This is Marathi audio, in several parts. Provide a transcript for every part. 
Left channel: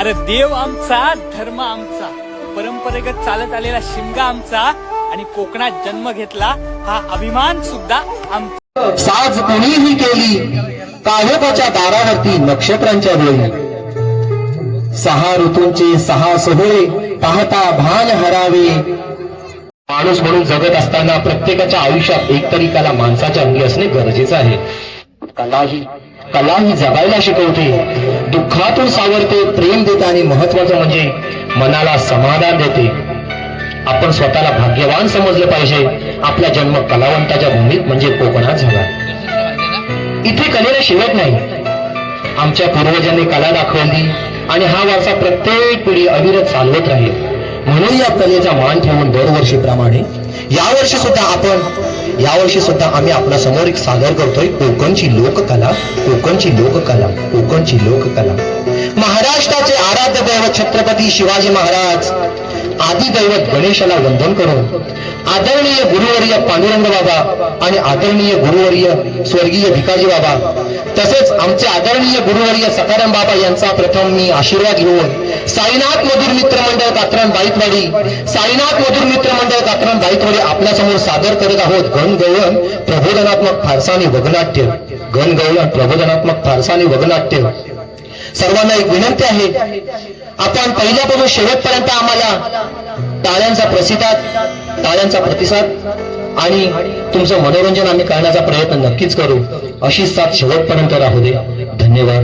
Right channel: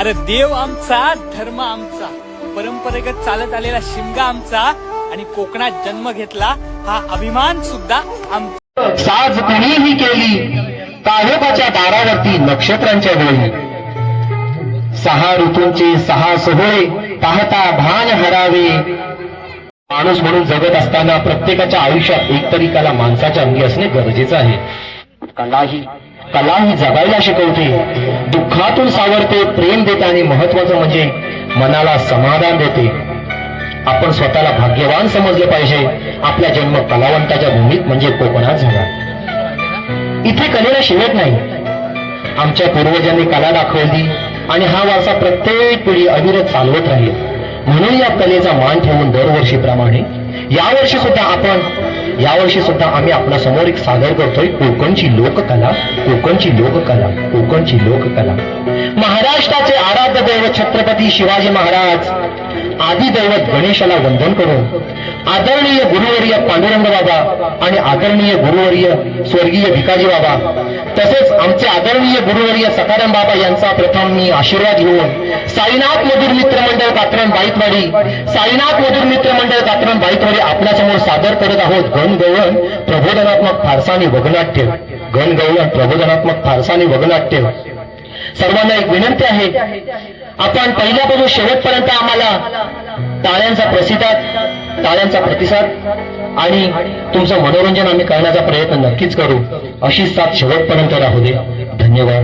अरे देव आमचा, धर्म आमचा, परंपरेगत चालत आलेला शिमगा आमचा आणि कोकणात जन्म घेतला हा अभिमान सुद्धा आमचा. साज कुणीही केली काळोखाच्या दारावरती नक्षत्रांच्या वेळी. 6 ऋतूंचे 6 सोहळे पाहता भान हरावे. माणूस म्हणून जगत असताना प्रत्येकाच्या आयुष्यात एकतरी कला माणसाच्या अंगी असणे गरजेचं आहे. कला ही जगायला शिकवते, दुःखातून सावरते, प्रेम देते आणि महत्वाचं म्हणजे मनाला समाधान देते. आपण स्वतःला भाग्यवान समजलं पाहिजे. आपला जन्म कलावंताच्या भूमीत म्हणजे कोकणात झाला. इथे कलेला शेवट नाही. आमच्या पूर्वजांनी कला दाखवली आणि हा वारसा प्रत्येक पिढी अविरत चालवत राहील. म्हणून या कलेचा मान ठेवून दरवर्षीप्रमाणे यावर्षी सुद्धा आम्ही आपल्या समोर एक सादर करतोय कोकणची लोककला. महाराष्ट्राचे आराध्य दैवत छत्रपती शिवाजी महाराज, आदी दैवत गणेशाला वंदन करून आदरणीय गुरुवर्य पांडुरंग बाबा आणि आदरणीय गुरुवर्य स्वर्गीय भिकाजी बाबा तसेच आमचे आदरणीय गुरुवर्य सखाराम बाबा यांचा प्रथम मी आशीर्वाद घेऊन साईनाथ मधुर मित्र मंडळ कात्रण बाईतवाडी आपल्यासमोर सादर करत आहोत गणगवळण प्रबोधनात्मक फारसाने वगनाट्य. सर्वांना एक विनंती आहे, आपण पहिल्यापासून शेवटपर्यंत आम्हाला टाळ्यांचा प्रतिसाद आणि तुमचं मनोरंजन आम्ही करण्याचा प्रयत्न नक्कीच करू. अशीच साथ शेवटपर्यंत राहू दे. धन्यवाद.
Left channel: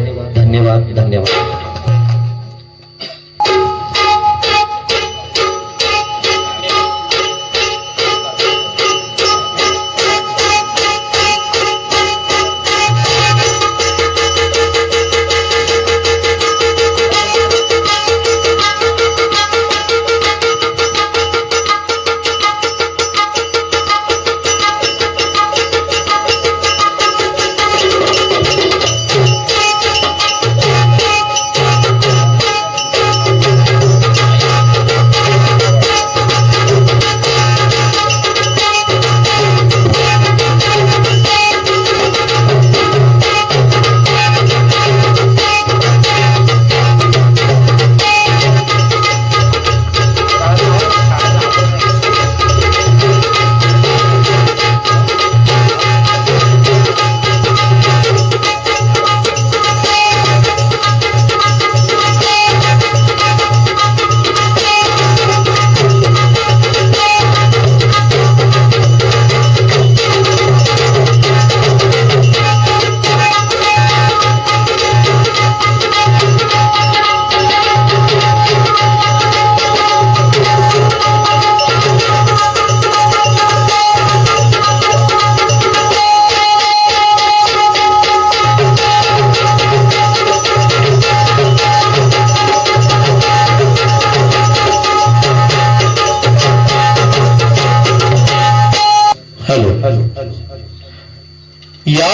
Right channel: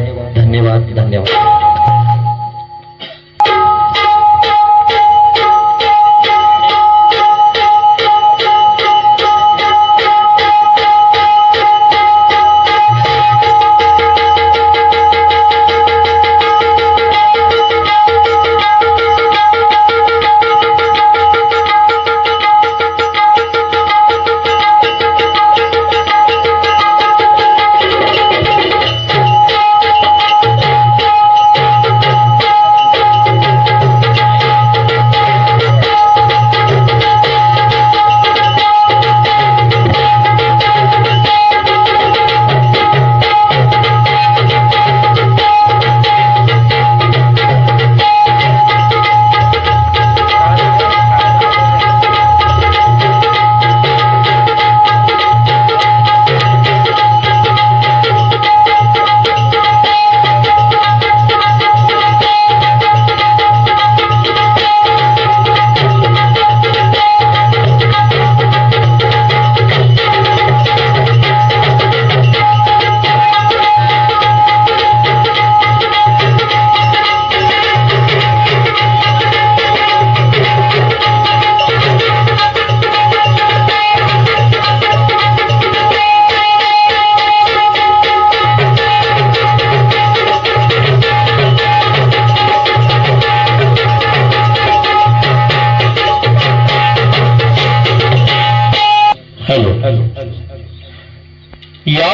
या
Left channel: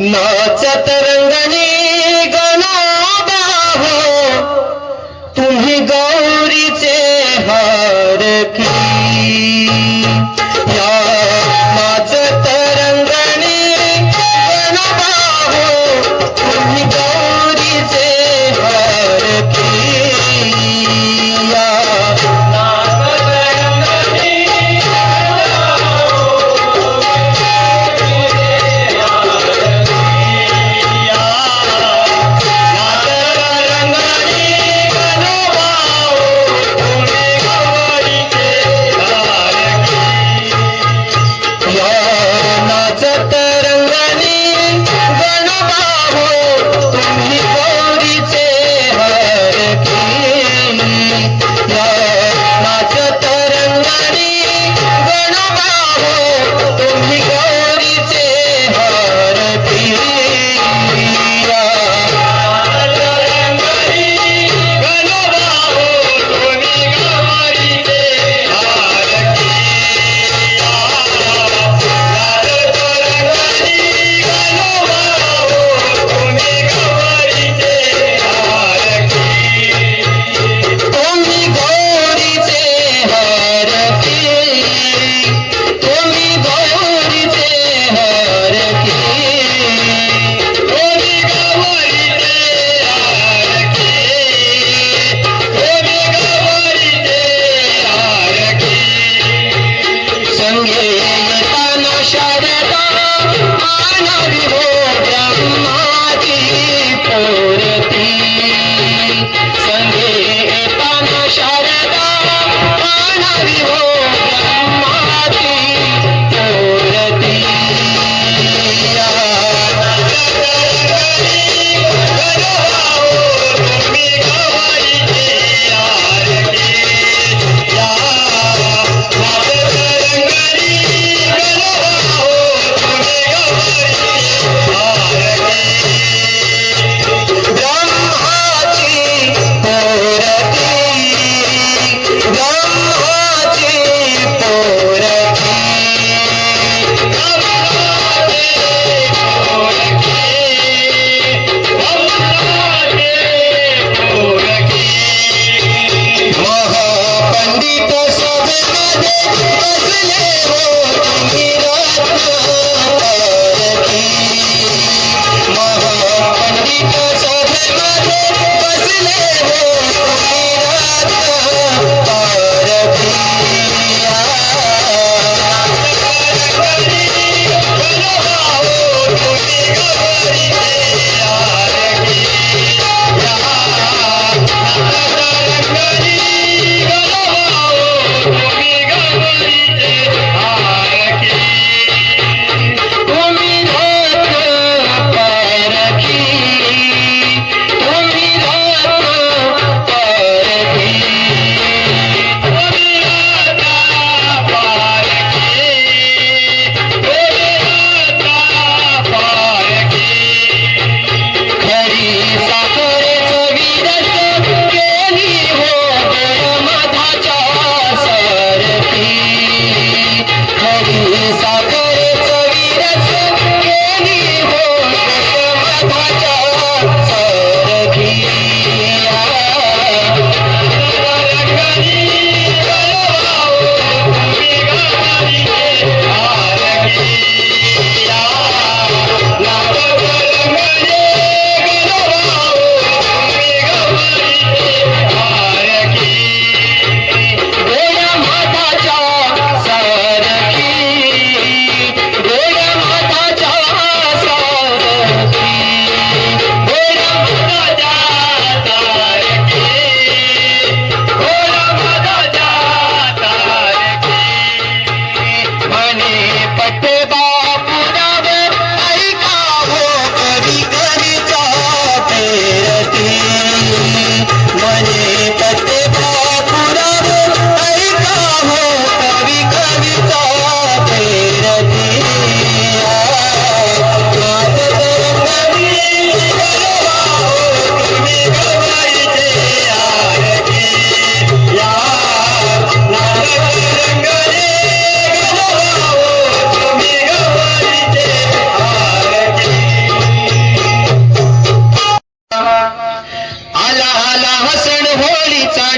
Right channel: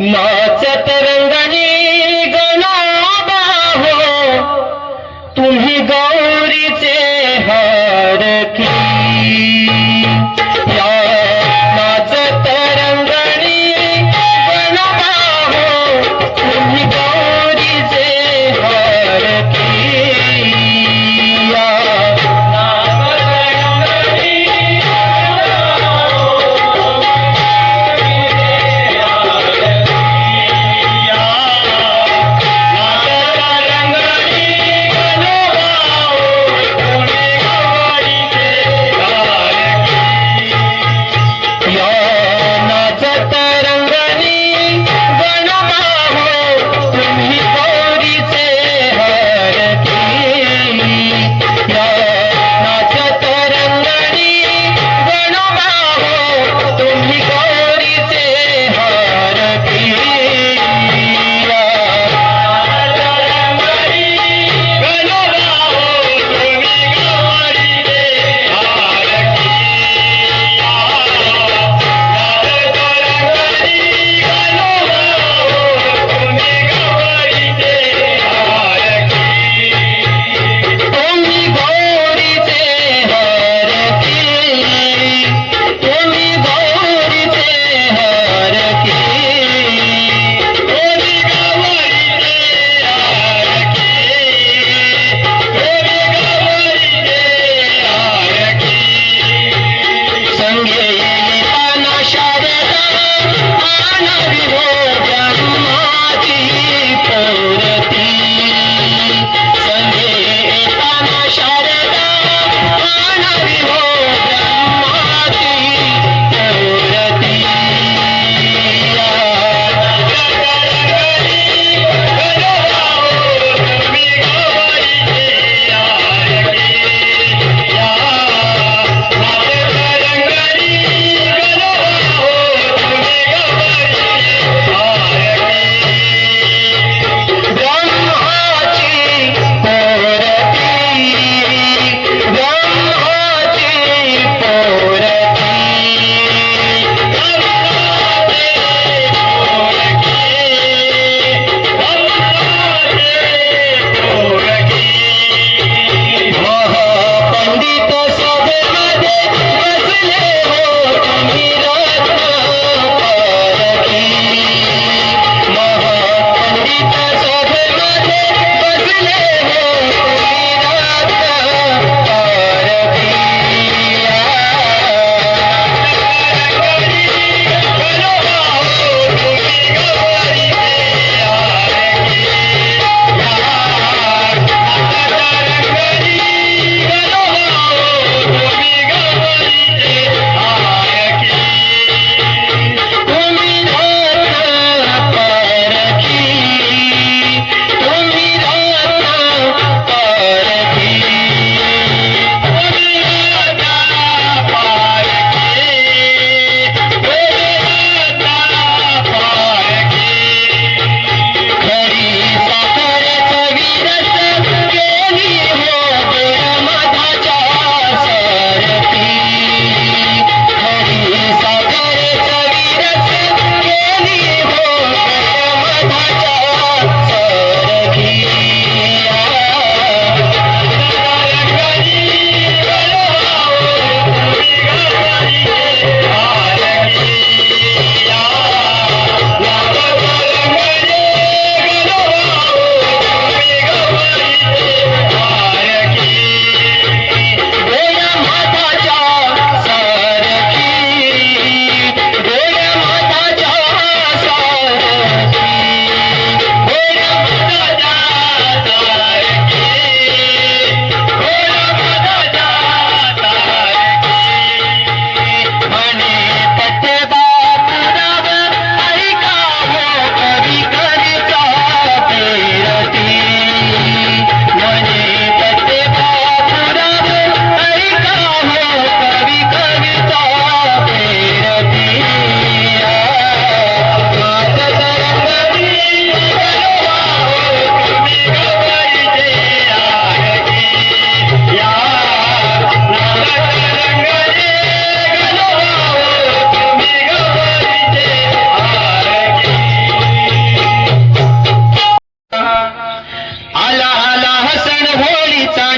नाचत रंगाने गणोबा हो, तुम्ही गौरीचे हारकी. या नाचत रंगाने गणोबा हो, तुम्ही गौरीचे हारकी. या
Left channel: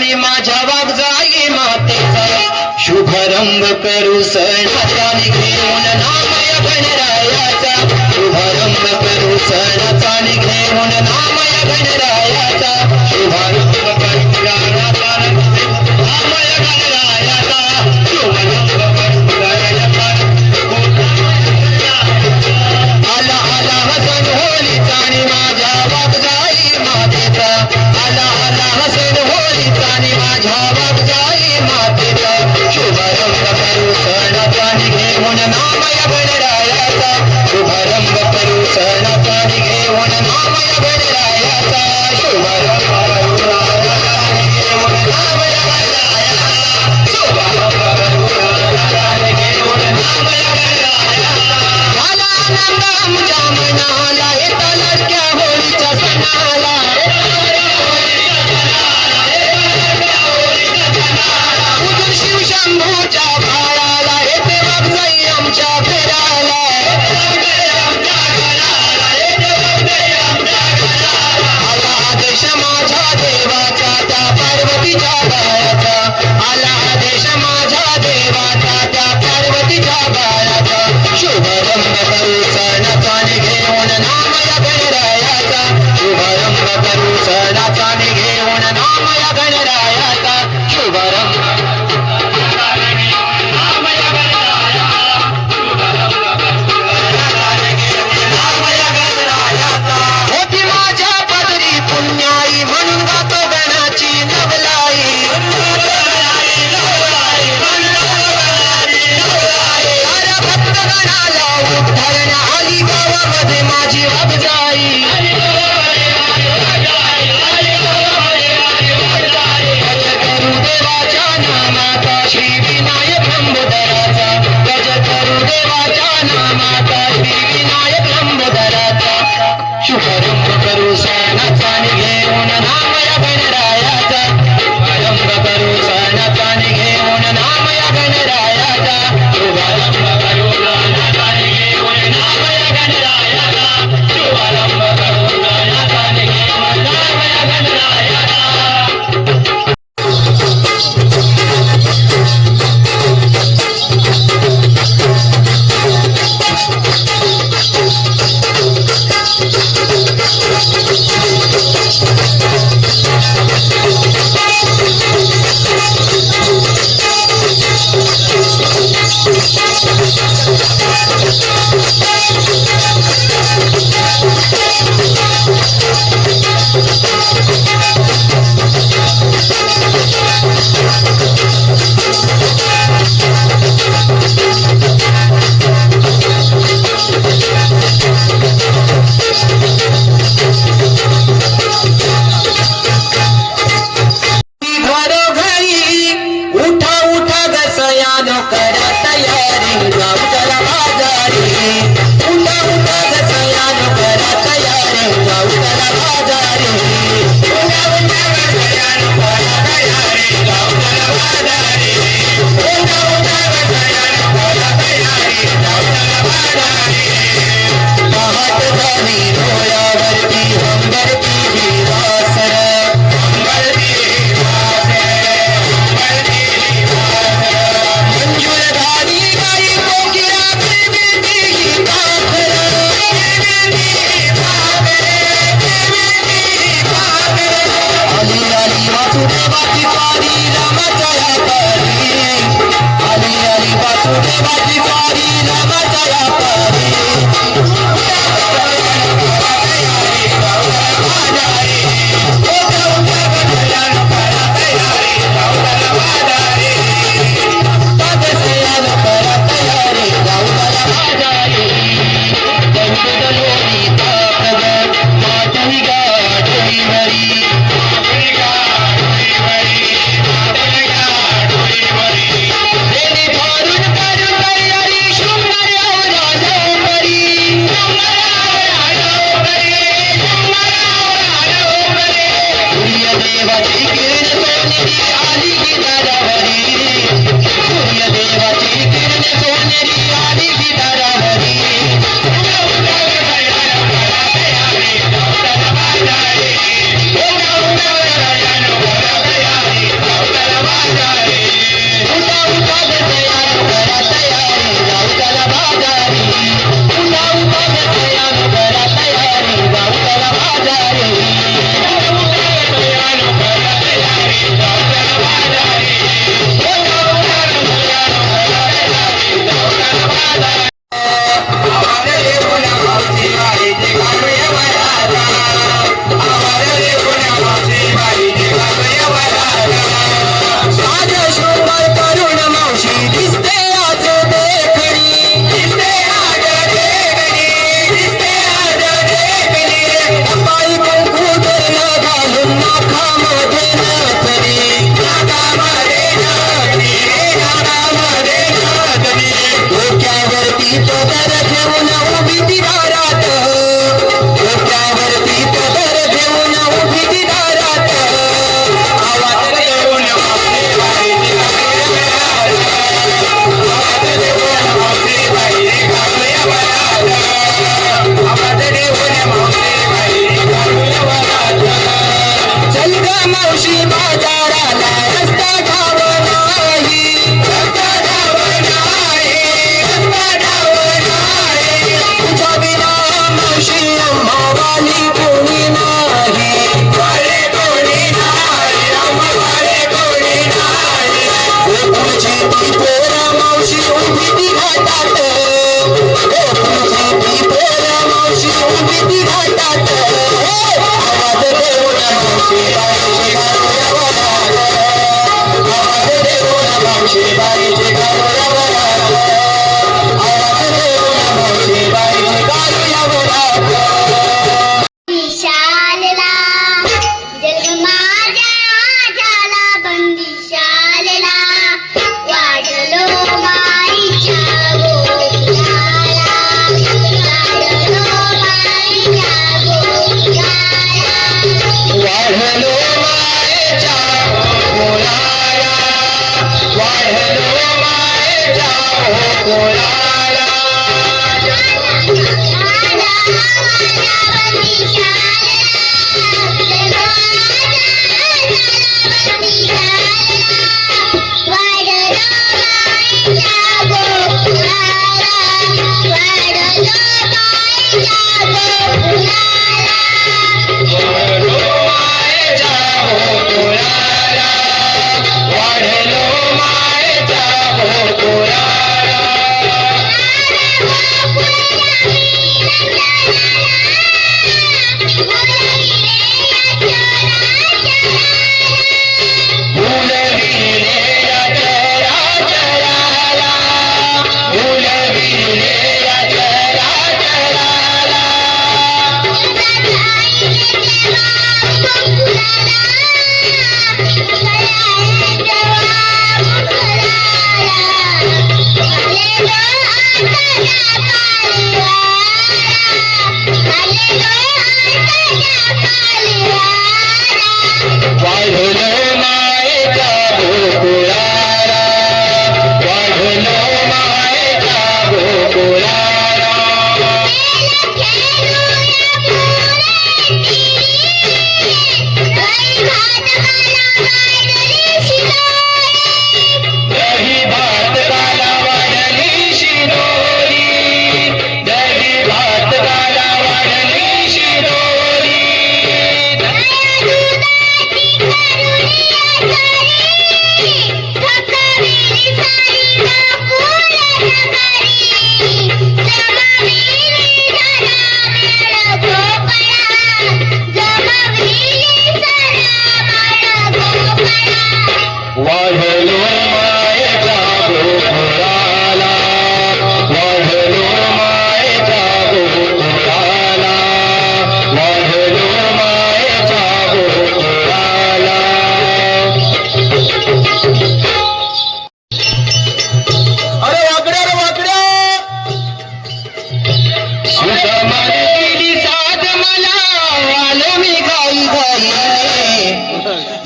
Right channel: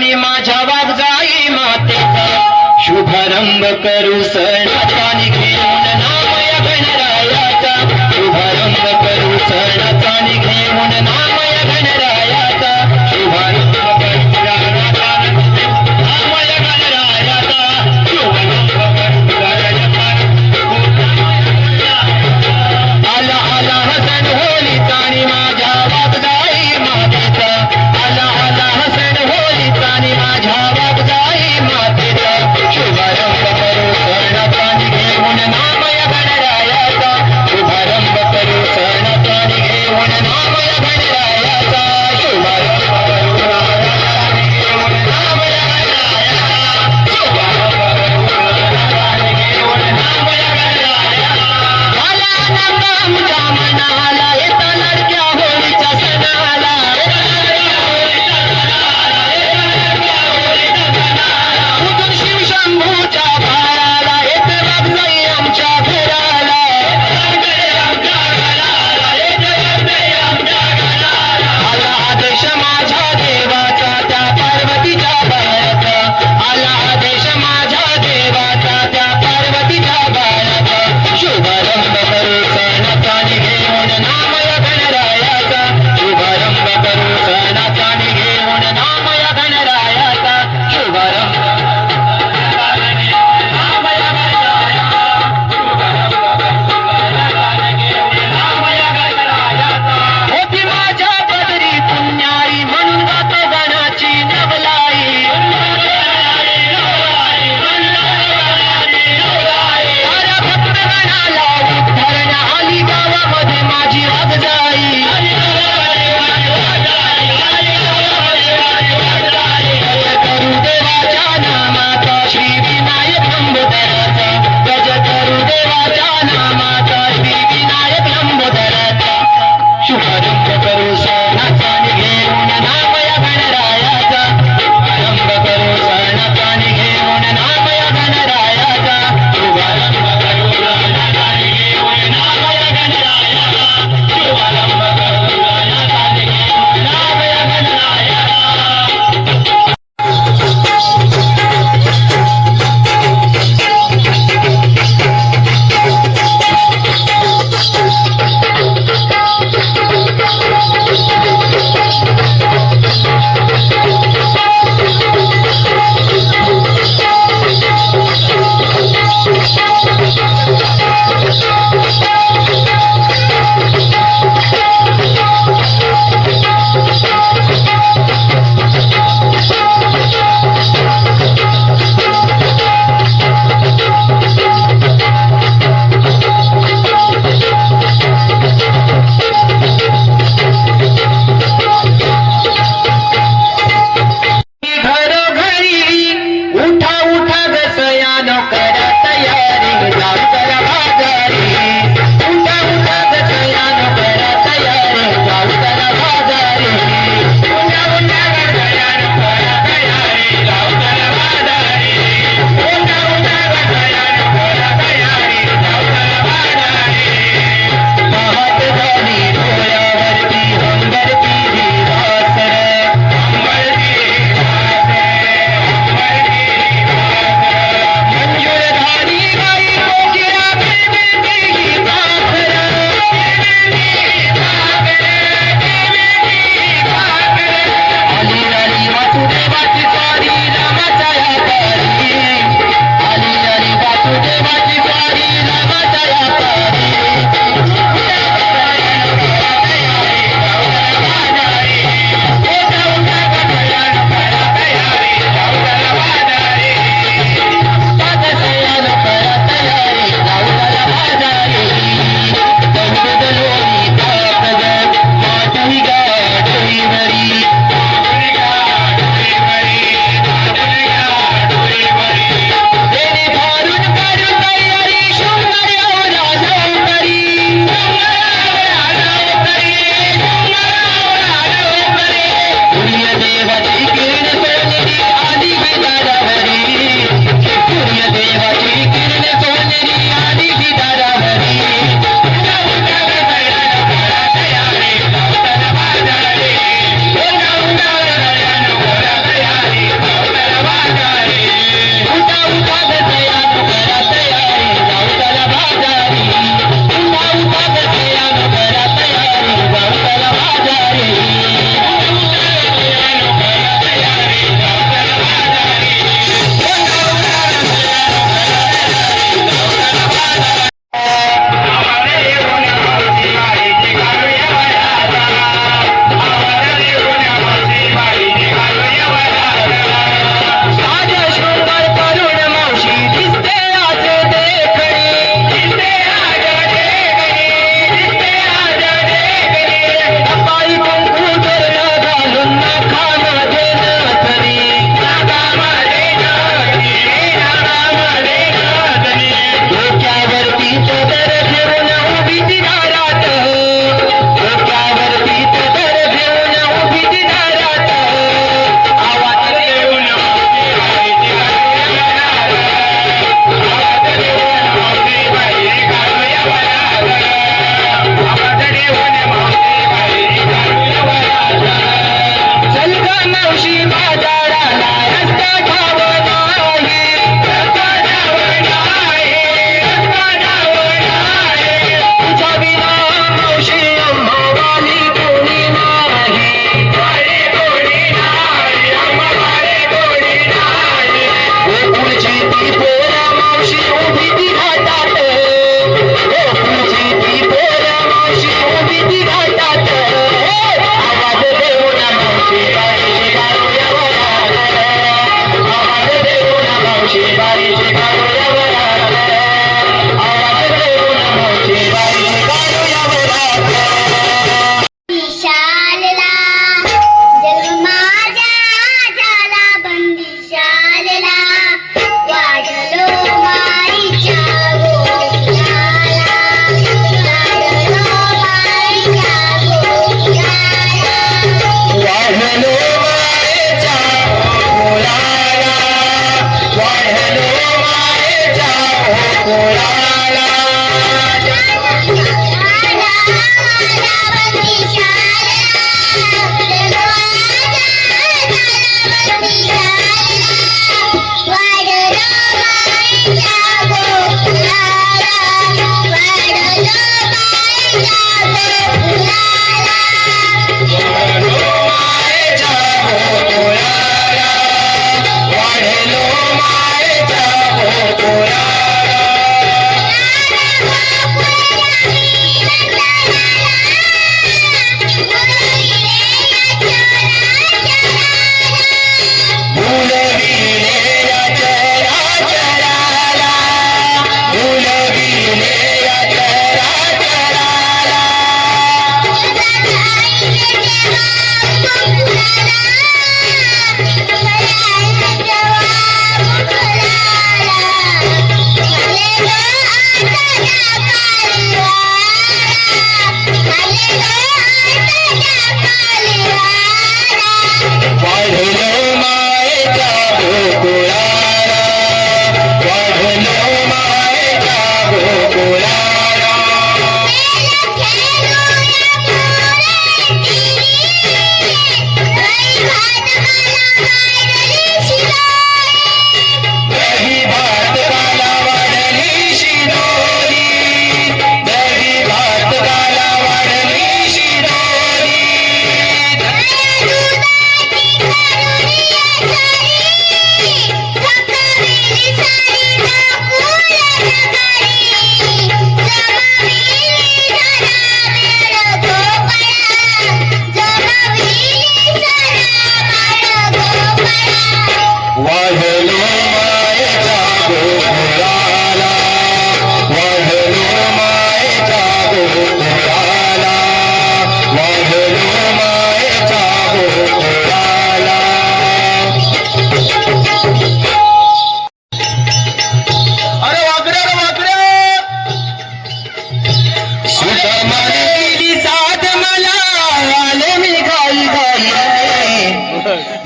चाणी माझ्या वागजाई मातेचा शुभारंभ करू सणाचा घेऊन नामय गणरायाचा शुभारंभ करू सणाचा घेऊन नामय गणरायाचा शुभारंभ करू सणाचा नामय गणरायाचा शुभारंभ करू आला आला हसन होली चाणी माझ्या वागजाई मातेचा आला आला हसन होली चाणी माझ्या वागजाई मातेचा शुभारंभ करू सणाचा घेऊन नामय गणरायाचा शुभारंभ करू सणाचा घेऊन नामय गणरायाचा शुभारंभ करू सणाचा घेऊन नामय गणरायाचा शुभारंभ करू सणाचा घेऊन नामय गणरायाचा आला आनंद आमच्या मनाला येता लडक्या होळीच्या सणाला उदूर शिव शंभूच्या भाळाला येते वागजाई आमच्या फेराला आला आदेश माझ्या देवाचा त्या पार्वतीच्या बाळाचा आला आदेश माझ्या देवाचा त्या पार्वतीच्या बाळाचा शुभारंभ करू सणाचा घेऊन नामय गणरायाचा शुभारंभ करू सणाचा घेऊन नामय गणरायाचा शुभारंभ होती माझ्या पदरी पुण्याई म्हणून गातो गणाची नवलाई साऱ्या भक्तगणाला उद्धरण आली गावामध्ये माझी वागजाई गज करू देवाच्या नामाचा श्री विनायक लंबोदराचा गज करू देवाच्या नामाचा श्री विनायक लंबोदराचा शुभारंभ करू सणाचा घेऊन नामय गणरायाचा शुभारंभ करू सणाचा घेऊन नामय गणरायाचा शुभारंभ करू सणाचा घेऊन नामय गणरायाचा शुभारंभ करू सणाचा घेऊन नामय गणरायाचा घरोघरी उठा उठा गसयानो करा तयारी जाऊ करा बाजारी उठा उठा गसयानो करा तयारी जाऊ करा बाजारी उठा उठा गसयानो करा तयारी जाऊ करा बाजारी उठा उठा गसयानो करा तयारी जाऊ करा बाजारी पाहत झाली डोळ्यावरती हंबरती विवासर मंजूरधारी गाई कोकिळा देवीची भाकर आली आली वासुदेवाची स्वारी रामाच्या पारी आली आली वासुदेवाची स्वारी रामाच्या पारी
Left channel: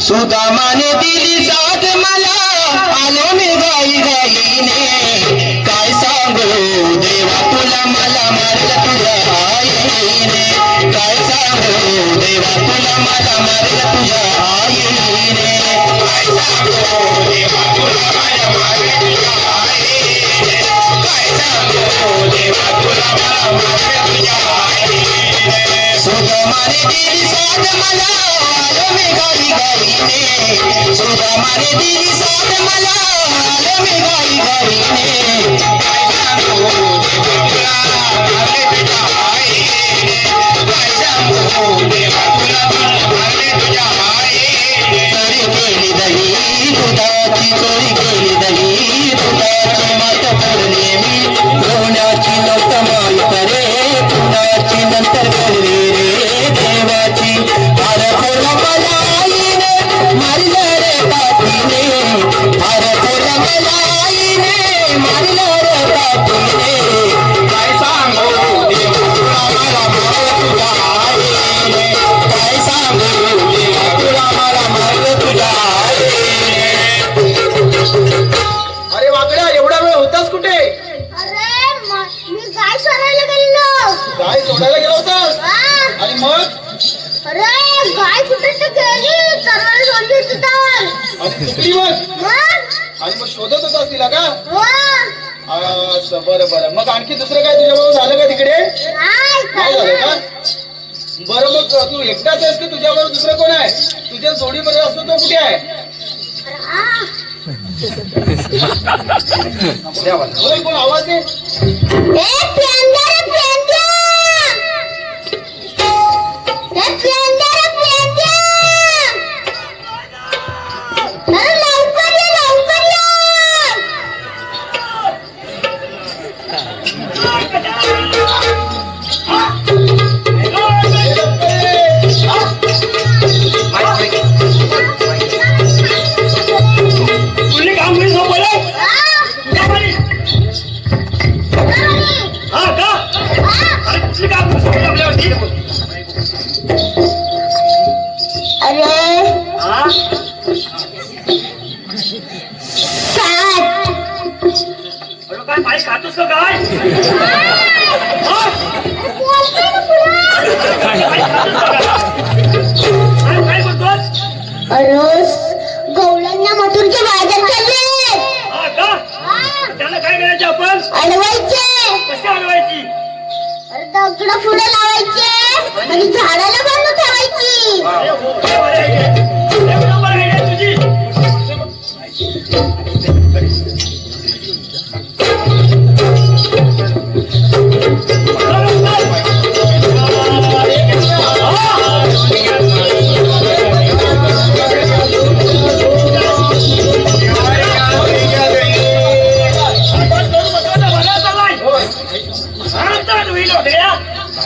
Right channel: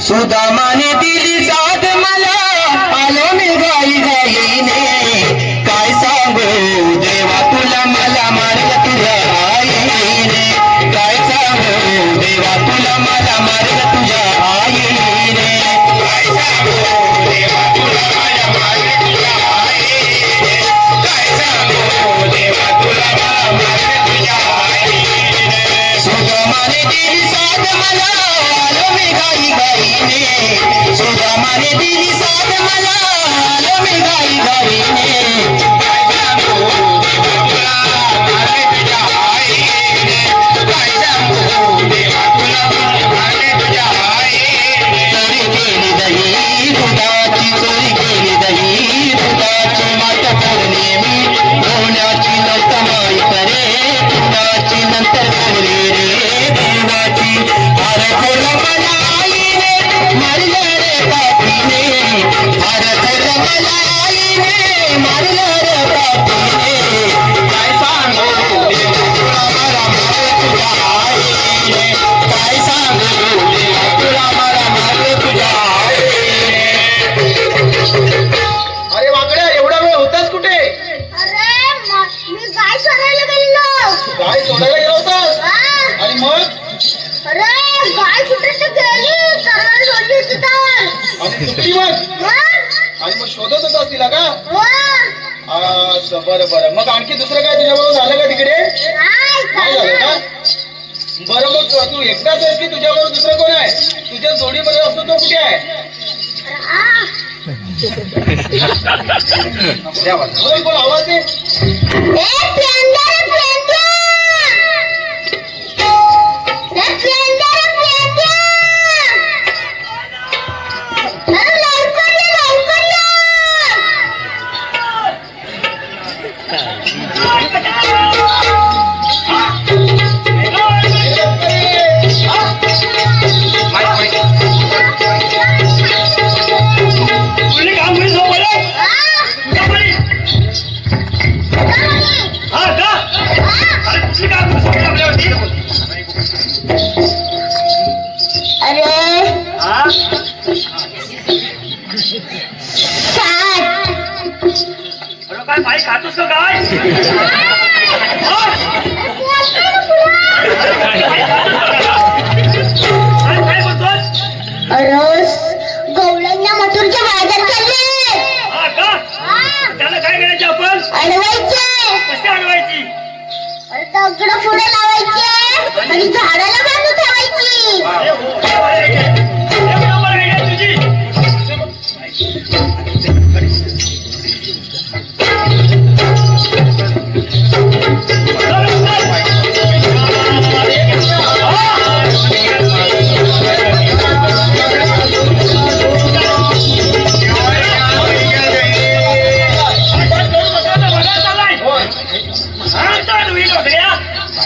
सुदामाने दिली साथ मला आलो मी गाई गाईने काय सांगू देवा तुला मला मारलं तुझ्या आईने काय सांगू देवा तुला मला मारलं तुझ्या आईने काय सांगू देवा तुला मला मारलं तुझ्या आईने काय सांगू देवा तुला मला मारलं तुझ्या आईने सुदामाने दिली साथ मला आलो मी गाई गाईने सुदामाने दिली साथ मला आलो मी गाई गाईने काय सांगू देवा तुला मारले तुझ्या आईने काय सांगू देवा तुला मारले तुझ्या आईने चोरी केली दही दुधाची चोरी केली दही दुधाची मात बोलले मी धोण्याची नष्ट माई करे धुण्याची नंतर बोलले रे देवाची अरे खोला मला आईने मारलं रे पापीने अरे खोला मला आईने मारलं रे पापीने काय सांगू देवा तुला मला मारलं तुझ्या आईने काय सांगू देवा तुला मला मारलं तुझ्या आईने. अरे वाकड्या एवढा वेळ होतास कुठे? मी गाय सोडायला गेलो. गाय सोडायला गेला होतास हा. आणि मग अरे गाय कुठे तर गेली सर्वांनी सोडली होती तर आणि सुटली मग मग? आणि मग शोधत होतास तिला का? हो. असं बरं बरं मग आणखी दुसरं काय तुझ्याबरोबर झालं का तिकडे? नाही नाही झालं का? बरं मग तू एकटाच आहेस की तुझ्याबरोबर दुसरं कोण आहे? तुझ्या जोडीमध्ये असतो तो कुठे आहे? हा. होय, कोण आवाज दे. ए, प्लेंडर, प्लेंडर. ए, प्लेंडर, प्लेंडर. अरे लवकर ये, लवकर ये. तुझी काम होईल हो बोला. हा. हा का? अरे तुझी काम होईल आपल्यावरती. अरे हा? 60. अरे काय माई खातोस का काय काय बोलतोस रोज गवळ्यांना मथुरचे बाजार चालले हा का त्याला काय करायचे आपण अडवायचे कशी अडवायची दगड पुढे लावायचे आणि झाडाला बांधून ठेवायची बरोबर आहे तुझी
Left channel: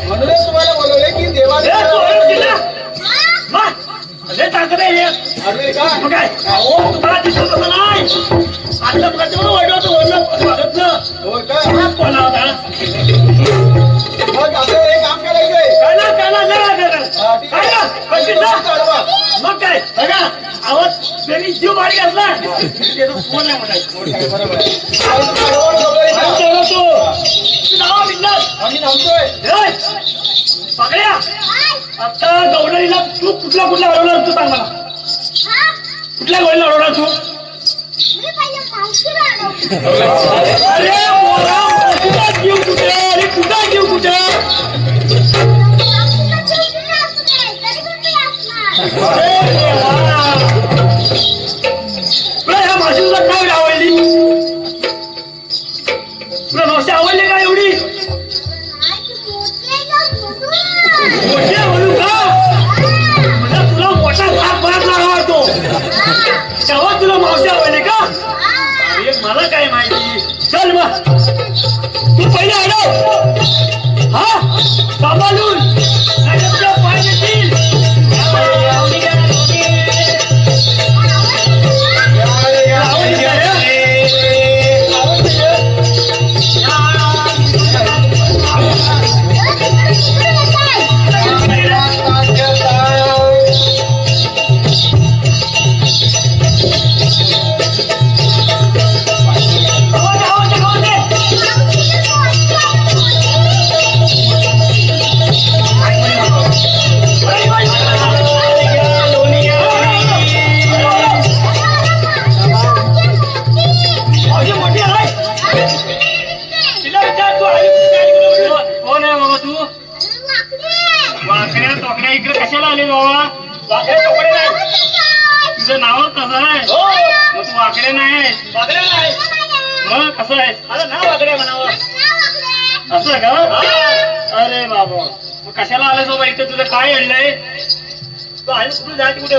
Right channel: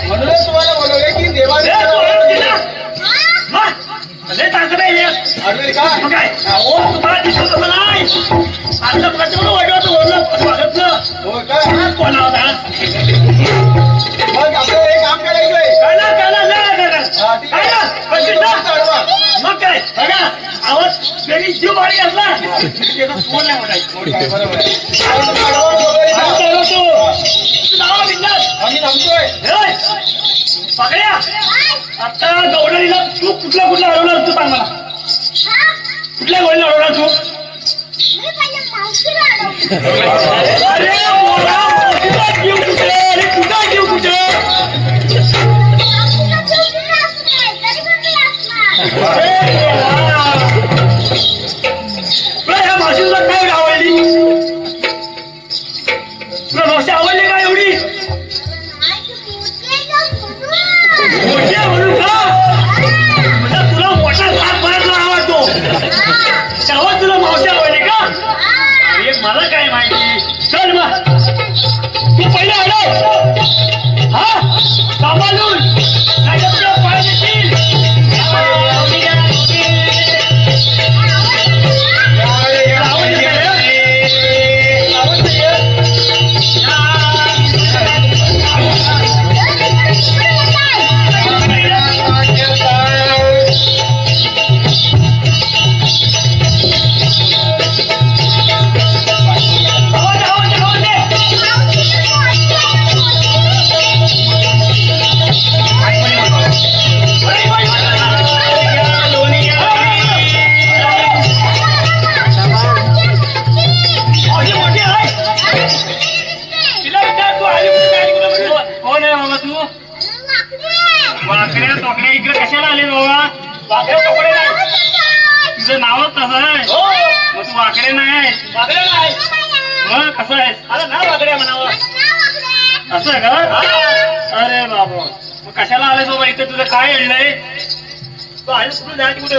म्हणूनच तुम्हाला बोलवले की देवाने आडवे का होय का मग आपलं हे काम करायचंय मग काय बघा आवाज त्यांनी जीव बारी घातला त्याचा फोन नाही म्हणायचं बरोबर आहे आम्ही थांबतोय पकड्या आता गवडणीला तू कुठला अडवला तू सांग मला कुठल्या गवडीला अडवला तू मी पहिल्या मावशीला अडवलं. अरे बोला मोठीला जीव कुठे अरे कुठा जीव कुठे मावशीला जीव दिला असते, तरी पण मी असणार. तुला ह्या मावशीला काय आवडली तुला मावशी आवडली का एवढी नाही, ती मोठी आहे ना, म्हणून. मोठी आहे म्हणून का म्हणजे तुला मोठा लाभ बराच आवडतो तेव्हा तुला मावशी आवडली का अरे मला काय माहिती चल मग तू पहिला अडव हा सांभाळून नाही तर तुला पाय देतील कोण आहे बाबा तू वाकड्या टोकड्या इकडे कशाला आले बाबा वाकड्या टोकड्या नाही तुझं नावच तसं आहे मग तू वाकडे नाही वाकडे नाही मग कसं आहे अरे नाव वाकडे म्हणावं असं आहे का अरे बाबा मग कशाला आले बाबा इथे तुझं काय अडलंय तू आहे कुठून जायचं कुठं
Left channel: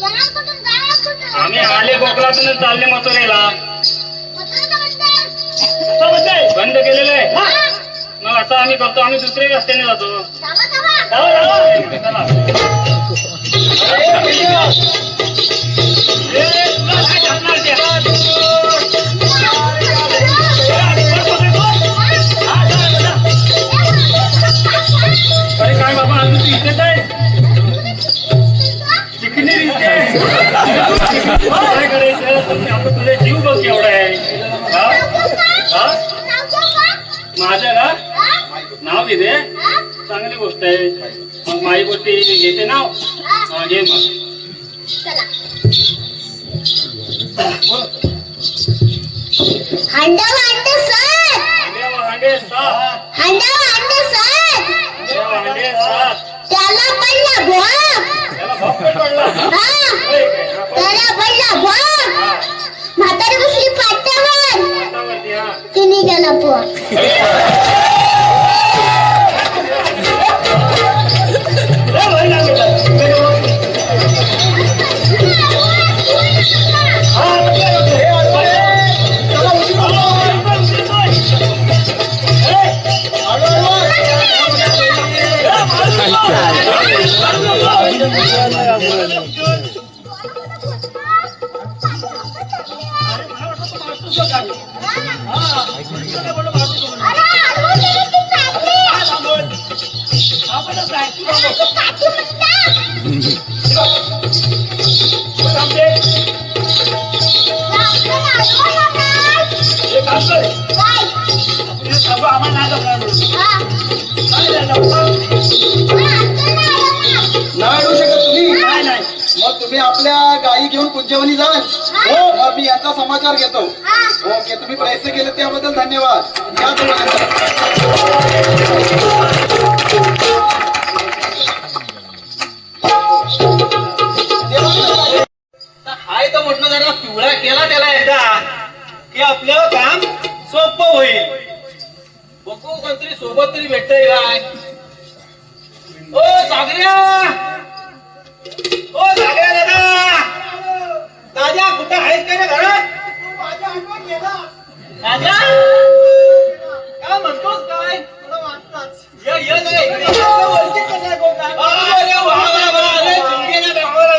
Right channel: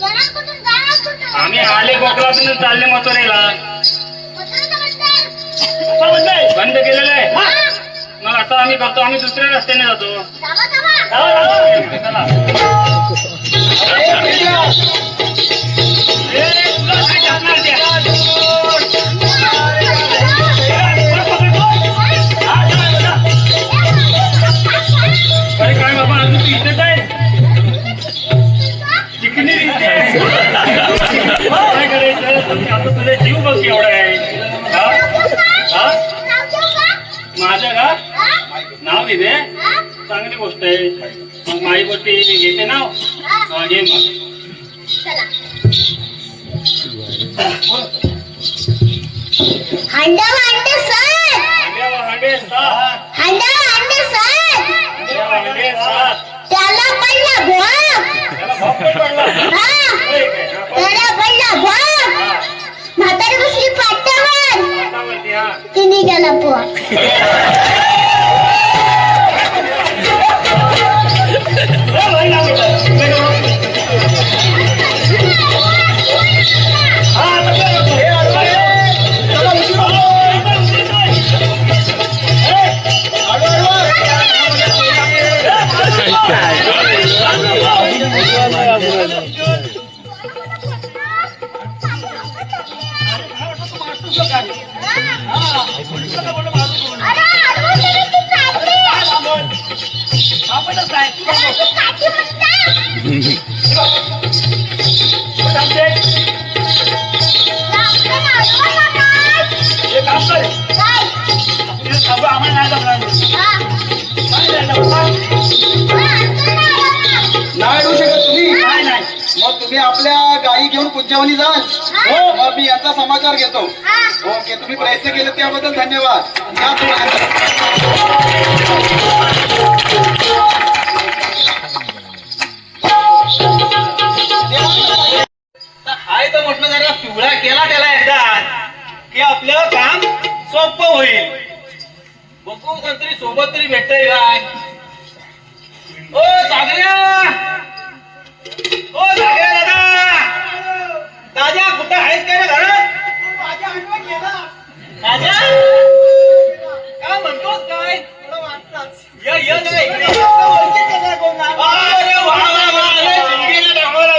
येणार कुठून, जाणार कुठून? आम्ही आले कोकणातून चालले मथुरेला मथुरेला बंद. बंद केलेलं आहे मग असं आम्ही करतो आम्ही दुसऱ्या रस्त्याने जातो जावा, जावा. अरे काय बाबा अजून तू इथेच आहे चिकनी दिसते काय करायचं आता तुझे जीव बघ केवढा आहे हा? हा? नाव देऊ का? माझं का हा? नाव लिहिले हा? चांगली गोष्ट आहे मग माई गोष्टी घेते नाव हा? घे मग चला. हांडा भांडे सर, भांडे सात हांडा भांडे सर, भांडे सात त्याला पडला भोग. त्याला भोग नाही पडला. हा, होय काय? त्याला पडला भोग. म्हातारी बसली पाट्यावर, आता माहिती हा ती निघाला पोहा. अरे, अडवून गेली ती चालली. काठी म्हणतात. आपल्याला अडवायला काय? काय? मग तुम्ही आपल्या गायी घेऊन पुंजवणी जाल हो मग मी याचा समाचार घेतो ओके तुम्ही प्रयत्न केले त्याबद्दल धन्यवाद या तुम्हाला हाय तर म्हटलं जरा पिवळा केला त्याला एकदा की आपलं काम सोपं होईल बघू कोणतरी सोबत तरी भेटतंय काय ओ सागऱ्या दादा दादा कुठे आहेस काय ना घरात माझ्या काय म्हणतोस काय ये जरा इकडे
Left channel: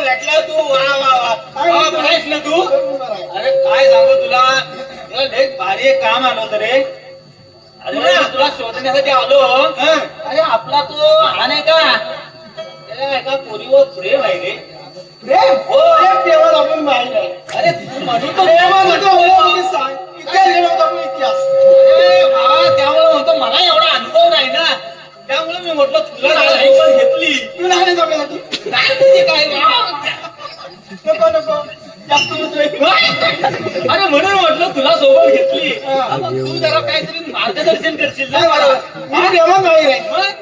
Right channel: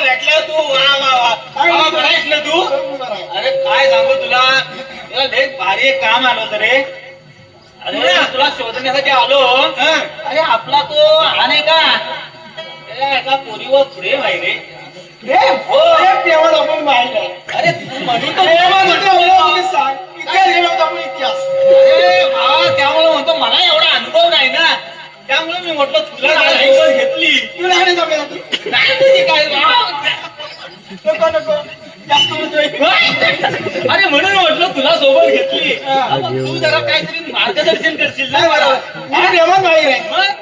भेटला तू वा बघायस ना तू अरे काय सांगू तुला एक भारी एक काम आलं होतं रे अरे तुला शोधण्यासाठी आलो अरे आपला तो हा नाही का त्याला एका पोरीवर प्रेम आहे रे हो आपण पाहिलं अरे तू म्हणतो त्यामुळे म्हणतो मला एवढा अनुभव नाही ना त्यामुळे मी म्हटलं तुला ऐकून घेतली काय अरे म्हणून म्हटलं तुला सोबत घेतली तू जरा काहीतरी मार्गदर्शन करशील ना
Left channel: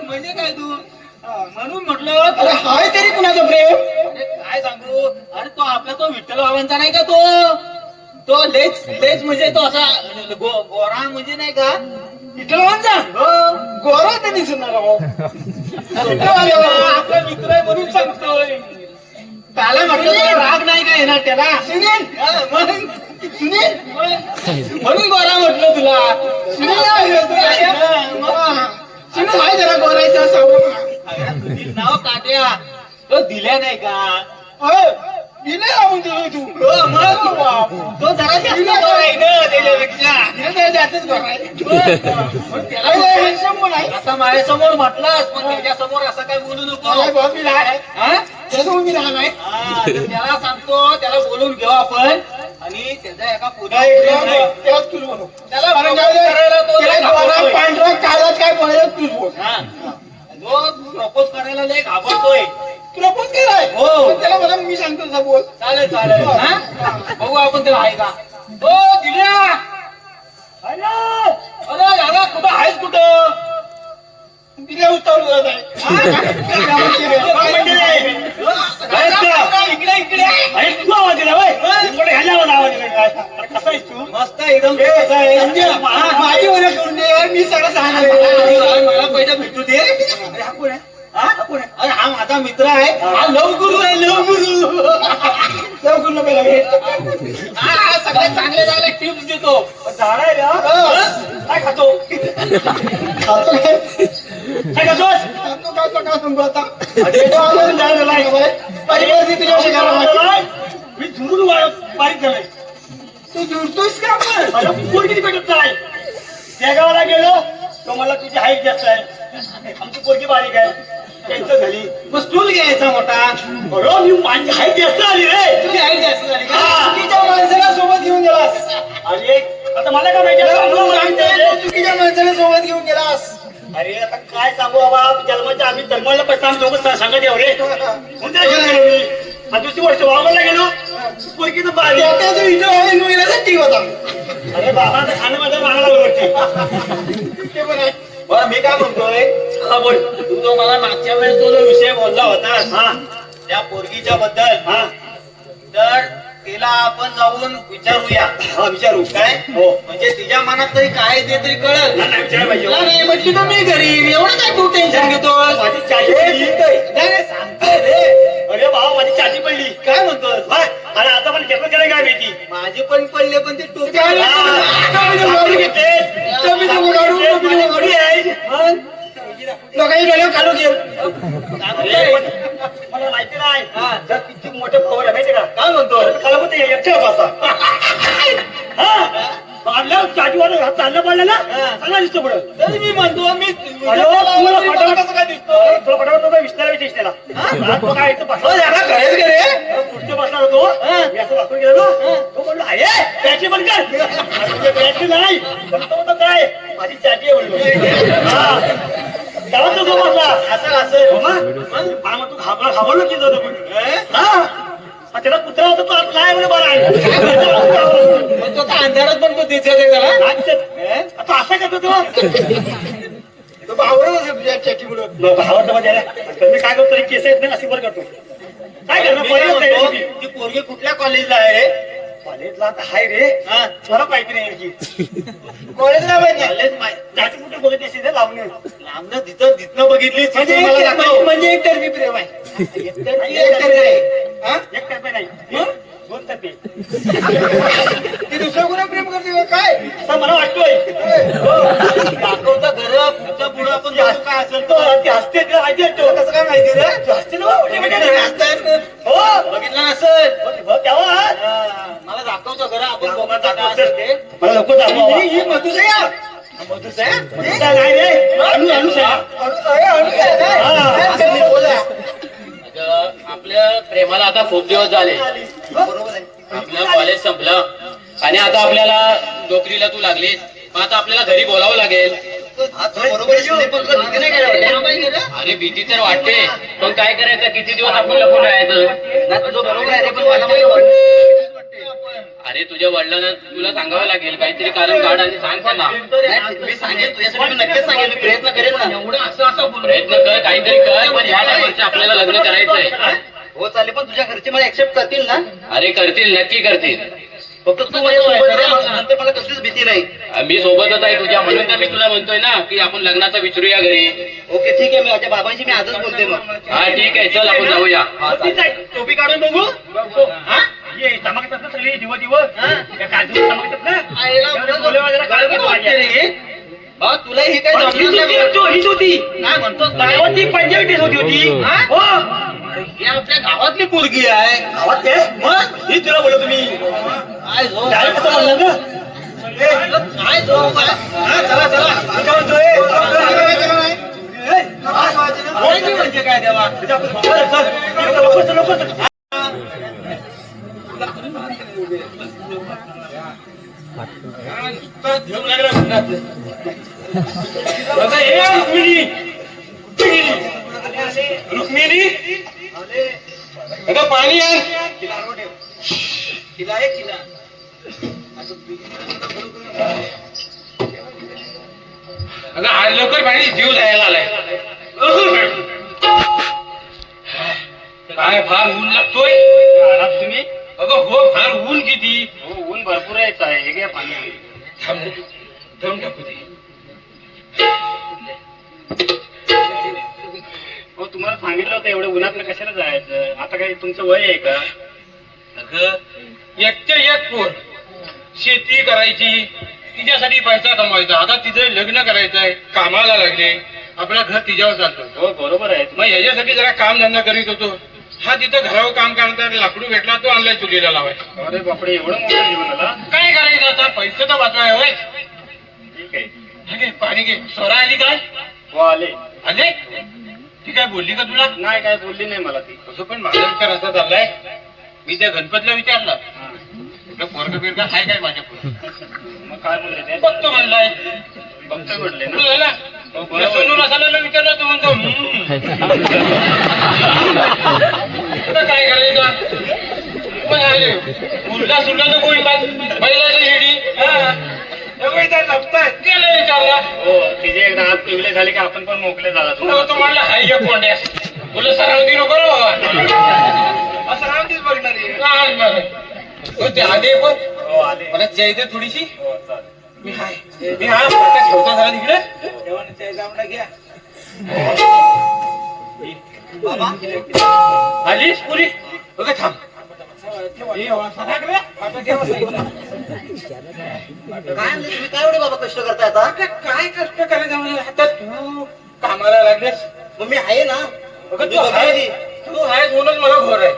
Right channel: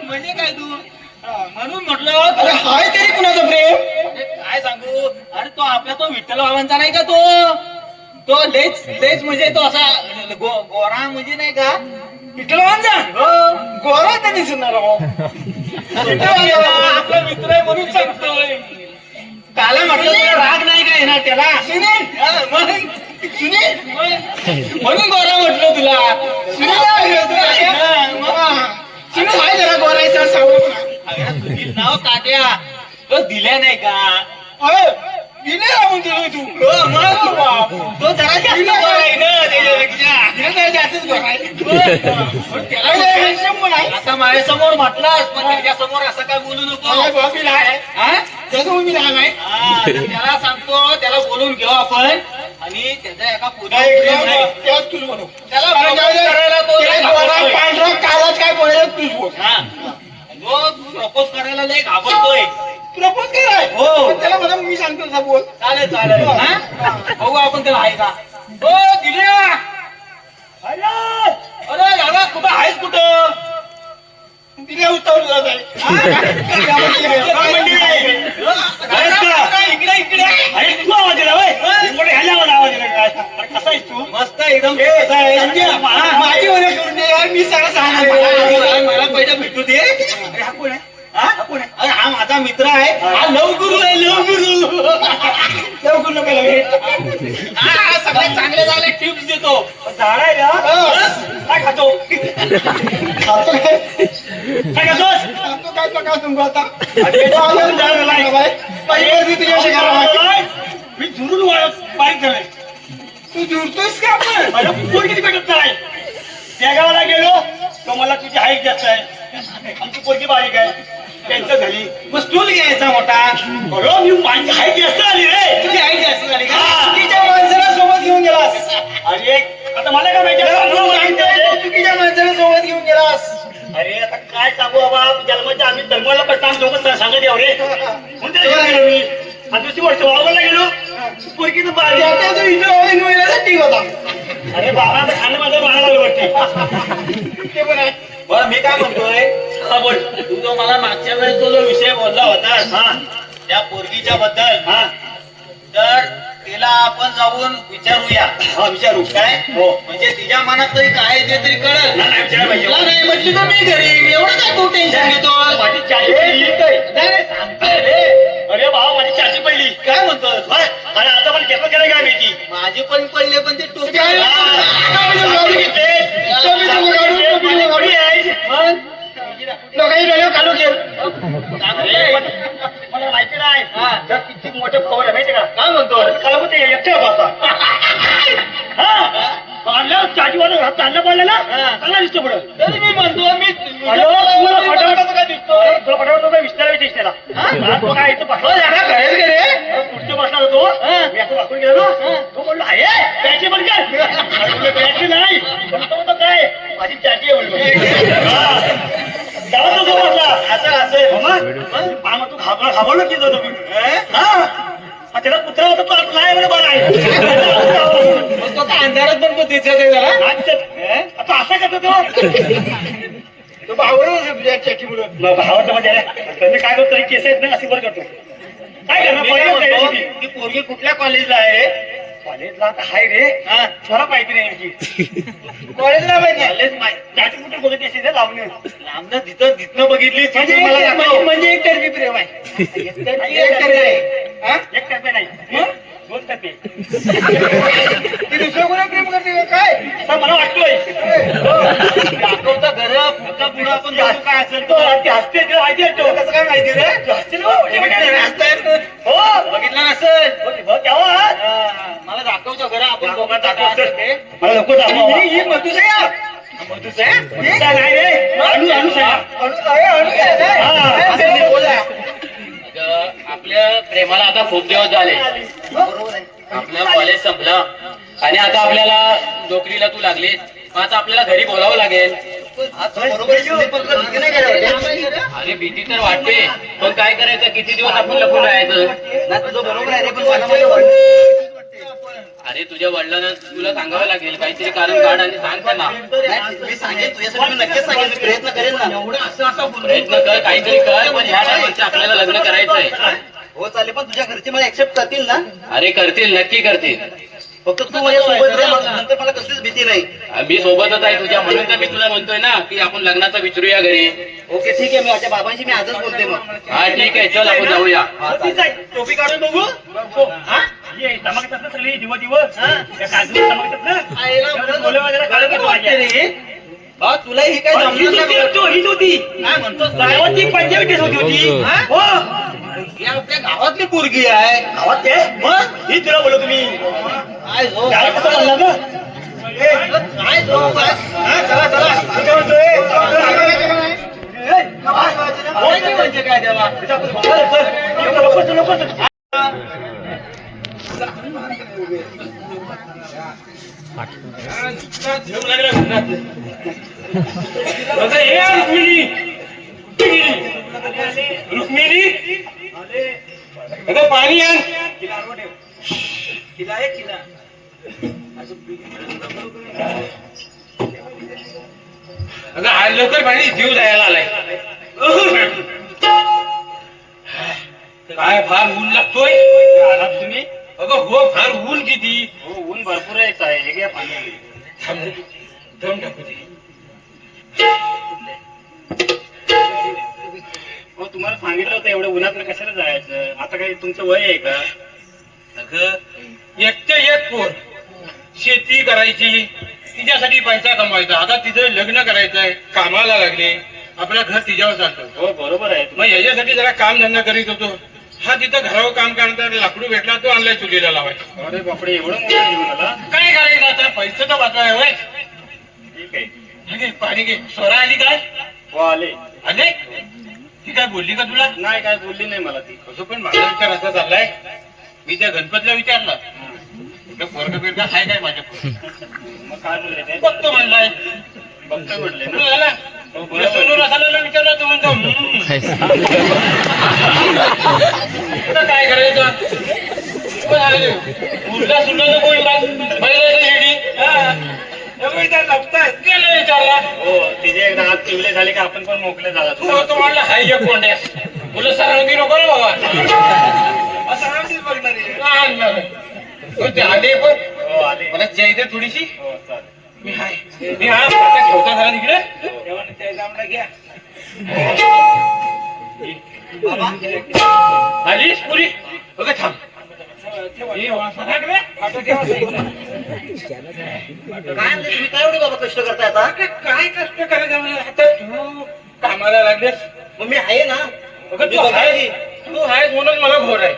म्हणजे काय तू म्हणून म्हटलं अरे हाय तरी कुणाचं प्रेम अरे काय सांगू अरे तो आपला तो विठ्ठल बाबांचा नाही का तो लेच म्हणजे तो असा गोरा म्हणजे नाही का विठ्ठल बाबांचा गोरा तर दिसणार आपला मित्र आहे म्हणून सांगतोय त्याला म्हटलं राग नाही का येणार त्याला म्हणून गोरा म्हटलं तुला काय जरा गोरायचं सांगू नाव काट्या तो दिल्या नाही का दिले राहून दिलो तू तो जरा जास्त गोरा आहे ना त्याच्यापेक्षा जास्तच गोरा आहे आता माझ्यासमोर म्हटलास पण त्याच्यासमोर असं काय बोलू नको त्याला सांगतो त्याला बोलून घेऊ आपण आणि त्याचा एका काय बोलायचं तूच बोल प्रपोज करायला लय घाबरतोय प्रपोज कराय हो त्याला मला मी सांगतो तसा बोल चालेल बघू आपण त्याला आहे का हो दिल्या अरे दादा कुठं आहेस कुठं दिल्या उतरलं मस्त एकदम माझी ओळख करून दे मी सगळं सांगणार मला पहिला भेटू दे अरे हा कोण आहे अरे हा माझा मित्र आहे हा लवगुरु आहे लवगुरु पहिला भेट हा सगळ्यात चांगले झाले टिप्स देतो झाड आहे काय खातो काय खातोस मी झुरून बारीक झालाय तू झुरतोस का कोण किती भेटत नाही त्या गावाला गेलो तो मला तुझी हाईट जास्त आहे आमची पोरगी बारीक आहे त्यांचं झाली मग स्टूल घ्यायचा मोठा बरोबर मी माझी हाईट जास्त आली रे तुझी हाईट जास्त झाली चुकीच्या माणसाला सोबत घेऊन गेलास अरे आता मला काय माहिती चुकीच्या माणसाला सोबत घेऊन गेलास अरे आता काय सांगू बाबा जन्माच्या आम्ही धर्माला पडता दोघं सांगत येऊ रे कोणत्या गेलो मी आता दुसरी वर्ष वावरला गेलो पोरगी तर ठीक होता अरे बाबा खाणं माझ्या मागायला वाटते ते पण आहे बरं मी काय म्हणतोय हा बोल तू जो मला मागच्या वेळेस तो जो विषय बोलला होता त्या पोरगीच्या बद्दल तर तिला आपण जाऊन विचारूया विचारू काय हो म्हणजे तिच्या मनात तरी काय ते तरी कळेल नाही म्हटली तर मी घरी एवढं काय तू टेन्शन घेतो माझी चाची पडली सांगतोय रे अरे भाऊ माझी चाची पडली काय म्हणतोस अरे आता पण घेतलं काय काय माहिती माझी पण पडले पण ते टोपी लोकांनी गेलो काढू मला माहिती नाही किती मोठे खबर आहे माहिती का काय म्हणतो त्याला ते एकटे पाडलं चाटीवाला हात चालला पडलेला चांगला दिसतो पुढं तरी मी म्हणतो मी काय दिसतो तुला पटापट काय विस्तारायची त्याला काय पुढच्या बसणार होतो मी असं वापरून गेलो तो म्हणलो आहे त्याची पण काय नाही पण तो काय माझी चाटी आहे म्हणलो गावात तो म्हटला असं असेल तू घाबरलो की तुम्ही त्याला कुत्रा होता तो आता नाही बरं आहे मग तो अंधारात पण तो दिसत आहे त्याला आता असा करतो तो बावरा चक्की मुळे भावाचं म्हणजे तुम्ही काय करतो केस आहेत ना अशी बरं करतो काय करतो ती पोरगी कुठल्या कॉलेजला आहे रे कॉलेजला आता हाय रे मला माहिती नाही आणखी कॉलेजला माहिती जायचं कुठे बोलत असेल ते लावणे लांबनं तिथं बघितली म्हणजे एक तर्फी प्रेम आहे एक तर्फे नाही दोन तर्फे ती दुसऱ्या कोणा प्रेम करते का काय असं मला वाटतोय दाखवता घर पुढचा पुढं आपण जाऊ काय असेल तो ते हसते ते माहिती आहे तो कसं काय माहिती रे तो हसते ना हो बघितलं नसेल तेव्हा मला दाखवतो घर आपण दोघांचा काय असेल ते मला नको दाखवा ही मधुस आहे मधुस आहे नाही रे अनु आपल्या प्रेमाला आता खूप दिवस झाले. आपलं कॉलेज संपलं आणि आता आपल्याला नोकरीला तू लागलीस. मग आता आपल्याला घरी बोलावं लागेल. अरे भीती तर वाटते, पण काय करायचं? किती दिवस आपण लपून राहायचं? अरे तुझ्या वडिलांना तुला सांगावं लागेल, काहीतरी कारण काढ आणि सांग त्यांना. प्रयत्न करेन ना. प्रयत्न कर, काहीतरी कर, पण ह्या टायमाचे आपल्याला लग्न करायचंय. हो चालेल, पण तुझ्या घरचे मला ऍक्सेप्ट करतील ना? अरे करतील, नक्की करतील. फक्त तू माझ्या सोबत राह, नंतर मला कसलीच भीती नाही. मी सोबतच आहे तुझ्या, म्हणून तर मी तुला म्हणतोय ना की आपण लग्नाचं विचारूया घरी. ओके ठीक आहे, मी माझ्या बाबांशी मी आजच बोलते मग. हा ठीक आहे, चल आपण जाऊया. टोपी काढून बघू चमकतात ना सगळी दिवस वगैरे काढून बा तुला ही काय जमलं होती काय म्हणतो गावाची पंजाबी ड्रेस होती हो ही आपल्या गावातली पोरगी आहे. गावात ते मग ही तुला बोलतो तुम्ही काय झोप काय कसं म्हणलं ना काय झोप आहे? चला म्हणजे काय देवा रुक्मिणी अगं पाणी आहे किला आहे किला. अगं आज लवकर पाणी जीव जायला आलाय काय फार ऊन लागतोय आलात तुम्ही अगं हो फार ऊन किती हो ऊन भरपूर आहे हे घ्या पाणी दम टाकू दे हो तुम्हाला सांगितलं होतं एवढं उन्हात कशाला जायचं आता काही तुमचं वय आहे का अगं एकटे एक पोर शेती करायची तिच्यासाठी पैसा कमवायचा आता तिचं लग्न करायचंय कामाला लागले आपलं घर तिच्यावर चालतं हो बरोबर आहे मग ह्याच्यासाठी जरा काम धंदा करीत होतो हा तिथं घरावर काम करणार लाकडू भेटला तो आणलाय चुलीला लावायचा अरे बापडे एवढं मोठं घेऊन आला काय करायचं आता पैसे तर वाचवाय होय ठीक आहे पाणी घे स्वरा आली काय हो आले आले ती काय बोलली का तुला नाही काय बोलली नाही मला ती असं पण माझा विचार असा चाललाय मी त्या गणपतीला विचारलं पोरग बिरगा आहे काय माझ्या पुढे मग काय बोलले ते बघतो म्हणलाय बघतो म्हटले ना सोनूर असायला विचारलं तू म्हणतो काय करायचं उलटा सुलटा तर कोण गेले विचारला हो तिथे एकदा हात पिवले झाले की आपण पण मोकळे झाला तू म्हणला हाय एक कोंड्या बोल सरावती नको रे बाबा सरावतीच बघणार ते आले पण मला जायचं थोडीशी मी हाय मी हा ठेवता जरा तिकडे घ्या आलीस पुरी बघा थांब तुम्ही काय एवढे बाबा कष्ट करताय आता? काय कष्ट करायचं आता तू कामाला लागलेस मग मी आहे ना. तू आहेस म्हणून मला घोर आहे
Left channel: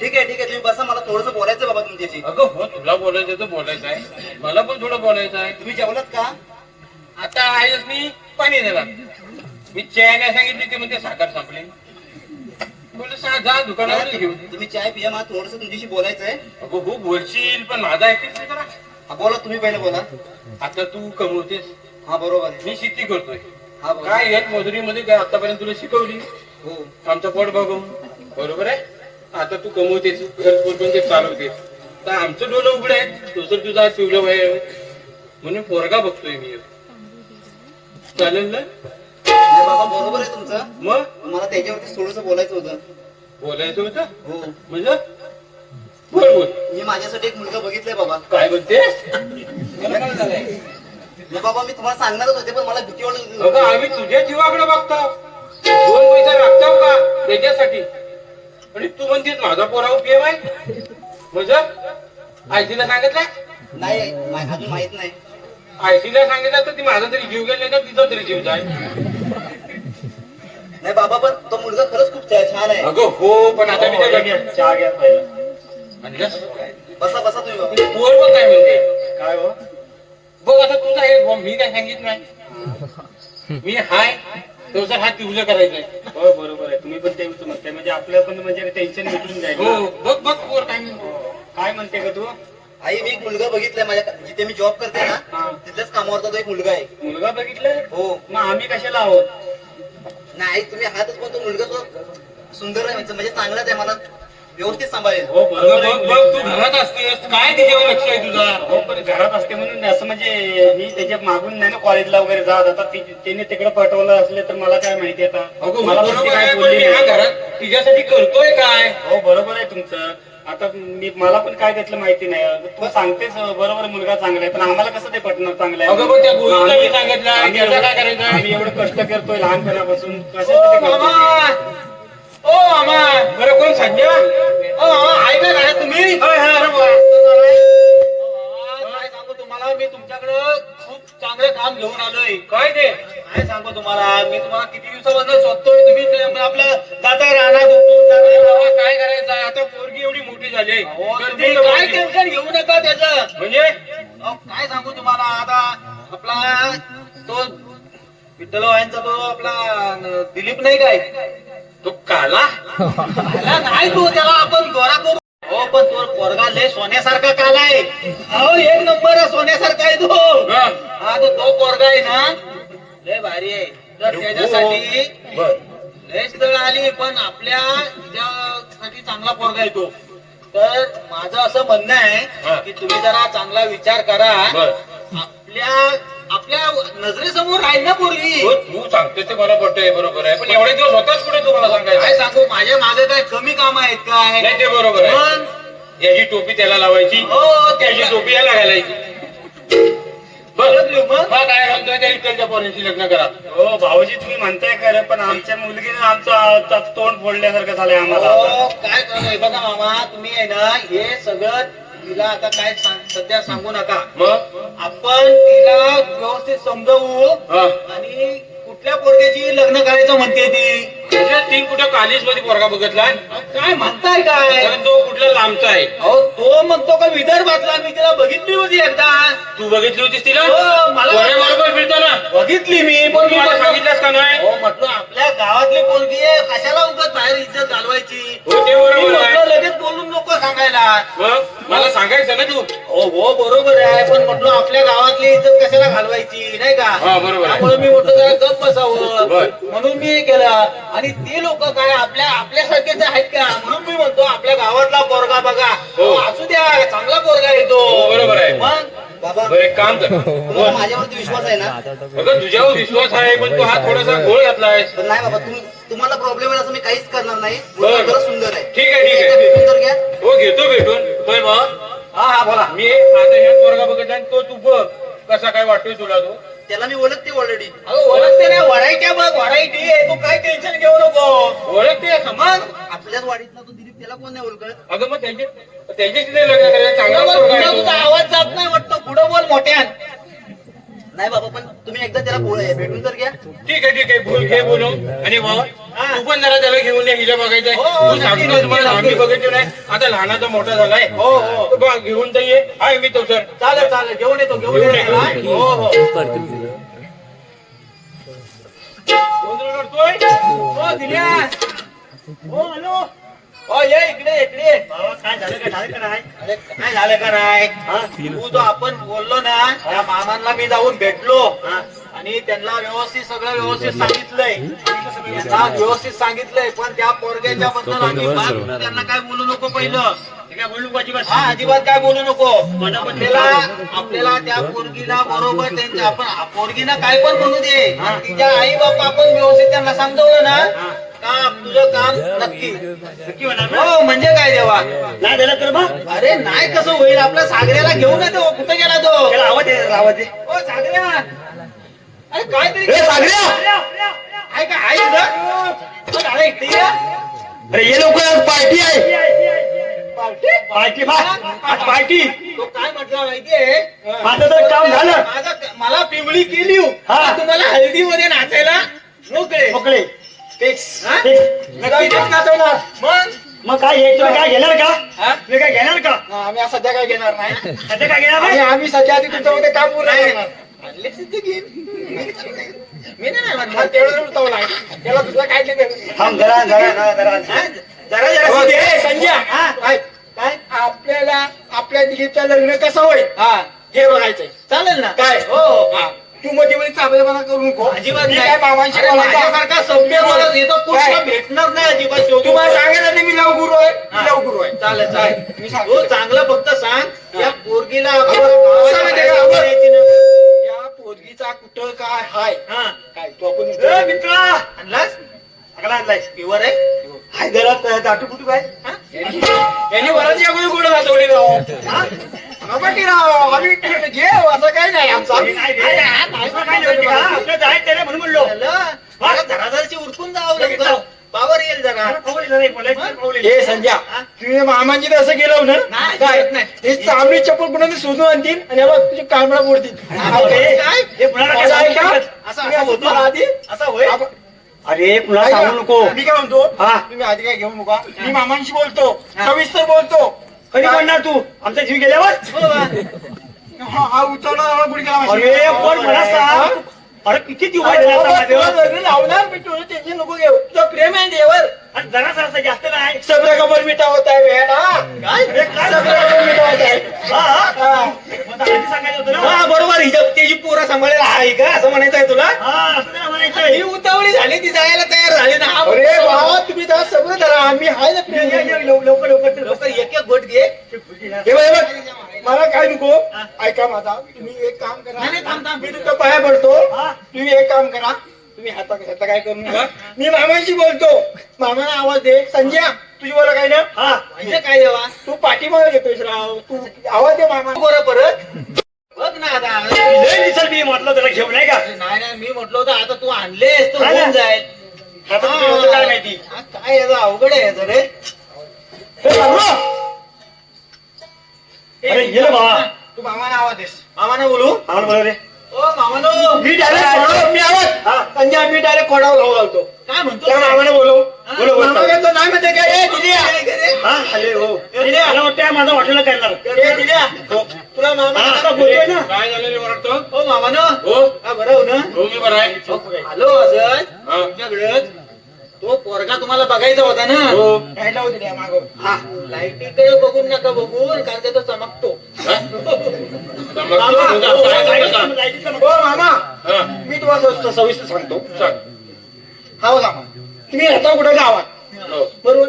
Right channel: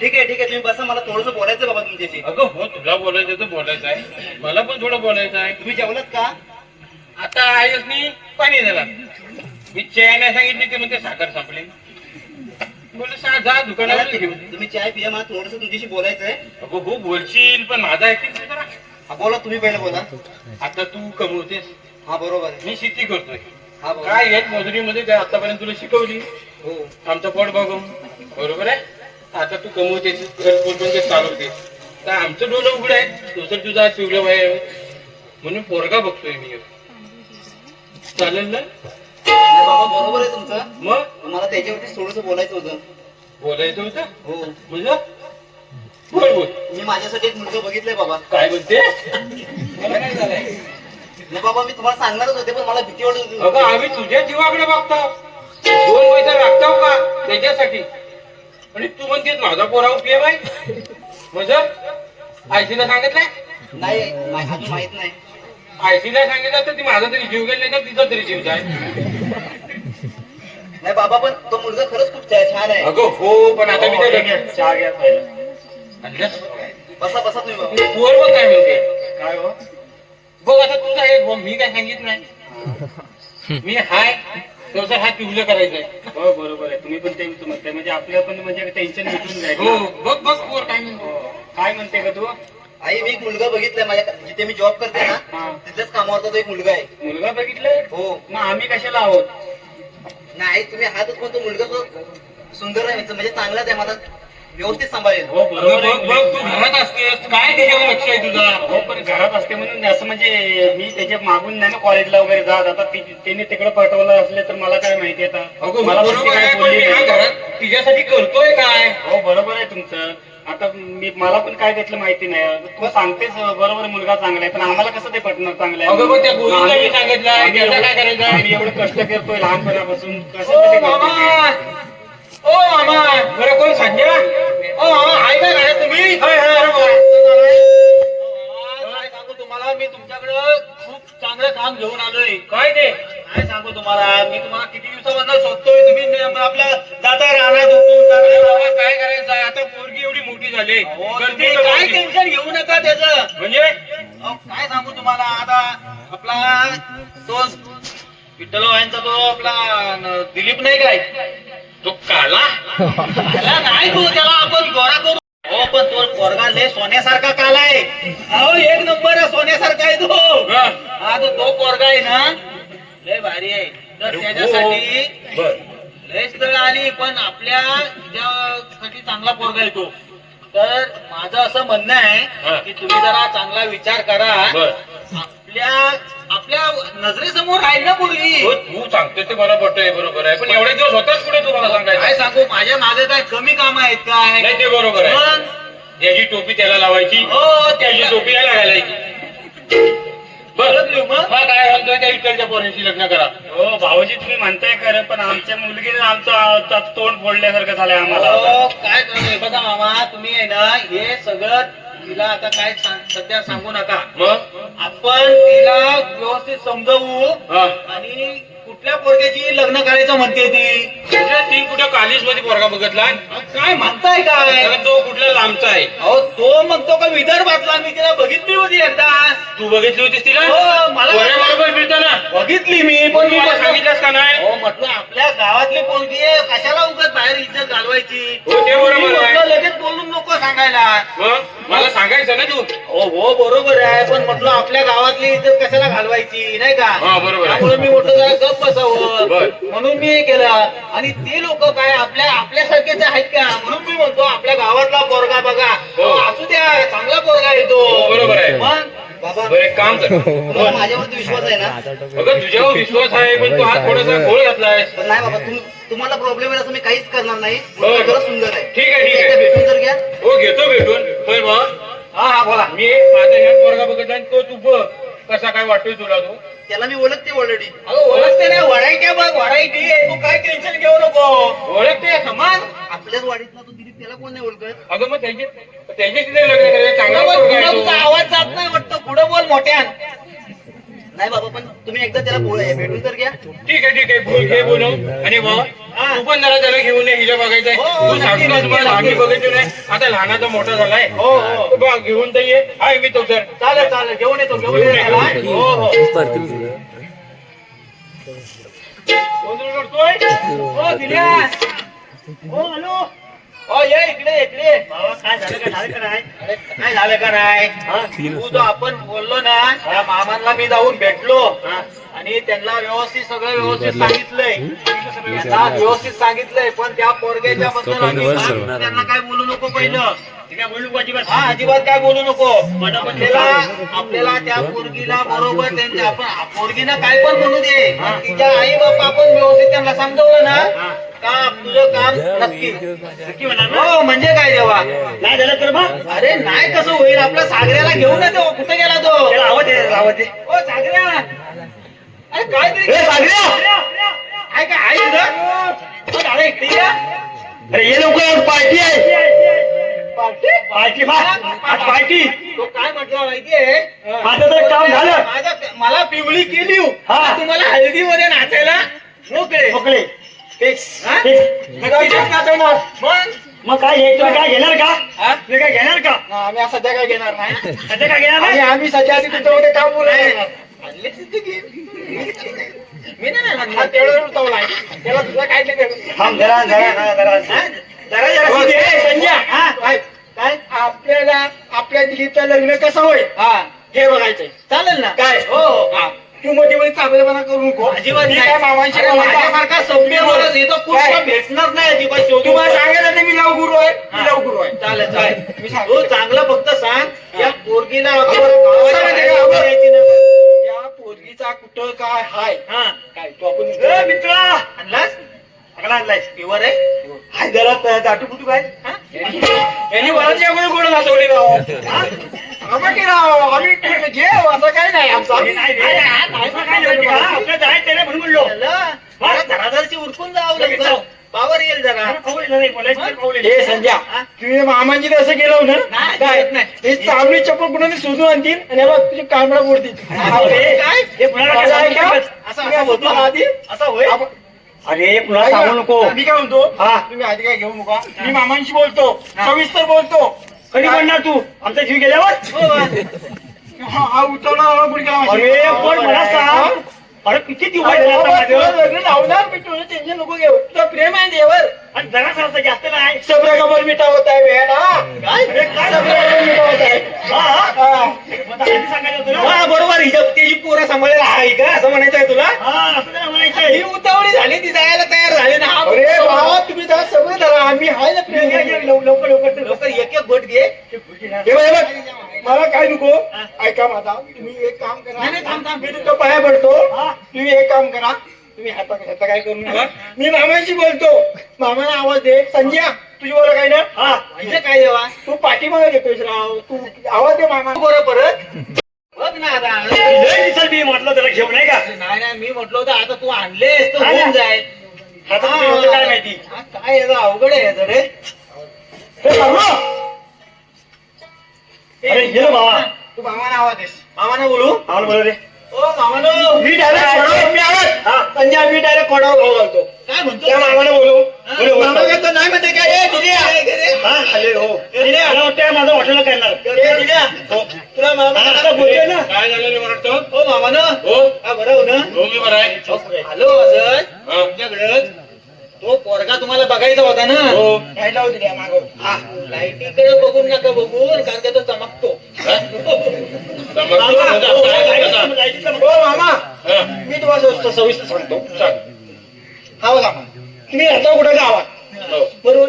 ठीक आहे तुम्ही बसा, मला थोडंसं बोलायचं बाबा तुमच्याशी. अगं हो तुला बोलायचं तर बोलायचं आहे मला पण थोडं बोलायचं आहे तुम्ही जेवलात का? आता आहेस मी पाणी देणार मी चहा नाही सांगितली ते म्हणजे साखर संपली बोल जा दुकानावर घेऊन तुम्ही चाय पिया, मला थोडंसं तुमच्याशी बोलायचं आहे. अगं हो बोलशील पण माझा ऐकतील जरा हा बोला, तुम्ही पहिलं बोला. आता तू कमवतेस हा बरोबर आहे. मी शेती करतोय हा बरोबर. काय एक मजुरीमध्ये काय आतापर्यंत तुला शिकवली हो आमचं पोट बघून बरोबर आहे आता तू कमवतेस घरपोच चालवते तर आमचं डोलं उघड आहे तो तर तुझा शिवलं बाहेर म्हणून पोरगा बघतोय मी चालेल ना नाही बाबा बरोबर आहे तुमचं. मग मला त्याच्यावरती थोडस बोलायचं होतं. बोलायचं होतं हो म्हणजे बोल बोल मी माझ्यासाठी एक मुलगा बघितलाय बाबा. काय म्हणते मला काय झालंय नाही बाबा मी तुम्हाला सांगणारच होते पण मला भीती वाटत होती. अगं आम्ही तुझ्या जीवाकडे बघतो 2 पैसे लागतो का त्याच्यासाठी आणि तू म्हणतेस माझा पोरावर प्रेम आहे म्हणजे आयसीला सांगितलंय नाही अजून माहित नाही. आयसीला सांगितलं तर ती माझा तरी जीव गेला नाही तर तिचा तरी जीव जाय नाही बाबा पण तो मुलगा खरंच खूप छान आहे. अगं हो पण आता मी हो, काय घ्या, चहा घ्या पहिला. आणलंस? बसा बसा तुम्ही बाबा. पोर बघ काय म्हणते काय हो बघ आता तुझा एक मी काय सांगितलं नाही मी हाय तसं हात तुझं करायचंय हो बरोबर आहे तुम्ही पण तेच म्हणताय म्हणजे आपलं पण म्हणजे टेन्शन मिटून जाईल हो ना. बघ बघ पोर काय म्हणतो. काय म्हणते का तू आई मी एक मुलगा बघितलाय माझ्या जिथे मी जॉब करते हा. ना तिथेच कामावरचा तो एक मुलगा आहे. मुलगा बघितलाय हो मग आम्ही कशाला आहोत नाही आई तुम्ही हातच पण तो मुलगा तो सुंदर आहे म्हणजे चांगलाच आहे मला व्यवस्थित सांभाळेल. हो अगं बरोबर बघ बघ आहे. तू घरात असतेस काय त्याच्यावर लक्ष आहे तुझा हो पण घरात असते म्हणून असं म्हणजे मी त्याच्या मागून नाही ना कॉलेजला वगैरे जात आता त्याने तिकडे पाठवलं असले तर मला काय माहिती आता अगं मला पण ती बरोबर काय आहे पण बोलली मी हा नाही. घरात तिच्यासाठी करतोय काय हो बरोबर आहे तुमचं आता मला पण काय त्यातलं माहिती नाही तू सांगतेस बरोबर मुलगा चांगला आहे पण आम्हाला कसं ते पटणार चांगलं आहे अगं मग त्या गोळीला मी सांगितलंय आम्ही त्याचं एवढं- काय करायचं आम्ही एवढं कष्ट करतोय लहानपणापासून कसं ओ ते मामा करतोय? ओ मामा बरं कोण संजय ओ मामा आहे का घरात तुम्ही काय सांगू तुम्हाला मी तुमच्याकडे खूप चांगलं काम घेऊन आलोय. काय ते काय सांगू तुम्हाला मी तुम्हाला किती दिवसापासून शोधतोय तुम्ही आपल्या दादा राहणार झोपून अरे बाबा काय करायचं आहे आता पोरगी एवढी मोठी झाली करते का काय पोरगी? टेन्शन घेऊ नका त्याचं. म्हणजे अहो, काय सांगू तुम्हाला आता आपला तो विठ्ठलवायांचा तो आपला दिलीप नाही काय तो काला त्याला नाही तो त्याला आपण गोरा करू. हो पण तो पोरगा लय सोन्यासारखा काला आहे. अहो 1 नंबर आहे सोन्यासारखा आहे तो. हा. हा तो पोरगा आहे ना लय भारी आहे तर त्याच्यासाठी बर लय स्थळ आली पण आपल्या साठी चांगला पोरगा आहे तो. तर माझं असं म्हणणं हा. आहे की तुम्ही जरा चांगला विचार करा. बर आपल्या नजरेसमोर राहील ना पोरगी. हो, तू सांगते ते मला पटतंय बरोबर आहे पण एवढे दिवस होताच पुढे तुम्हाला काय सांगायचं सांगू माझ्या मागे काय कमी काम आहेत काय नाही ते बरोबर आहे पण याची टोपी त्याला लावायची हो त्याची टोपी याला घालायची बरं मग हा काय सांगतोय त्या इकडच्या पोरांशी लग्न करा हो भाऊजी तुम्ही म्हणताय खरं पण आमच्या मुलगीने आमचं तोंड फोडल्यासारखं झालंय आम्हाला हो, काय करतोय बघा मामा तुम्ही आहे ना हे सगळं तिला आता काय सध्या सांगू नका. मग आपण तिला व्यवस्थित समजवू हा आणि कुठल्या पोरग्याची लग्न करायचं म्हणते ती. म्हणजे ती कुठं कॉलेज मध्ये पोरगा बघितला काय म्हणताय काय कारण तो कुठला लांबचा आहे अहो तो म्हणतो का विदर्भातला मी तिला बघितली होती एकदा. तू बघितली होतीस तिला हो, मला- बरोबर फिरताना बघितली मी पण मी मला म्हटलं- सांगितलंस का नाही हो म्हटलं आपल्या गावातली पोरगी आहे कशाला उगाच बाहेर इज्जत घालवायची. हो ते मी बरोबर म्हटलं आहे लगेच बोलून नको सांगायला. मग मला सांगायचं ना तू हो बरोबर आहे पण म्हटलं आपल्या गावातली इज्जत कशाला घालवायची नाही का. हा बरोबर आहे त्यामुळे मी म्हटलं जरा गप्प बसावं बर. म्हणून मी हे केलं आणि ते लोक काय आपल्यासारखेच आहेत का म्हणून मी म्हणतो आपल्या गावातला पोरगा बघा हो. असू द्या चांगला पोरगा येतो. हो, बरोबर आहे. मग बाबा बरं एक काम कर तुम्हाला माझ्यावरती विश्वास आहे ना. अगं तुझ्यावर विश्वास आहे पण तू हा थोडासा घोळ घातलाय पण नाही बाबा तुम्हाला प्रॉब्लेम आहे असं मी काहीच करणार नाही. बरं. मुलगा खरंच सुंदर आहे. ठीक आहे, ठीक आहे. एकदा भेटून तर घ्या. हो घेतो भेटून पण मग हा बोला मी माझा ह्या पोरगा बघितला आणि तो तू बघ कसा काय वाटतोय तुला तो त्याला मी ओळखते ऑलरेडी. अगं ओळखते ना वरायट्या बघ व्हरायटी आहे तू काय टेन्शन घेऊ नको. ओळखते समान आपल्याच वाडीतला तो दिलीप त्याला कोण नाही ओळखत. अगं मग त्याच्याशी नाही लग्न करायचं चांगला पोरगा आहे तुझा तो. आवाज जात नाही वाटतं पुढं बोल मोठ्यान. नाही बाबा पण तुम्ही एकदा त्याला भेटून तर घ्या. ठीक आहे बोल घे बोलू आणि मग तू पण जरा त्याला घेऊन ये हिला बघायचंय हो, तू सांगितलं तुम्हाला आम्ही बघायचो नाही आता लहानाचा मोठा झालाय हो हो तो बघ घेऊन तर ये आहे मी तो सर चालेल घेऊन येतो घेऊन येतो त्याला. हो हो गोंधळ करतोय हो दिल्या हो हॅलो हो ये इकडे बाबा काय झालं का नाही अरे काय झालं का नाही तू जो आपण बोललो ना त्या मामांना मी जाऊन भेटलो आणि त्यांना व्यवस्थित सगळं व्यवस्थित सांगितलंय, त्यांना व्यवस्थित सांगितलंय, पण त्या पोरग्याच्या बद्दल अजिबात त्यांना काय बोलू नको पहिलं. काय बोलू नको अजिबात. हा, अजिबात काय बोलू नको. आपल्याला त्या पोरगीला बरोबर त्यांच्या आपण पोरगीला काय पण म्हणू दे, तिच्या आई बापा आपण व्यवस्थित त्यांना समजवलं ना का तुझं काम नक्की नक्की होणार ना? हो. म्हणजे काय देवा, नाही दिलं तर मग अरे नाही कसं होईल, आपल्या सागऱ्याला घेऊन येतो. कुठे गेला तो? त्याला आवाज दे, आवाज दे. ओ सागऱ्या, अरे काहीतरी सागऱ्या! आहे का? आहे इथं? ओ, दादा इकडे ये. अरे ये लवकर, पार्टी आहे. पार्टी? पार्टी बा, आज पार्टी. तो काय म्हटलं माहितीये, माझं तर काम झालं. मला पिवळी केली हो. हा. तुम्हाला हळदीमध्ये नाचायला मोकळे मोकळे. फिक्स. नक्की तेच नाचवणार. मग काय हे तुम्ही काय घेणार का? हा? तुम्ही काय घेणार का? आम्ही सध्या काय घेणार नाही. सध्या काय घेणार आणि नाही? आम्ही सध्या आधी तुमच्यामध्ये काम बोलणार. मी नाही म्हणणार, तेवढं उठवलं आहे. त्याला तुझं काय नाही. थांब जरा जरा जरा जरा. जरा जरा हो, ए, संजय, हा, काय आपल्याला आपल्या दिलीपचं लग्न कसं होईल हे बघायचंय. चालेल ना? काय हो हो. तू मध्ये मध्ये चाबेपणा करू नको. अजिबात मी नाही. काय मामांशी अरे, बोलतो? माझ्यासारखा सभ्य बोलत येतो कोणाला भेटणार नाही अजिबात. शेवटी तुम्हाला सांगायला नाही मी लवगुरू आहे, मी लवगुरू आहे. चालेल चालेल. मी सांगतो. तू चांगलं फक्त सांग या पोरगीला या पोरगीचा कुठं काय हाय हा. काय तू आपण ए, मित्रा आणलास सगळा आणलाय. प्युअर आहे. हाय जरा दाटू फुटू काय? यांनी वराची अगोदर गोड नाचवली राव. की राव आम्ही घे असं काही नाही आमचं. हे नाही रे. असं काय नाही का? आपलं जायचं त्याला म्हणून म्हणलो. घरादारची उरकून जावं लवकर. पावर येईल जरा. हे संजय, तुम्ही मामांची तसं गेलो ना नाही, काय नाही. हे चांगली चप्पल कुणाला शोधून आणतील आणि बघ तुझी कांबळा मोडतील. काय? हे पुन्हा असं आहे का? असं होतो आधी असं होय. अरे पुन्हा सांगू नको. मी काय म्हणतो हा. तुम्ही आधी काय घेऊ नका. मी मामांशी बोलतो, हा. सविस्तर बोलतो. कधी म्हणणार तू आमचा जीव गेल्यावर? हा उतरणार कुणी केला अरे पण मला सांग, अरे किती दिवस झाले आता माझं? लग्न लावणार मी तुझं टेन्शन नको घेऊ. तुझं प्रेम आहे देवर. आणि जरा सरसं जास्त नाही. सगळं कबर मिठा होत आहे बेटा. काय सगळं कबर मिठा होत आहे. हा? मग आता आधी सांगायचं होतं ना. हा बरोबर. हिच्या त्याची पोरं सांभाळायला आहे का असं म्हणायचं आहे तुला? हा, असं नाही म्हणायचंय. ही उतावळी झाली ती जायला तयार झाली ना. अरे बाबा तुम्ही जरा सगळं धरा. आम्ही आहे ना प्रेम. लवकर लवकर लवकर एक एक गोट घे. हे बघ, हे बघ. मला काय नको, ऐका माझा. तुम्ही एक काम करा, मी तुमच्या पाया पडतो. तुम्ही एक काम करा, तुम्ही हाता काय करू नका. मी मामाशी बोलतो, मामाला आवाज दे. संजय तुझी बोला काय ना. हा, म्हणजे काय देवा तू पाठीमागे घेतोयस राव. तू आवाज दे मामा. बरं परत बघ ना आता. लय दिसल मी म्हटलं त्याला घेऊन नाही का. नाही नाही मी म्हटलं होतं आता तू आणलेस तर हा ना. होऊन जाईल. आता तुझी बोलतो काय माहिती. हा, काय याचं अवघड आहे याचं रे. हे बाबा. अरे ये ना बाबा. तू मामाना आवाज देस. मामाना बोलू. आम्हाला बोला रे. ओ मामानो. मी डायरेक्ट संजय मी डायरेक्ट कोणावर भाऊ घालतो. काय म्हणतो त्या मामाने बोलू. बोलू बोलू. मामा म्हणतो नाही म्हणते काय रे दिल्या. हा आले हो. मला वाटतं माझं हॉटेल करणार. दिल्या. तुला मामा हा, आता बोलतोय ना. काय झालं रे वाटतं? ओ मामानो. हो हा बरं हो ना. हो मी बरं आहे. हॅलो असं तुमच्याकडे तो पोरगा तुम्हाला बघायचा होता ना. हो. लाईट लावू दिल्या मागं. हा लाईटीकडे बघून नका बघू कारण का तो चमकतो. हो मामा हा. मी तुम्हाला सविस्तर सांगतो. सांग. हा बघा मामा तुम्ही राहता कुठे गावात हो. बरोबर.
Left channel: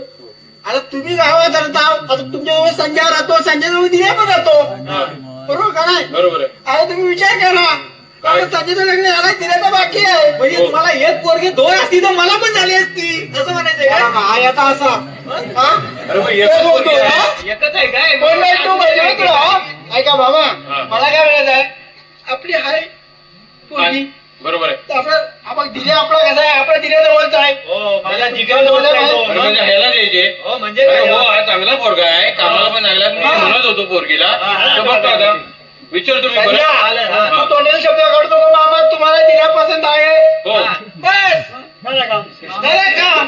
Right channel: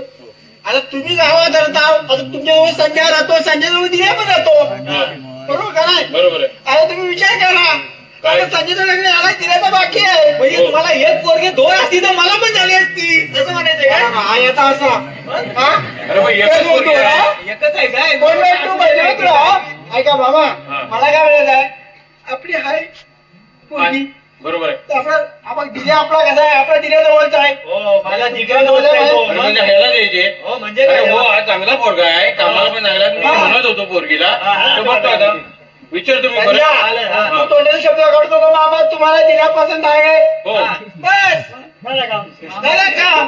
आता तुम्ही गावात राहता. आता तुमच्याजवळ संजय राहतो. संजय जवळ दिल्या पण राहतो. हा. बरोबर का नाही. बरोबर आहे. आता तुम्ही विचार करा काय? कारण संजयचं लग्न झालं दिल्याचं बाकी आहे. म्हणजे हो. तुम्हाला एक पोरगी दोन असती तर मला पण झाली असती असं म्हणायचं का. हा आता असा हा? अरे मग एकच एकच बोलतो, पोरगी आहे. हा? एकच आहे काय कोण नाही तू पाहिजे होतं, हा? ऐका बाबा हा. मला काय म्हणायचं आहे आपली हाय पोरगी बरोबर आहे. तर आपण दिल्या आपला कसा आहे आपल्या दिल्याजवळच आहे. हो मला जिगरजवळ अरे म्हणजे ह्याला द्यायचे. हो म्हणजे अरे काय हो हा चांगला पोरगा आहे. कामाला पण चांगला आहे. मी म्हणत होतो पोरगीला. तर बघतो आता. विचार तुम्ही बरं. संजय, हा. तू तोंडाचा शब्द काढतो का मामा तुम्हाला दिल्या पसंत आहे. हो. बस मला काम. झालं काम.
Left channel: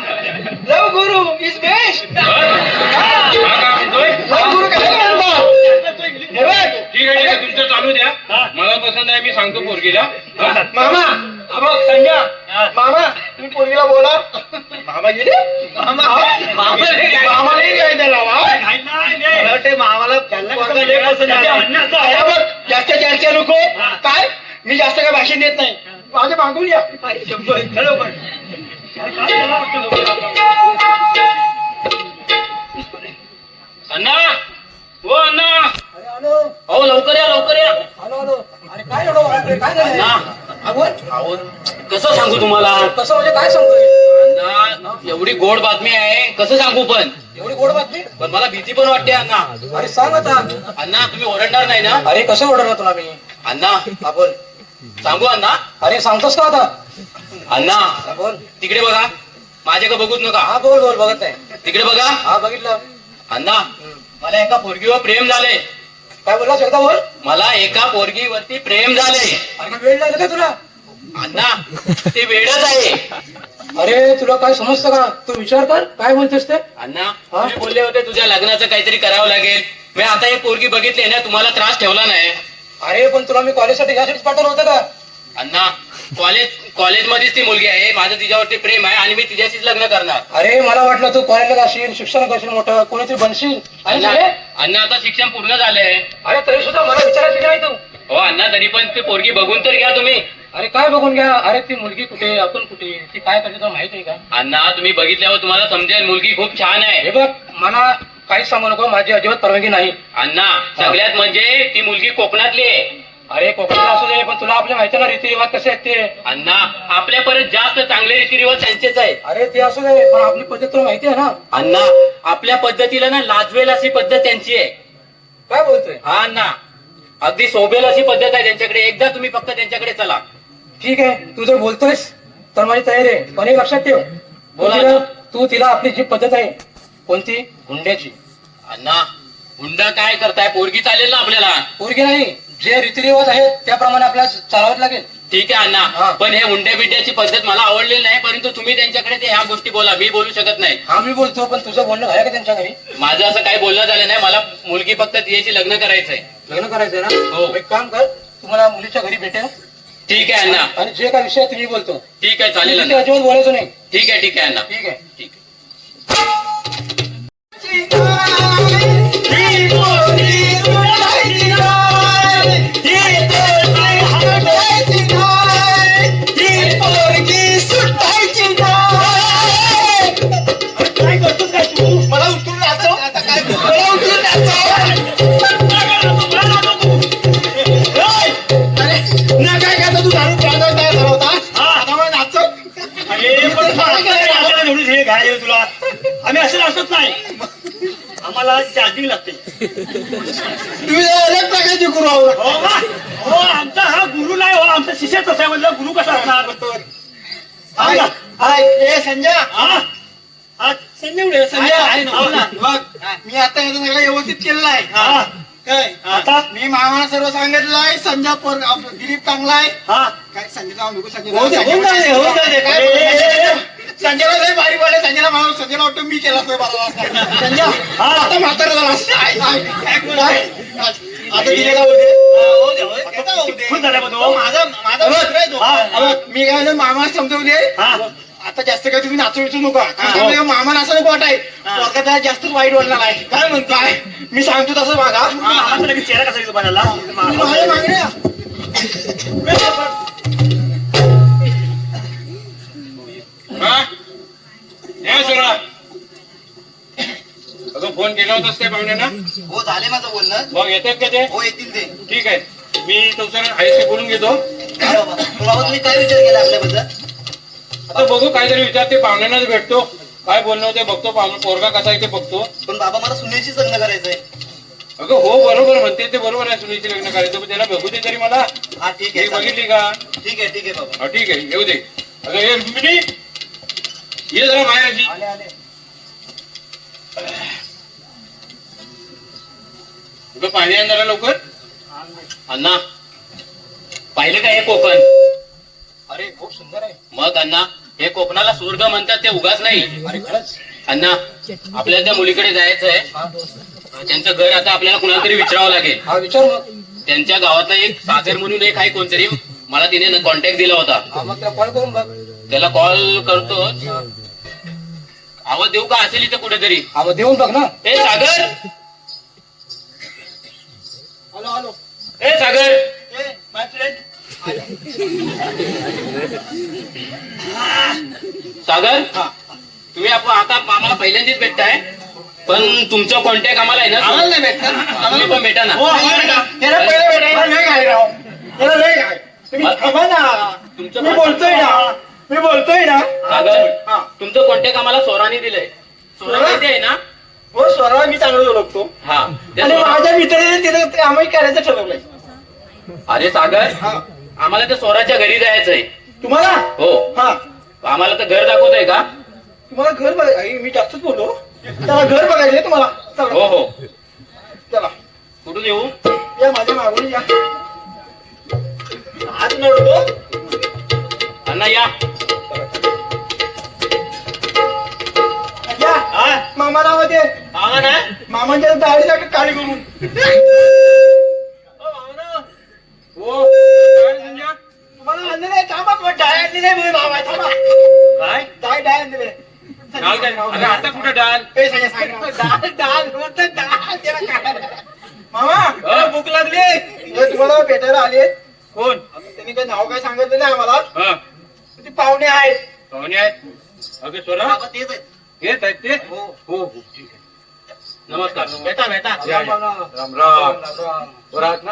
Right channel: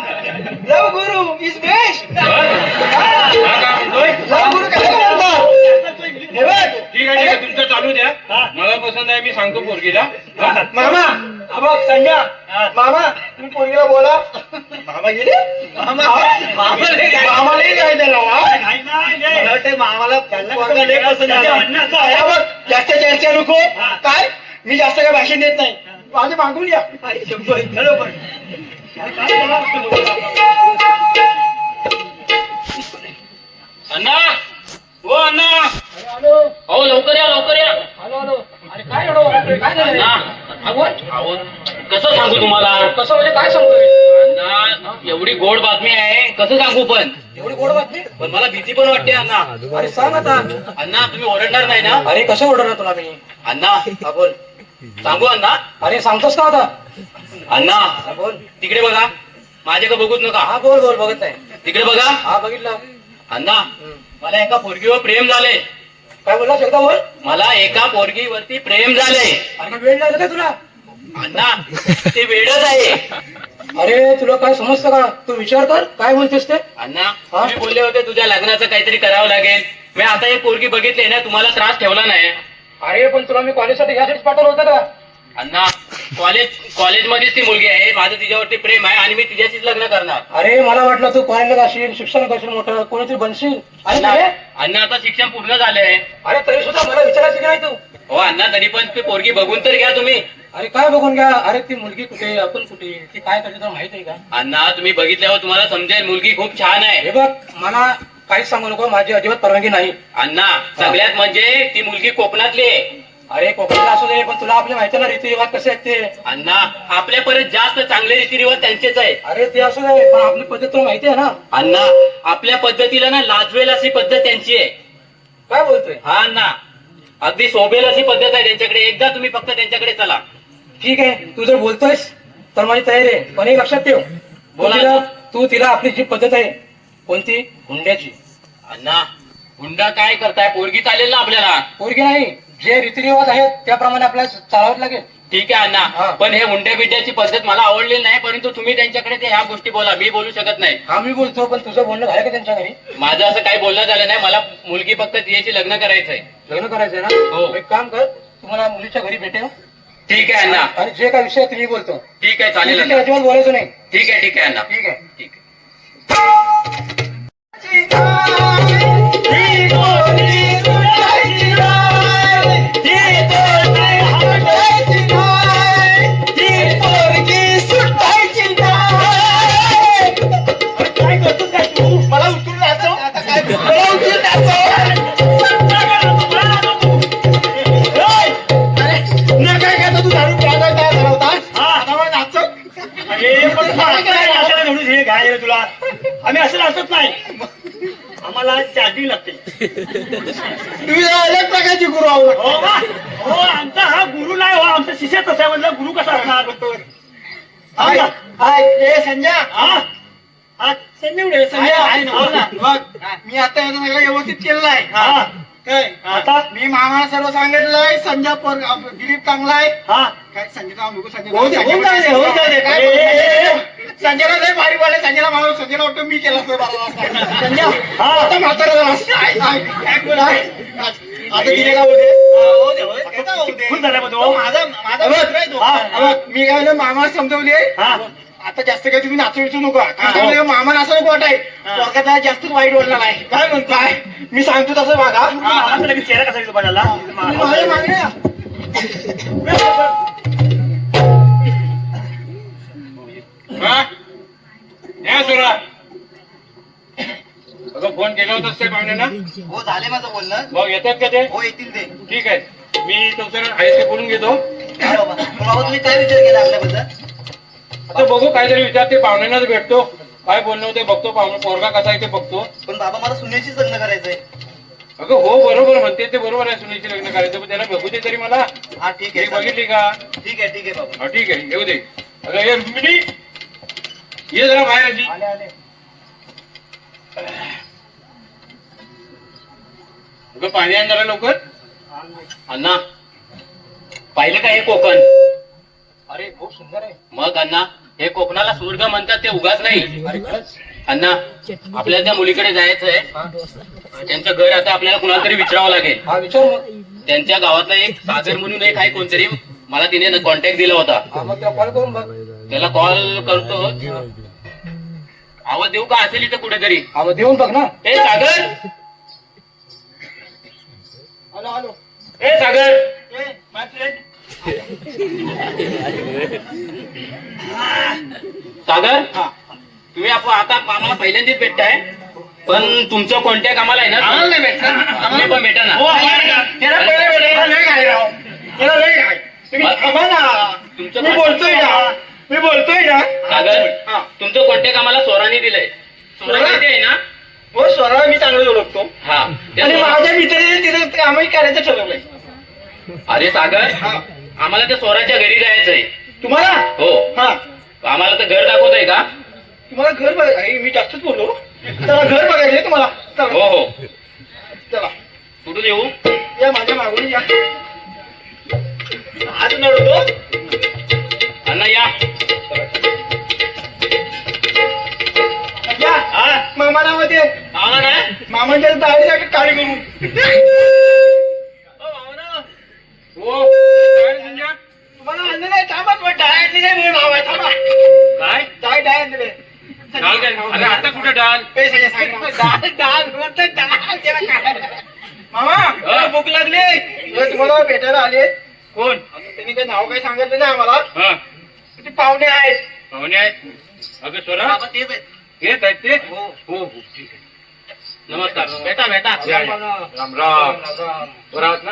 लव गुरु इज बेस्ट. हा? हा का म्हणतोय? लव गुरु काय म्हणतात. हे बघ. ठीक आहे ठीक आहे. तुमचं चालू द्या. मला पसंत आहे मी सांगतो पोरगीला. हा. मामा हा बघ संजय मामा तुम्ही पोरगीला बोला. मामा गेले मामालाही काय त्याला नाही, नाही, नाही. मला वाटतं मामाला पोरगा लय पसंत त्याच्या आला. म्हणण्याचं आहे. हा बघ, जास्त चर्चा नको. काय मी जास्त काय भाषण देत नाही माझे मागून या खरोबर. अण्णा हो अण्णा हॅलो अहो लवकर या लवकर या हॅलो हॅलो. अरे काय एवढं वाजतंय? काय झालं? अण्णा अगोदर अहो कसं सांगू तुम्हाला कसं म्हणजे काय सांगतोय? अण्णा एवढी गोड बातमी आहे कसं सांगू पण एवढी गोड बातमी? पण मला भीती पण वाटते अण्णा. अरे सांग आता. अण्णा तुम्ही ओरडणार नाही ना? अरे कसं ऑर्डर तुला मी? अण्णा हा बोल. सांगू अण्णा? अरे सांगतोस का आता? अण्णा हा बोल. तिकडे बघा माझ्याकडे बघूच नका. हा बोल बोल. बघत नाही. तिकडे बघा. हा बघितलं. अण्णा मला एका पोरगीवर प्रेम झाले. काय बोललास एकदा बोल. मला एका पोरगीवरती प्रेम झाले. अरे काय वेळ लागला का तुला? अण्णा ते वेडच आहे. अरे तुला काय समजतं का? तू विचार कर काय म्हणतेस ते. अण्णा तुम्ही बोलले होते तुझ्या लग्नाचं काहीतरी करावं लागेल. मी आता एक पोरगी बघितली ना तुम्हाला त्रास ठेवला नाही. अरे पण तुला मी कॉलेजसाठी यासाठीच पाठवलं होतं का? अण्णा कॉलेजमध्येच ती मुलगी आहे. माझं तिच्यावरती प्रेम आहे आणि मी तिच्याशीच लग्न करणार. अरे मला वाटलं तू कॉलेजला जाशील, शिक्षण करशील, मोठं कोणीतरी बनशील. आणि अण्णा अरे अण्णा, आता शिक्षण पूर्ण झालंय. अरे तरी सुद्धा मला विचारायचं नाही तू. हो अण्णा तरी पण ती पोरगी बघून तर घ्या तुम्ही. अरे काय बघून घ्या? अरे ती मुलगी कुठे, आपण कुठे, ती काय करते तुला माहित आहे का? अण्णा तुम्ही बघितल्यावर तुम्हाला समजेल मुलगी खूप छान आहे. हे बघ मला काहीच सांगू नको, माझी अजिबात परवानगी नाही. अण्णा सगळ्यात म्हणजे ती मुलगी कोकणातली आहे. अरे कोकणाला असू दे पण तुला आपल्या माहिती ना रीतिरिवाज कसे आहेत ते. अण्णा आपल्या परत जास्त चांगले रीतिरिवाज त्यांचेच आहे. अरे ते असू दे पण आपली पद्धत तुला माहिती आहे ना. अण्णा आपल्या पद्धतीला ना लाजवेल अशी पद्धत त्यांची आहे. काय बोलतोय? हा अण्णा अगदी शोभेल अशी पद्धत आहे त्यांच्याकडे. एकदा तुम्ही फक्त त्यांच्याकडे चला. ठीक आहे तू जर बोलतोयस तर माझी तयारी आहे. पण एक लक्षात ठेव, बोला. तू तिला आपली जी पद्धत आहे कोणती, हुंड्याची. अण्णा हुंडा काय करताय? पोरगी चालेल ना आपल्याला? पोरगी नाही, जे रीतिरिवाज आहेत त्याप्रमाणे आपल्याला चालावं लागेल. ठीक आहे हा. अण्णा पण हे हुंड्या बिड्याची पद्धत मला आवडलेली नाही. परंतु तुम्ही त्यांच्याकडे ते ह्या गोष्टी बोला, मी बोलू शकत नाही. हा मी बोलतो पण तुझं बोलणं झालं का त्यांच्या घरी? माझं असं काही बोलणं झालं नाही. मला मुलगी फक्त तिच्याशी लग्न करायचंय. लग्न करायचंय ना? हो. एक काम कर, तुम्हाला मुलीच्या घरी भेटेल ठीक आहे अण्णा. आणि जे काय विषय आहे ते मी बोलतो. ठीक आहे चालेल तिथे अण्णा. अजिबात बोलायचं नाही. ठीक आहे ठीक आहे अण्णा. ठीक आहे. ठीक आहे. काय करतोस काय तू? मला उचलून नाचव. आता काय मला उचलून काय करतो तू? दारू प्यायला काय ठरवता? आता मला नाचव. अरे पण नाचायला निवडून हे घाय रे तुला. आम्ही असं नाचत नाही. आम्हाला चार्जिंग लागते. तुम्ही अलग प्रकारची गुरु आहोत. हो का? हो आमचा हा गुरु नाही. हो आमचा शिष्य तसा आहे. म्हणलं गुरु कसा असणार? संजय हा संजय संजय बघ मी आता याचं सगळं व्यवस्थित केलेलं आहे. काय आता मी मामाला सर्व सांगितलंय. संजय दिलीप चांगला आहे. काय संजयचा संजयला लय भारी वाटले. संजयला मला संजयला वाटतं मी केला संजय आता म्हातारा झाला. आता दिलेला माझा मित्र आहे तो. मी काय मामा समजवली आहे. आता जास्त काही तुम्ही नाचू विचू नका. मामा नाचा नको वाटाय. वर्गात जास्तच वाईट बोलणार आहे. काय म्हणताय? मी सांगतो तसं बघा. चेहरा कसा दिसतो बनायला? माझ्या मागण्या फोन केला होतास त्या पाहुण्यांना? हो झाले माझं बोलणं. मग येतात का ते? हो येतील ते. ठीक आहे मी तुमचं आईशी बोलून घेतो. बाबा तुम्ही काय विचार केला आपल्याबद्दल? आता बघू काहीतरी विचारते. पाहुण्यांनाच भेटतो. काय बोलणं होते बघतो. पोरगा कसा आहे ते बघतो. पण बाबा मला सुनेशीच लग्न करायचंय. अगं हो बरोबर म्हणते ते. बरोबर आहे. सुनीची लग्न करायचं पण त्याला बघू दे तरी मला. हा ठीक ती आहे बघितली का? ठीक आहे बाबा. हा ठीक आहे येऊ दे. अगं ये रुक्मिणी ये जरा बाहेर आजी. आले आले. अगं पाणी आण जरा लवकर. अण्णा पाहिलं का हे कोकण? अरे खूप सुंदर आहे. मग अण्णा हे कोकणाला स्वर्ग म्हणतात ते उगाच नाही. अरे खरंच. अण्णा आपल्याला त्या मुलीकडे जायचंय. त्यांचं घर आता आपल्याला कुणाला तरी विचारावं लागेल. हा विचार मग. त्यांच्या गावातला एक सागर म्हणून एक आहे कोणतरी. मला तिने कॉन्टॅक्ट दिला होता. हा मग त्याला कॉल करून बघ. त्याला कॉल करतो. आवाज देऊ का? असेल इथं कुठेतरी. हा मग देऊन बघ ना. ए सागर. Hello hello. ए सागर. माय फ्रेंड सागर तुम्ही आता आम्हाला पहिल्यांदाच भेटताय पण तुमचं कॉन्टॅक्ट आम्हाला आहे ना आम्हाला नाही भेटणार. तुम्ही पण भेटा ना हो आम्हाला त्याला पहिले भेटायला नाही काय राव त्याला नाही काय तुम्ही थांबा ना तुमचं मी बोलतोय ना सागर तुमचं कॉन्टॅक्ट आम्हाला सोराने दिलंय सोरा किती आहे ना हो स्वरा मी चांगलं ओळखतो हा त्या आणि सोरा- माझ्या मित्राने तिथे कामही करायचं ठरवलंय अरे सागर आम्हाला त्या सोराच्या घरी जायचंय तुम्हाला हो हा आम्हाला तर घर दाखवतोय का तुम्हाला घर बघायचं मी जास्तच बोललो त्याला घर बघायचंय तुम्हाला चला हो हो चला कुठून येऊ या माझ्या मागून या अजून ओळखतो अण्णा या या मामा नाव ते मामा ना मामांच्या दाढी जागी काळी करून तुम्हाला आणले नाही थांबा डाय आणली नाही मी मामा थांबा काय डाय आणले आता कुठं डाल मामा भूक लागली हे तुम्हाला भेटायला आले कोण त्यांनी काही नाव काय सांगितलं नाही आम्हाला ते पाहुणे आहेत पाहुणे आहेत अगं सोरा तेच आहेत येत आहेत ते हो हो हो ठीक आहे नमस्कार भेटा भेटा राम राम राम बरं आहात ना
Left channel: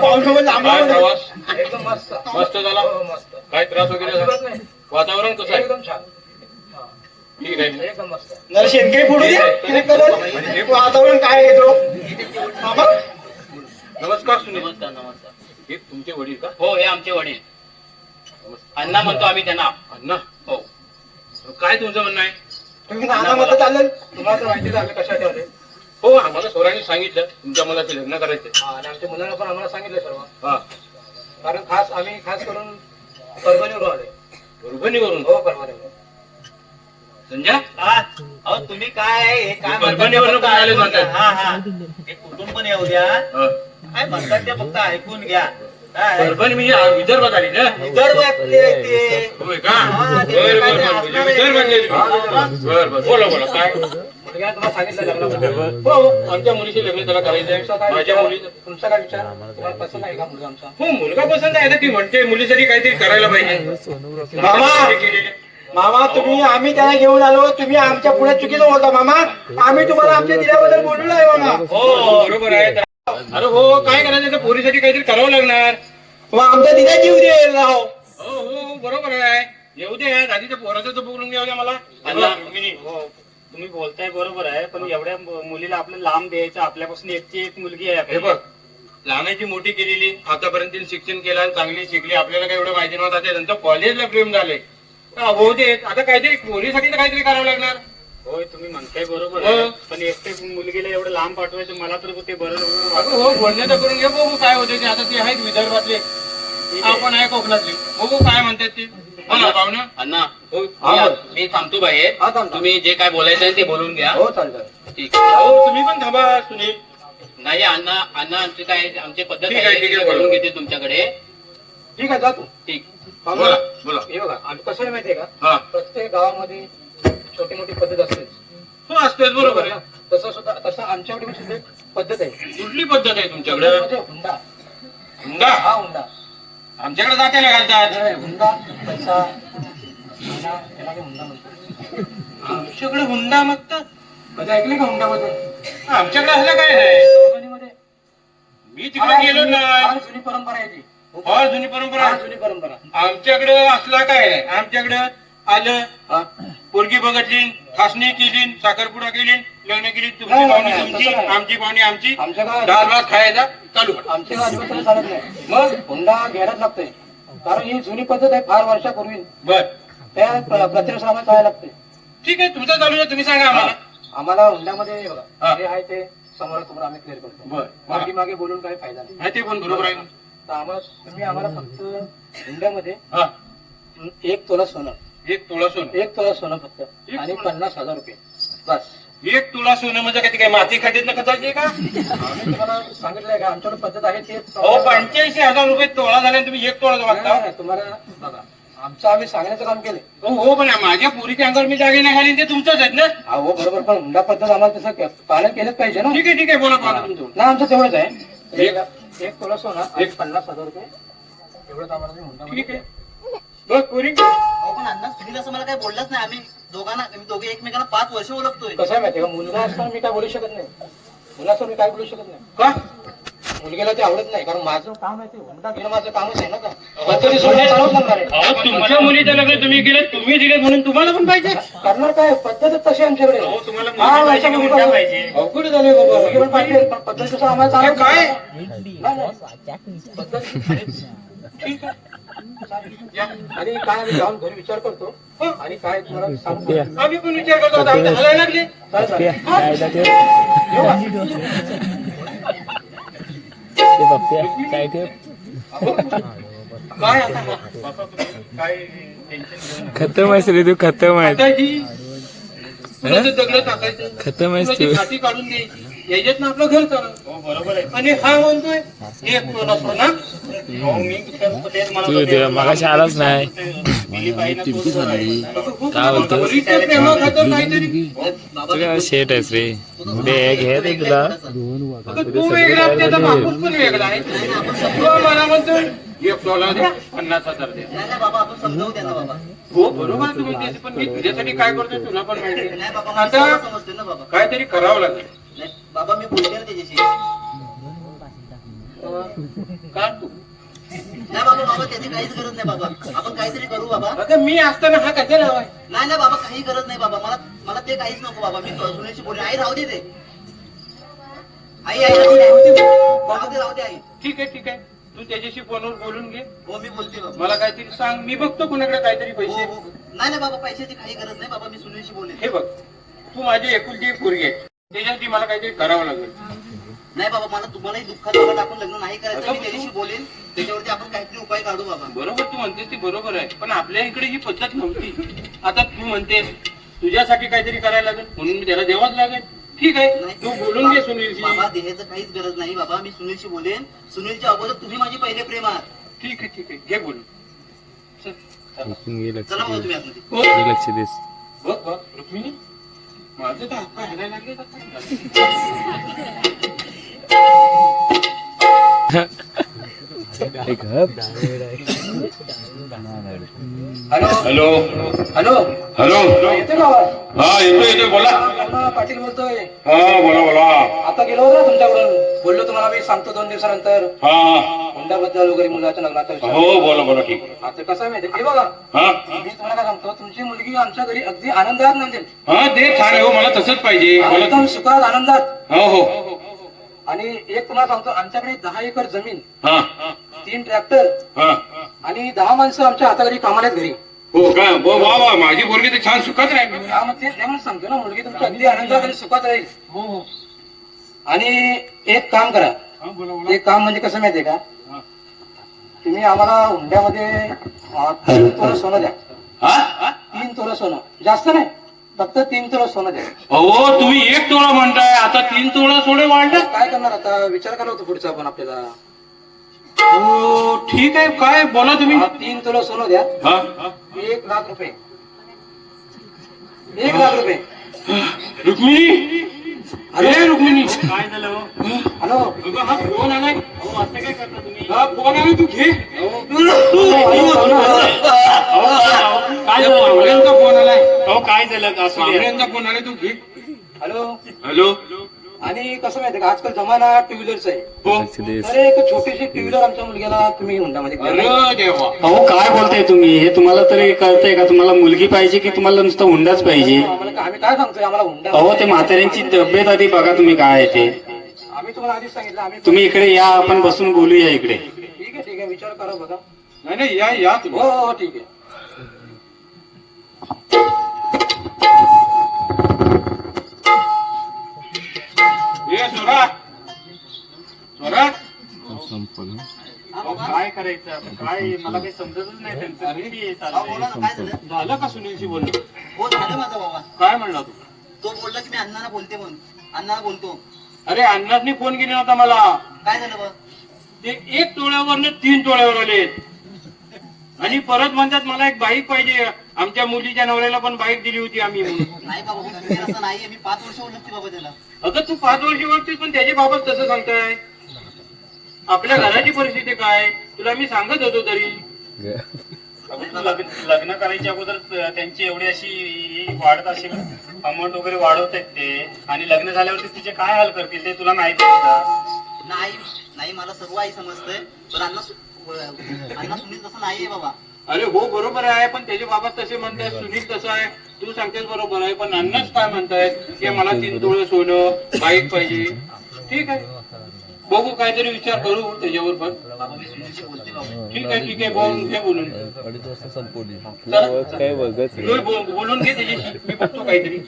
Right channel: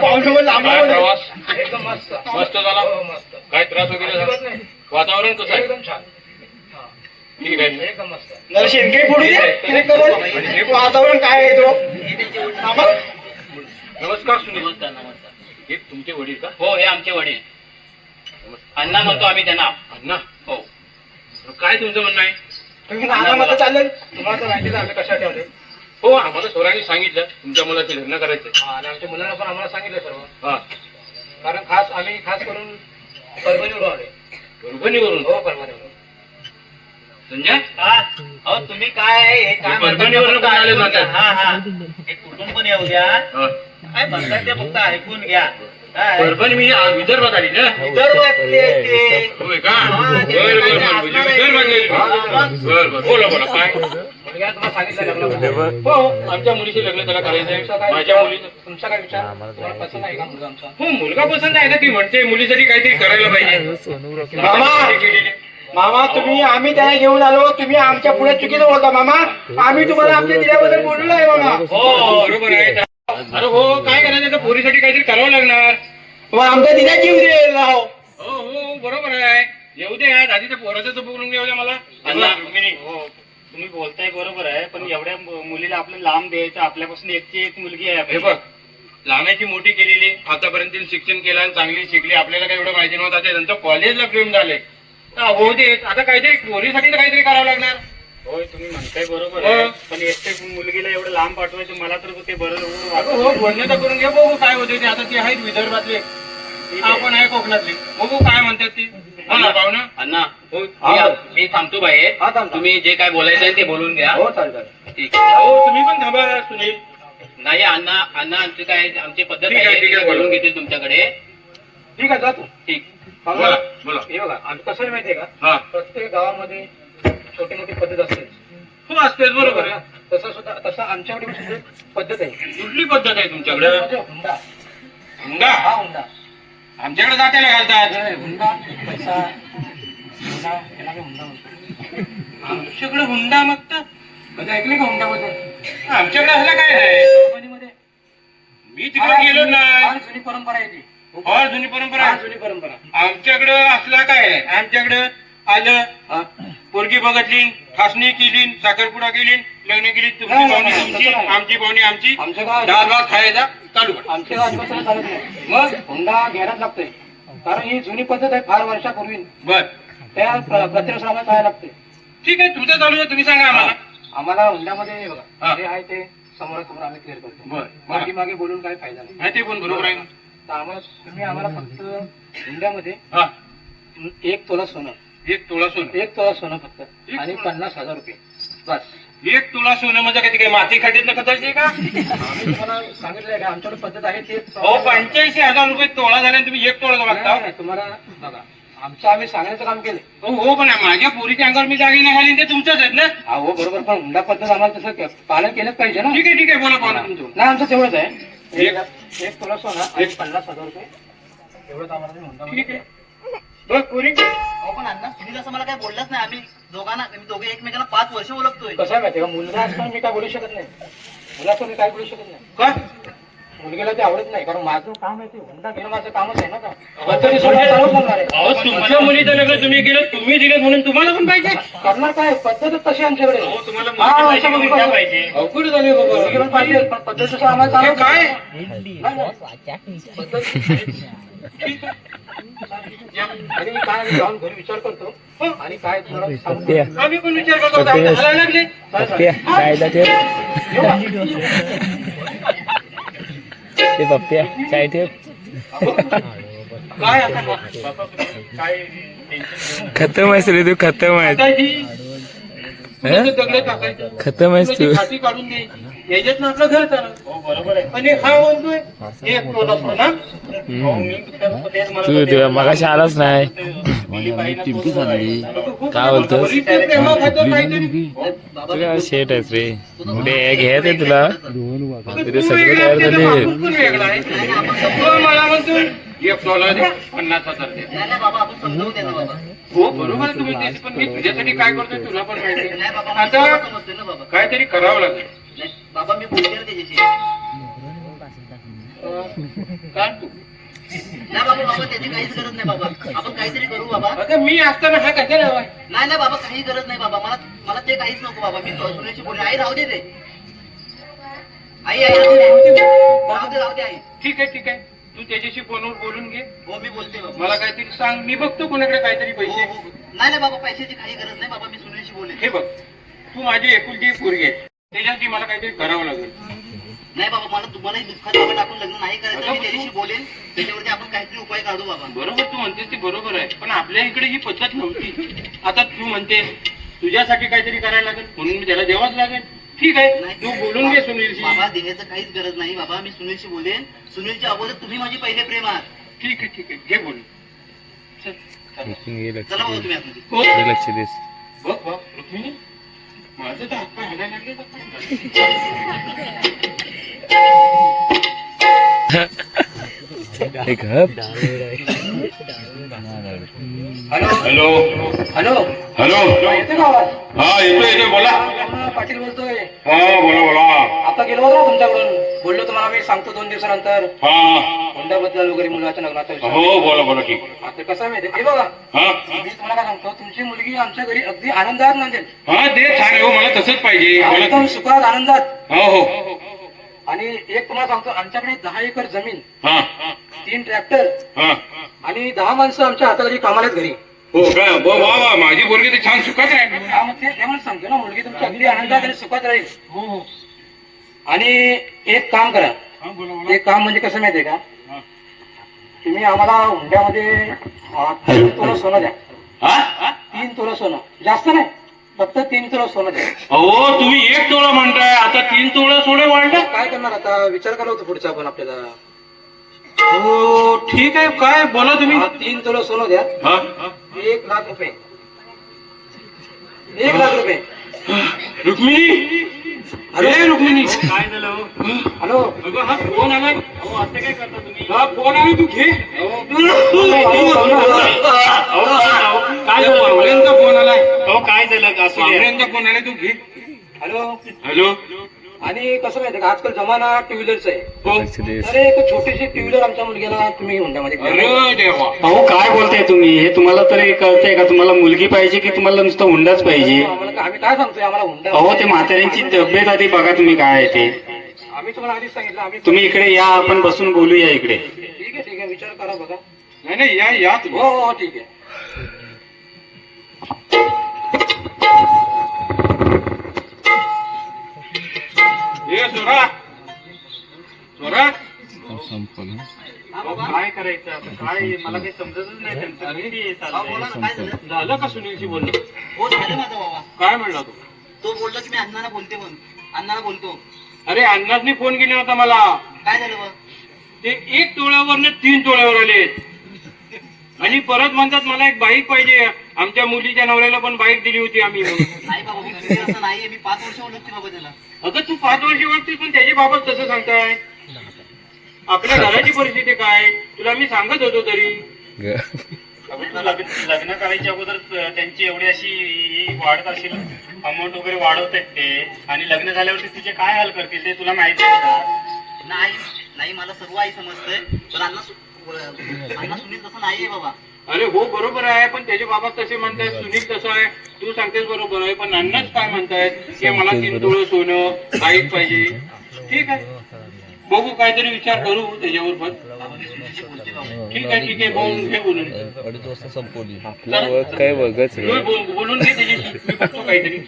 पाहुणे लांब काय प्रवास एकदम मस्त मस्त झाला मस्त काय त्रास वगैरे झाला वातावरण कसं आहे एकदम छान ठीक आहे एकदम मस्त जरा शेणके फोडू दे वातावरण काय आहे तो मामा नमस्कार सुनील नमस्कार नमस्कार हे तुमचे वडील का हो हे आमचे वडील अण्णा म्हणतो आम्ही त्यांना अण्णा हो काय तुमचं म्हणणं आहे तुम्ही नाना मत चालेल तुम्हाला तर माहिती झालं कशा ठेवले हो आम्हाला सोरांनी सांगितलं तुमच्या मुलाचं लग्न करायचं आणि आमच्या मुलांना पण आम्हाला सांगितलं सर्व हा कारण आम्ही खास करून परभणीवरून आलोय परभणीवरून हो परभणीवरून संजय अहो तुम्ही काय आहे हे काय परभणीवरून म्हणता? पण आले होते. हा हे कुठून पण येऊ द्या हा. काय म्हणतात ते फक्त ऐकून घ्या काय? परभणी मी विदर्भात आली ना विदर्भातले ते होय का हा, ते बरं काय बरं ते बरं असणार म्हणजे आहे. विदर्भात बरं बरं बोला बोला काय मुलगा तुम्हाला सांगितलं लग्नाबद्दल. हो आमच्या मुलीचे लग्न त्याला करायचंय माझ्या मुलीचं तुमचा काय विचार तुम्हाला पसंत आहे का मुलगा आमचा हो मुलगा पसंत आहे ना ती म्हणते मुलीसाठी काहीतरी करायला पाहिजे मामा मामा आम्ही त्याला घेऊन आलो तुम्ही आमच्या पुढे चुकीचं बोलता मामा आम्ही तुम्हाला आमच्या जिल्ह्याबद्दल बोललो आहे मामा हो बरोबर आहे अरे हो काय करायचं तर पोरीसाठी काहीतरी करावं लागणार मग आमच्या दिल्या जीव दे राहो हो हो बरोबर आहे येऊ दे आधी तर पोराचं तर बोलून घेऊ द्या मला हो तुम्ही बोलताय बरोबर आहे पण एवढ्या मुलीला आपलं लांब द्यायचं आपल्यापासून एकची एक मुलगी आहे हे बघ लहानाची मोठी केलेली आतापर्यंत तिने शिक्षण केलं आणि चांगली शिकली आपल्याला काय एवढं माहिती नव्हतं आता त्यांचं कॉलेजला प्रेम झालंय हो दे आता काहीतरी पोरीसाठी तर काहीतरी करावं लागणार होय तुम्ही म्हणताय बरोबर हो. आहे पण एकटे मुलगीला एवढं लांब पाठवायचं मला तर ते बरं अगं हो बोलणं तर करून घे बघू काय होते ते आता ते आहेत विदर्भातले आपण आहे कोकणातले बघू काय म्हणतात ते पाहुणं अण्णा हो मी थांबतो बाहेर तुम्ही जे काय बोलायचं आहे ते बोलून घ्या हो चालतं ठीक हो तुम्ही पण थांबा सुनील नाही अण्णा अण्णा आमची काय आमची पद्धत ठीक आहे, आहे ठीक आहे, ते बोलून बोला. घेते तुमच्याकडे ठीक आहे जातो ठीक बोला बोला हे बघा आम्ही कसं आहे माहितीये का हा प्रत्येक गावामध्ये छोटी मोठी पद्धत असते हो असतेच बरोबर आहे. तसं आमच्याकडे सुद्धा एक पद्धत आहे कुठली पद्धत आहे तुमच्याकडे म्हणजे हुंडा हुंडा हा हुंडा आमच्याकडे जात्याला घालतात हे हुंडा पैसा हुंडा याला काय हुंडा म्हणतात आमच्याकडे हुंडा मागतात कधी ऐकले का हुंड्याबद्दल आमच्याकडे असलं काय नाही परभणीमध्ये मी तिकडे गेलो ना फार जुनी परंपरा आहे ती फार जुनी परंपरा फार आहे. जुनी परंपरा आमच्याकडे असलं काय नाही आमच्याकडे आलं हा पोरगी बघितली ठासणी केली साखरपुडा केली लग्न केली तुमची नाही, पाहुणी नाही, तुमची तसं नाही. आमची पाहुणी आमची आमच्या गावात डाळ भात खायचा चालू करा. आमच्या गावात दिवसाला चालत नाही मग हुंडा घ्यायलाच लागतोय कारण ही जुनी पद्धत आहे फार वर्षापूर्वी बर त्या प्रत्येकाला जायला लागते ठीक आहे तुमचं चालू आहे तुम्ही सांगा आम्हाला आम्हाला हुंड्यामध्ये हे हा. बघा जे आहे ते समोरासमोर आम्ही क्लिअर करतो बर मागे मागे बोलून काही फायदा नाही हा, ते पण बरोबर आहे ना. तर आम्हाला तुम्ही आम्हाला फक्त हुंड्यामध्ये हा 1 तोला सोनं एक तोळा सोनं 1 तोला सोनं फक्त एक आणि तोळा? 50,000 रुपये बस एक तुला सोनं म्हणजे काय ते काय माती खाटीत न खताचे का आम्ही तुम्हाला सांगितलंय का आमच्याकडे पद्धत आहे ते हो 85,000 रुपये तोळा झाले आणि तुम्ही एक तोळा मागता नाही, तुम्हाला बघा आमचं आम्ही सांगण्याचं काम केलं हो हो पण माझ्या पोरीच्या अंगावर मी दागिने घालीन ते तुमचंच आहेत ना हो बरोबर पण हुंडा पद्धत आम्हाला तसं पालन केलंच पाहिजे ना ठीक आहे बोला पाहुणा तुमचं नाही आमचं तेवढंच आहे एक- 1 तोला सोनं आणि 50,000 रुपये एवढंच आम्हाला ते हुंडा ठीक आहे बघ पुरी अहो पण अण्णा सुनील असं मला काही बोललाच नाही. आम्ही दोघे एकमेकांना 5 वर्ष ओळखतोय. कसं आहे माहिती का, मुलगा असताना मी काय बोलू शकत नाही, मुलाचं मी काय बोलू शकत नाही. का मुलगीला ते आवडत नाही, कारण माझं काम आहे ते हुंडा घेणं माझं कामच आहे ना. का पद्धती सोडून चालवत लागणार आहे. तुमच्या मुलीचं लग्न तुम्ही केलं, तुम्ही दिले म्हणून तुम्हाला पण पाहिजे. करणार काय, पद्धतच तशी आमच्याकडे. अवघड झाले बाबा पाहिजे, पण पद्धत तसं आम्हाला चालत काय ठीक आहे. आणि काय आम्ही जाऊन घरी विचार करतो आणि काय तुला सांगतो. आम्ही पण विचार करतो, आता आम्ही हलायला लागले. काय आता काय खतम आहेस रे तू, खतम आहे, दगड टाकायचं, खतम आहेस तू. खाती काढून द्यायची, याच्यात ना आपलं घर चालत. बरोबर आहे. आणि हा म्हणतोय एक तोला सोना. तू तेव्हा मगाशी आलाच नाही. काय बोलतो तुला शेट आहेस रे, उद्या घे ते तुला उद्या सगळे तयार झाले. मला म्हणतोय एक तोला द्या, 50,000 द्या. नाही बाबा, आपण समजावून द्या ना बाबा. हो बरोबर आहे तुम्ही त्याची, पण मी तुझ्यासाठी काय करतोय तुला पण माहिती नाही बाबा, आहे. आता आता समजतोय ना बाबा. काहीतरी करावं लागेल. नाही बाबा, मी बोलते ना त्याच्याशी. का तू नाही बाबा, त्याची काहीच गरज नाही बाबा. आपण काहीतरी करू बाबा. आता मी असताना हा कशाला हवाय? नाही बाबा, काही गरज नाही बाबा. मला ते काहीच नको बाबा. मी सुनेशी बोलले. आई राहू दे ते. आई राहू दे, राहू दे आई. ठीक आहे तू त्याच्याशी फोनवर बोलून घे. हो मी बोलते बाबा. मला काहीतरी सांग, मी बघतो कोणाकडे काहीतरी हो पैसे. हो. नाही बाबा, पैशाची काही गरज नाही बाबा. मी सुनेशी बोलले. हे बघ, तू माझी एकुलती पोरगी आहे, त्याच्यासाठी मला काहीतरी करावं लागेल. नाही बाबा, मला तुम्हालाही दुःखात बाबा टाकून लग्न नाही करायचं. मी त्याच्याशी बोलेन, त्याच्यावरती आपण काहीतरी उपाय काढू बाबा. बरोबर तू म्हणतेस ते बरोबर आहे, पण आपल्या इकडे ही पद्धत नव्हती. आता तू म्हणतेस तुझ्यासाठी काहीतरी करायला लागेल म्हणून मी त्याला द्यावाच लागेल. ठीक आहे, तू बोलून घे सुनीलशी. बाबा, देण्याचं काहीच गरज नाही बाबा. मी सुनीलशी बोलेन. सुनीलच्या अगोदर तुम्ही माझी पहिले प्रेम आहात. ठीक आहे घे बोलून. चल, चला बाबा तुम्ही आतमध्ये. लक्ष देस. बघ रुक्मिणी, माझं तर हातपाय हलायला लागले. हॅलो हॅलो हॅलो हॅलो येते का आवाज? हा येतो बोला. पाटील बोलतोय. हा बोला. आता गेलो होतो तुमच्याकडून, बोललो तुम्हाला मी सांगतो 2 दिवसानंतर हा हुंड्याबद्दल वगैरे, मुलाच्या लग्नाचा विषय. हो बोला ठीक. आता कसं आहे माहिती, हे बघा हा मी तुम्हाला काय सांगतो, तुमची मुलगी आमच्या घरी अगदी आनंदात नांदेल. हा ते छान आहे हो, मला तसंच पाहिजे. एकदम सुखात आनंदात. हो आणि एक तुम्हाला सांगतो, आमच्याकडे 10 एकर जमीन, हा 3 ट्रॅक्टर हा आणि 10 माणसं आमच्या हाताखाली कामाला आहेत घरी. हो का, वा माझी पोरगी ते छान सुखात आहे. त्यामध्ये त्यामुळे सांगतो ना, मुलगी तुमची अगदी आनंदात आणि सुखात राहील. हो आणि एक काम करा, एक काम म्हणजे कसं माहितीये का, तुम्ही आम्हाला हुंड्यामध्ये 3 तोळा सोनं द्या. 3 तोळा सोनं, जास्त नाही, फक्त 3 तोळा सोनं द्या. अहो तुम्ही 1 तोळा म्हणताय, आता 3 तोळा सोडे वाढले. काय करणार आता, विचार करा होतो पुढचा पण आपल्याला. हो ठीक आहे, काय बोला तुम्ही. 3 तोळा सोनं द्या. हा 1 लाख रुपये. 1 लाख रुपये. रुक्मिणी, हॅलो रुक्मिणी, काय झालं? हॅलो हा फोन आलाय. असं काय करता तुम्ही? हा फोन आलाय, तू घे. काय झालं? पाहुण्यांचा फोन आलाय. हो काय झालं? पाहुण्यांचा फोन आलाय, तू घे. हॅलो. हॅलो. आणि कसं माहितीये का, आजकाल जमाना 2 व्हीलरचा आहे. हो. तर एक छोटीशी 2 व्हीलर आमच्या मुलग्याला तुम्ही हुंडामध्ये द्या. अरे देवा. अहो काय बोलताय तुम्ही, हे तुम्हाला तरी कळतंय का, तुम्हाला मुलगी पाहिजे की तुम्हाला नुसतं हुंडाच पाहिजे? आम्ही काय सांगतोय, आम्हाला हुंडा. अहो ते म्हाताऱ्यांची तब्येत आधी बघा तुम्ही काय आहे ते. आम्ही तुम्हाला आधीच सांगितलं. आम्ही तुम्ही इकडे या, आपण बसून बोलूया इकडे. ठीक आहे विचार करा बघा. नाही या तुम्ही. हो ठीक आहे. काय करायचं आता, काय मला काही समजतच नाही त्यांचं. बोला ना, काय झालं? झालं का सुनीलशी बोलणं? हो झालं माझा बाबा. काय म्हणला तू? तो बोलला की मी अण्णाला बोलते म्हणून. अण्णाला बोलतो. अरे अण्णांनी फोन केला होता मला. काय झालं बा? ते 1 तोळ्यावरनं 3 तोळ्यावर आले. आणि परत म्हणतात मला एक बाईक पाहिजे. आमच्या मुलीच्या नवऱ्याला पण बाईक दिली होती आम्ही म्हणून. नाही बाबा, मी सुनील असं नाहीये. मी 5 वर्ष ओळखते बाबा त्याला. अगं तू 5 वर्षी ओळखतेस, पण त्याच्या बाबत तसं सांगताय. आपल्या घराची परिस्थिती काय तुला मी सांगत होतो तरी. अगं तू लग्न करायच्या अगोदर त्यांची एवढी अशी वाढत असेल अमाऊंट वगैरे वाढवतात ते, आणि लग्न झाल्यावरती तुझे काय हाल करतील ते तुला माहिती आहे का? नाही नाही, मला सर्व आई समजतंय, पण अण्णा सुनील तसं नाहीये बाबा. अरे हो बरोबर आहे, पण त्याचे बाबा तसे म्हणतायत, सुनील तसं आहे, तू सांगतेस बरोबर आहे, पण अण्णाच काय म्हणतायत की मला 3 तोळे सोनं बाईक पाहिजे. ठीक आहे, बघू काहीतरी विचार करू त्याच्यावर पण. बाबा मी सुनीलशी बोलते बाबा. ठीक आहे बोलून घे बोलून. बोलून घे त्याच्याशी, मी बघतो काहीतरी.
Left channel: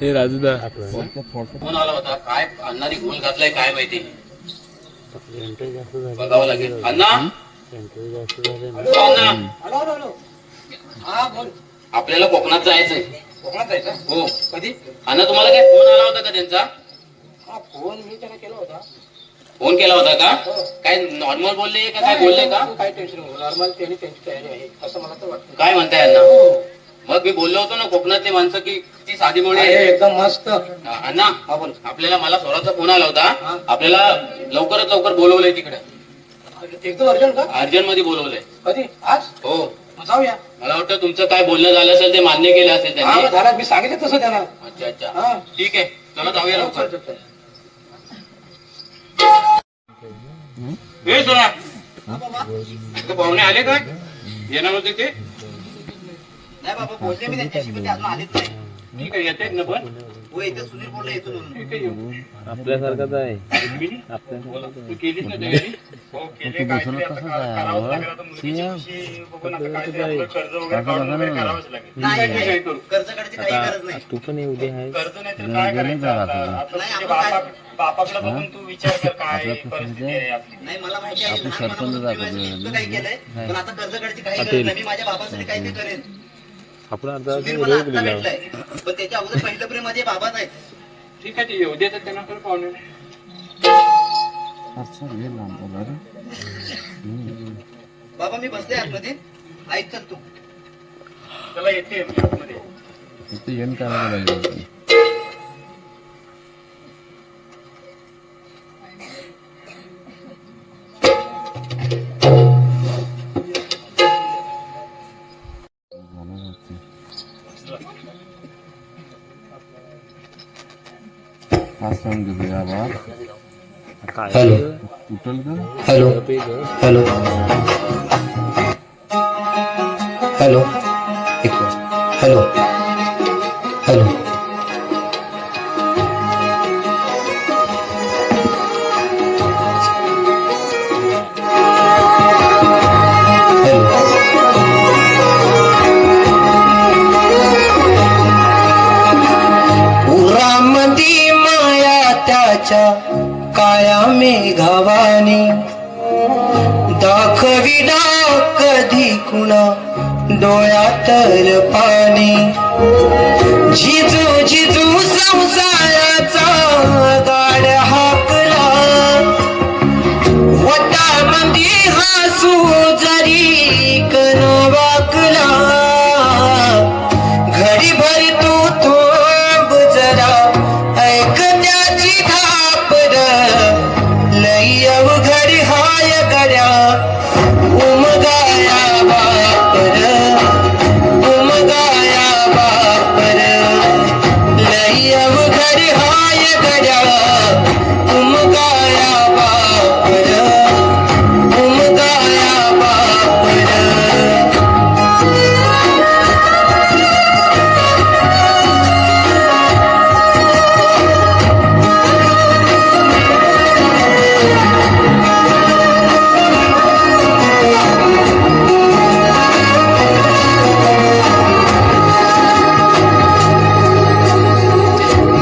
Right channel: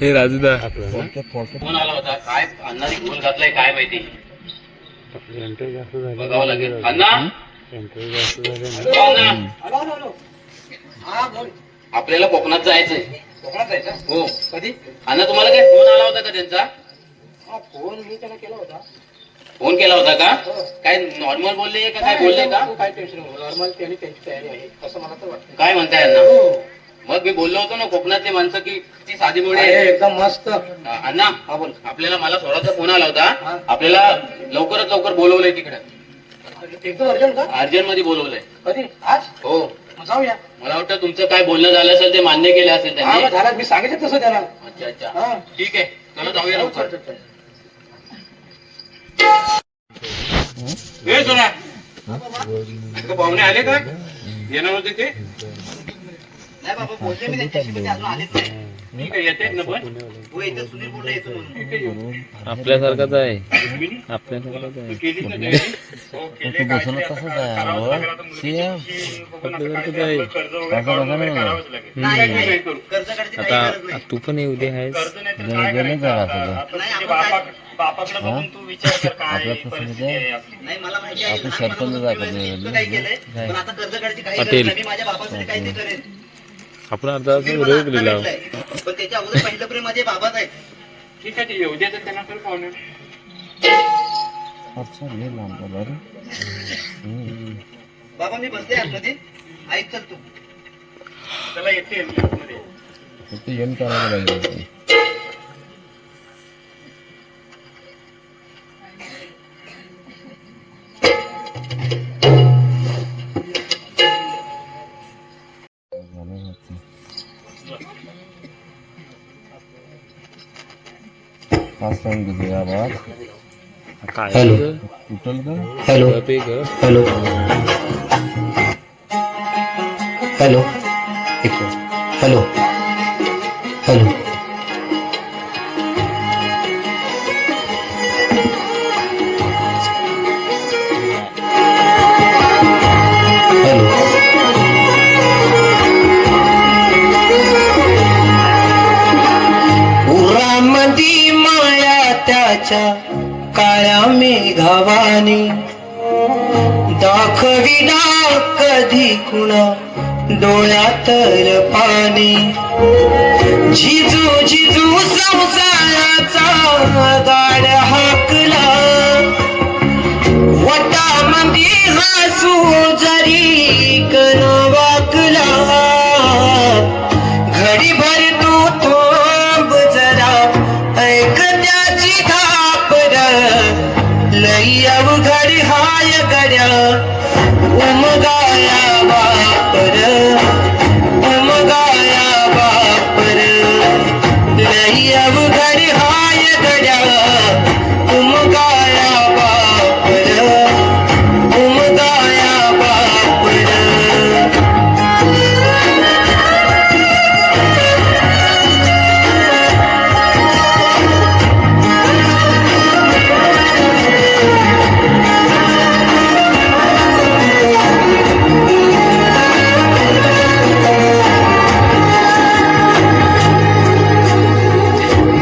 हे राजूदा फोन आला होता, काय अण्णाने गोल घातलाय काय माहिती, बघावं लागेल. अण्णा आपल्याला कोकणात जायचंय. कोकणात जायचं? हो. कधी? अण्णा तुम्हाला काय फोन आला होता का त्यांचा? फोन मी त्याला केला होता. फोन केला होता का? काय नॉर्मल बोलले का काय बोलले का? काय टेन्शन नॉर्मल, त्यांनी त्यांची तयारी आहे असं मला तर वाटतं. काय म्हणताय अण्णा? मग मी बोललो होतो ना कोकणातले माणसं की ती साधी मुळे एकदम मस्त. अण्णा आपल्याला मला स्वराचा फोन आला होता, आपल्याला लवकरात लवकर बोलवलंय तिकडे. एकदम अर्जंट का? अर्जंट मध्ये बोलवलंय. कधी? आज? हो. जाऊया. मला वाटतं तुमचं काय बोलणं झालं असेल ते मान्य केलं असेल त्यांनी. झालं, मी सांगितलं तसं त्याला. अच्छा अच्छा, ठीक आहे, चला जाऊया लवकर. हे सोना, पाहुणे आले काय? येणार होते ते? नाही बाबा, बोलले मी त्यांच्याशी, पण ते अजून आलेच नाही. ठीक आहे, येते ना पण. हो येते, सुनील बोलला येतो म्हणून. आपल्यासारखाच आहे. तू केलीस ना तयारी? हो, केली. काहीतरी आता करावंच लागेल. आता मुलीची विषयी बघून आता काहीतरी आपलं कर्ज वगैरे काढून वगैरे करावंच लागेल. नाही काय नाही, करू? कर्ज काढायची काही गरज नाही. तू पण येऊ दे आहेस. कर्ज नाही तर काय करायचं आता? आता तुझ्या बापाकडे बघून तू विचार कर काय परिस्थिती आहे आपली. नाही, मला माहिती आहे, लहानपणापासून मी चुकतं काही केलंय, पण आता कर्ज काढायची काही गरज नाही. मी माझ्या बाबांसाठी काही नाही करेन. आपण आता सुनील मला आता भेटलाय, पण त्याच्या अगोदर पहिलं प्रेम माझे बाबाच आहेत. ठीक आहे, ते येऊ द्या तर त्यांना तर पाहुणे. बाबा मी बसले आतमध्ये, ऐक चल तू. त्याला येते मध्ये. Hello hello hello hello hello hello उरामंदी माया त्याच्या काळ्या मेघावानी दाखविना कधी कुणा डोळ्यातर पाणी झिजू झिजू संसाराचा गाड हाकला वटामंदी हसू जरी कर वाकला घडीभर तू थांब जरा ऐक त्याची धापर लई अवघड हाय गड्या उमगाया बापर उमगाया बापर लई अवघड हाय गड्या उमगाया बापर उमगाया बापर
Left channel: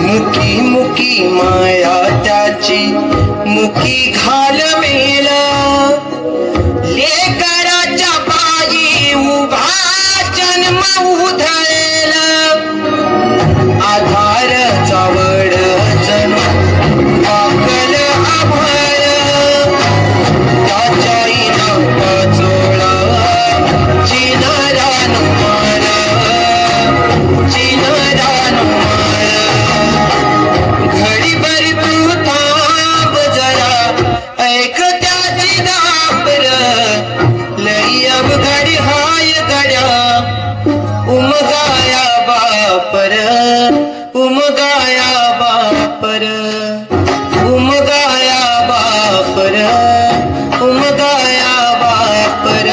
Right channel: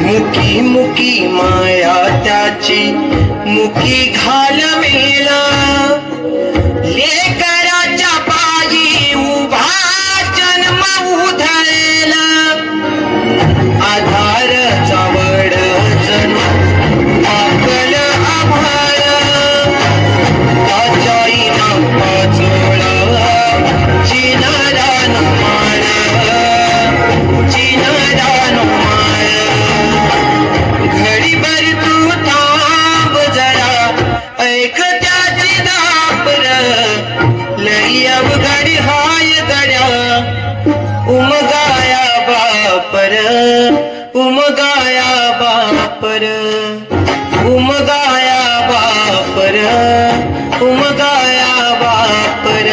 मुकी मुकी माया त्याची मुकी घाल मेला लेकराच्या पायी उभा जन्म उधळला आधार चावड जणू आकल आभाळ त्याच्या इनाम चोळा चिनारान माळ चिनारान माळ घडीभर तू थांब बापर उमगाया बापर उमगाया बापर उमगाया बापर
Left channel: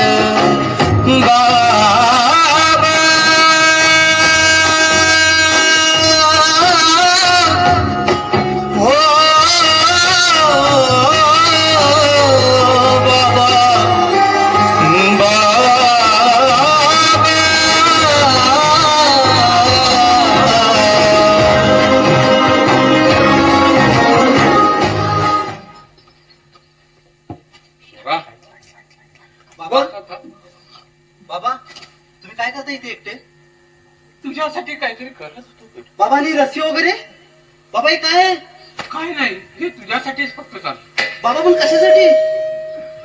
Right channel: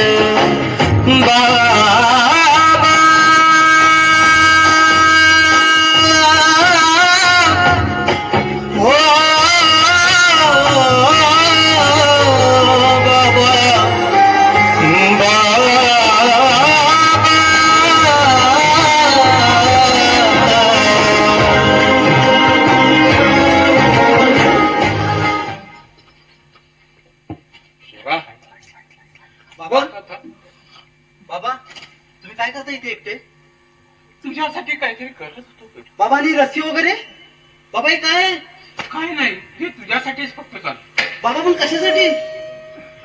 बाबा हो बाबा बाबा तुम्ही काय करता इथे एकटे? तुझ्यासाठी काहीतरी करत होतो. बाबा आणि रस्सी वगैरे बाबा हे काय आहे? काय नाही, हे तुझ्यासाठीच फक्त चाल. बाबा पण कशासाठी?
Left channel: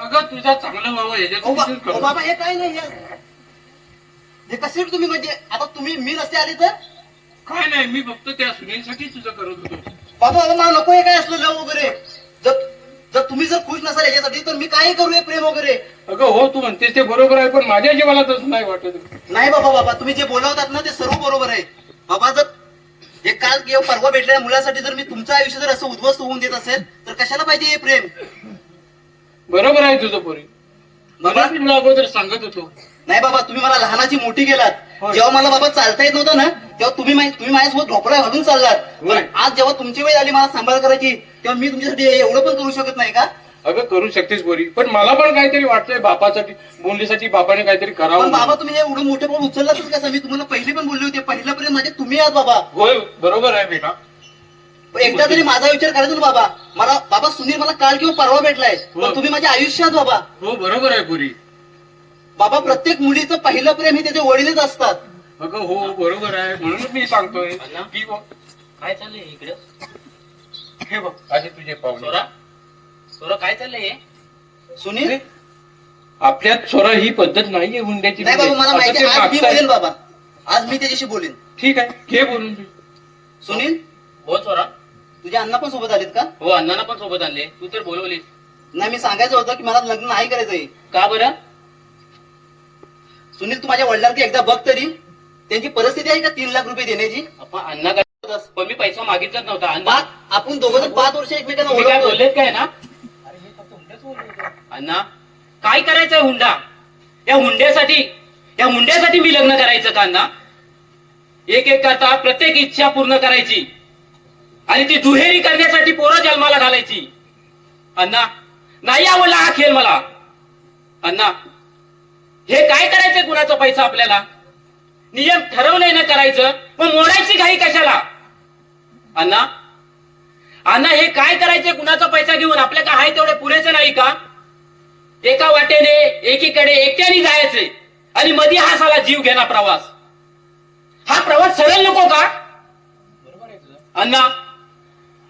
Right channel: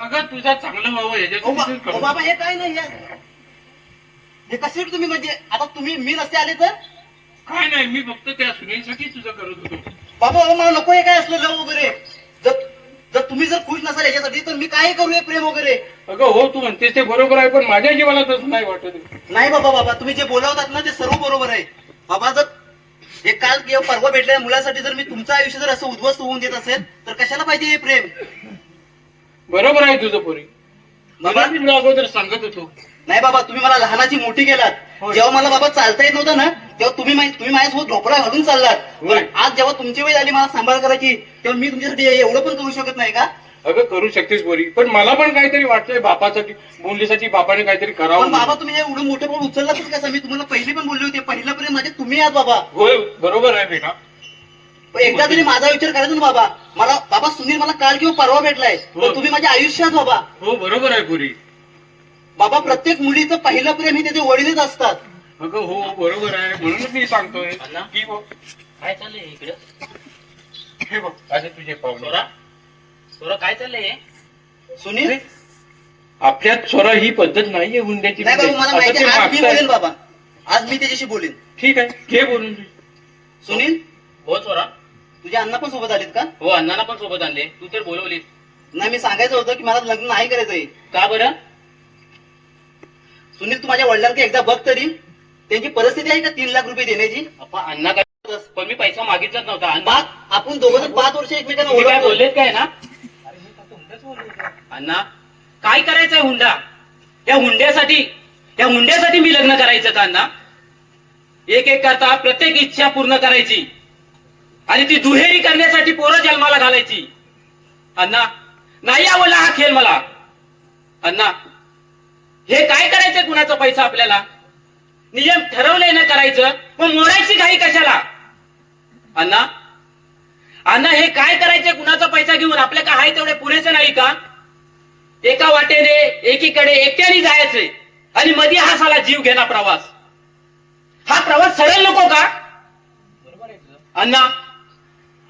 अगं तुझा चांगलं व्हावं याच्यासाठी करतो. बाबा हे काय नाही हे कशासाठी तुम्ही म्हणजे आता तुम्ही मी रस्ते आले तर काय नाही, मी फक्त त्या सुनेसाठी तुझं करत होतो. बाबा मला नको हे काय असलं लव वगैरे जर जर तुम्ही जर खुश नसाल याच्यासाठी तर मी काय करू हे प्रेम वगैरे? अगं हो, तू म्हणतेस ते बरोबर आहे, पण माझ्या जीवाला तसं नाही वाटत. नाही बाबा बाबा तुम्ही जे बोलवतात ना ते सर्व बरोबर आहे बाबा. जर हे काल किंवा परवा भेटलेल्या मुलासाठी जर मी तुमचं आयुष्य जर असं उद्ध्वस्त होऊन देत असेल तर कशाला पाहिजे हे प्रेम? बरोबर आहे तुझं पोरी. बाबा मी तुला अगोदर सांगत होतो. नाही बाबा तुम्ही मला लहानाची मोठी केलात. होय. जेव्हा मला बाबा चालता येत नव्हतं ना तेव्हा तुम्ही माझ्यासोबत ढोपळा घालून चाललात. होय. पण आज जेव्हा तुमची वेळ आली मला सांभाळ करायची तेव्हा मी तुमच्यासाठी एवढं पण करू शकत नाही का? अगं करू शकतेस पोरी, पण मला पण काहीतरी वाटतंय बापासाठी, मुलीसाठी बापाने काहीतरी पण करावं. बाबा तुम्ही हे एवढं मोठं पण उचललातच कसं? मी तुम्हाला पहिले पण बोलले होते पहिलं प्रेम माझे तुम्ही आहात बाबा. होय बरोबर आहे बेटा. पण एकदा तरी माझा विचार करायचा ना बाबा. मला बाबा सुनील मला काल किंवा परवा भेटलाय हो. पण तुम्ही माझ्या आयुष्यात बाबा. हो बरोबर आहे पोरी. बाबा प्रत्येक मुलीचं पहिलं प्रेम हे त्याचे वडीलच असतात. अगं हो बरोबर आहे, म्हणूनच मी सांगतोय की बघ काय चाललंय इकडे? हे बघ असे तुझे पाहुणे. सोरा काय चाललंय? सुनील आपल्यात स्वरा ही पद्धत नाहीये हुंड्याची. नाही बाबा मला असं माहिती ते आहे. आज मी मागताय. बोलेन बाबा. आज मी त्याच्याशी बोलेन. ठीक आहे, घे बोलून तू. सुनील हो सोरा. तुझ्या अण्णा पण सोबत आलेत का? हो अण्णांना पण सोबत आणले, तू तर बोलवलीस. नाही मी सांगायचं होतं की मला लग्न नाही करायचंय. का बरं? सुनील तू माझ्या वडिलांकडे एकदा बघ तरी त्यांची परिस्थिती आहे का 3 लाख रुपये देण्याची? आपण अण्णा काय? पण मी पैसा मागितलाच नव्हता. अण्णा बाप आपण दोघं 5 वर्ष एकमेकांना तुम्ही काय ओळखतो. बोललेत काय ना? अण्णा काय करायचंय हुंडा? या हुंड्यासाठी मी लग्न करायचं का अण्णा? एक एक करता प्रत्येक इच्छा पूर्ण करायची आणि ती दुहेरी करण्यासाठी पोरं जन्माला घालायची. अण्णा नाही आवडला हा खेळ मला. अण्णा हे काय करायचंय? कुणाचा पैसा आपल्याला? नियम ठरवलंय ना करायचं, पण मोडायची घाई कशाला? अण्णा अण्णा हे काय करायचंय? कुणाचा पैसा घेऊन आपल्या का आहे तेवढे पुरेसे नाही का? एका वाटेने एकीकडे एकट्याने जायचंय आणि मध्ये हा साला जीव घेणा प्रवास. हा प्रवास सरळ नको का?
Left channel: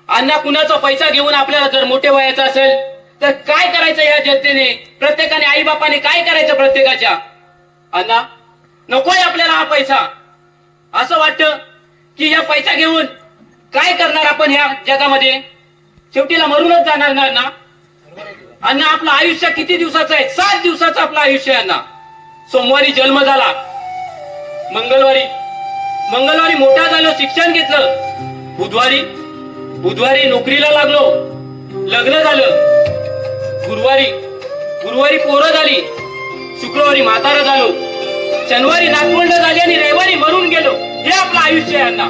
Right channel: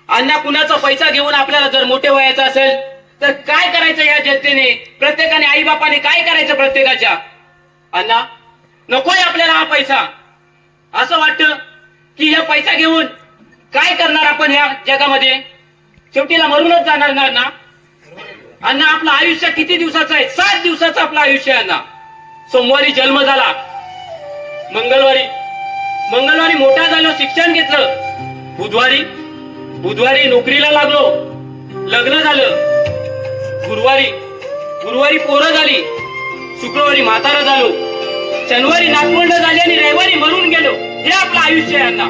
अण्णा कुणाचा पैसा घेऊन आपल्याला जर मोठे व्हायचं असेल तर काय करायचं? या जनतेने प्रत्येकाने आई बापाने काय करायचं प्रत्येकाच्या? अण्णा नकोय आपल्याला हा पैसा. असं वाटतं की या पैसा घेऊन काय करणार आपण ह्या जगामध्ये? शेवटीला मरूनच जाणार ना अण्णा. आपलं आयुष्य किती दिवसाचं आहे? 7 दिवसाचं आपलं आयुष्य आहे अण्णा. सोमवारी जन्म झाला, मंगळवारी मोठा झालो, शिक्षण घेतलं, बुधवारी नोकरीला लागलो, लग्न झालं, गुरुवारी पोरं झाली, शुक्रवारी म्हातारं झालो, शनिवारी नागपूर्ण झाली आणि रविवारी मरून गेलो. हे आपलं आयुष्य आहे अण्णा.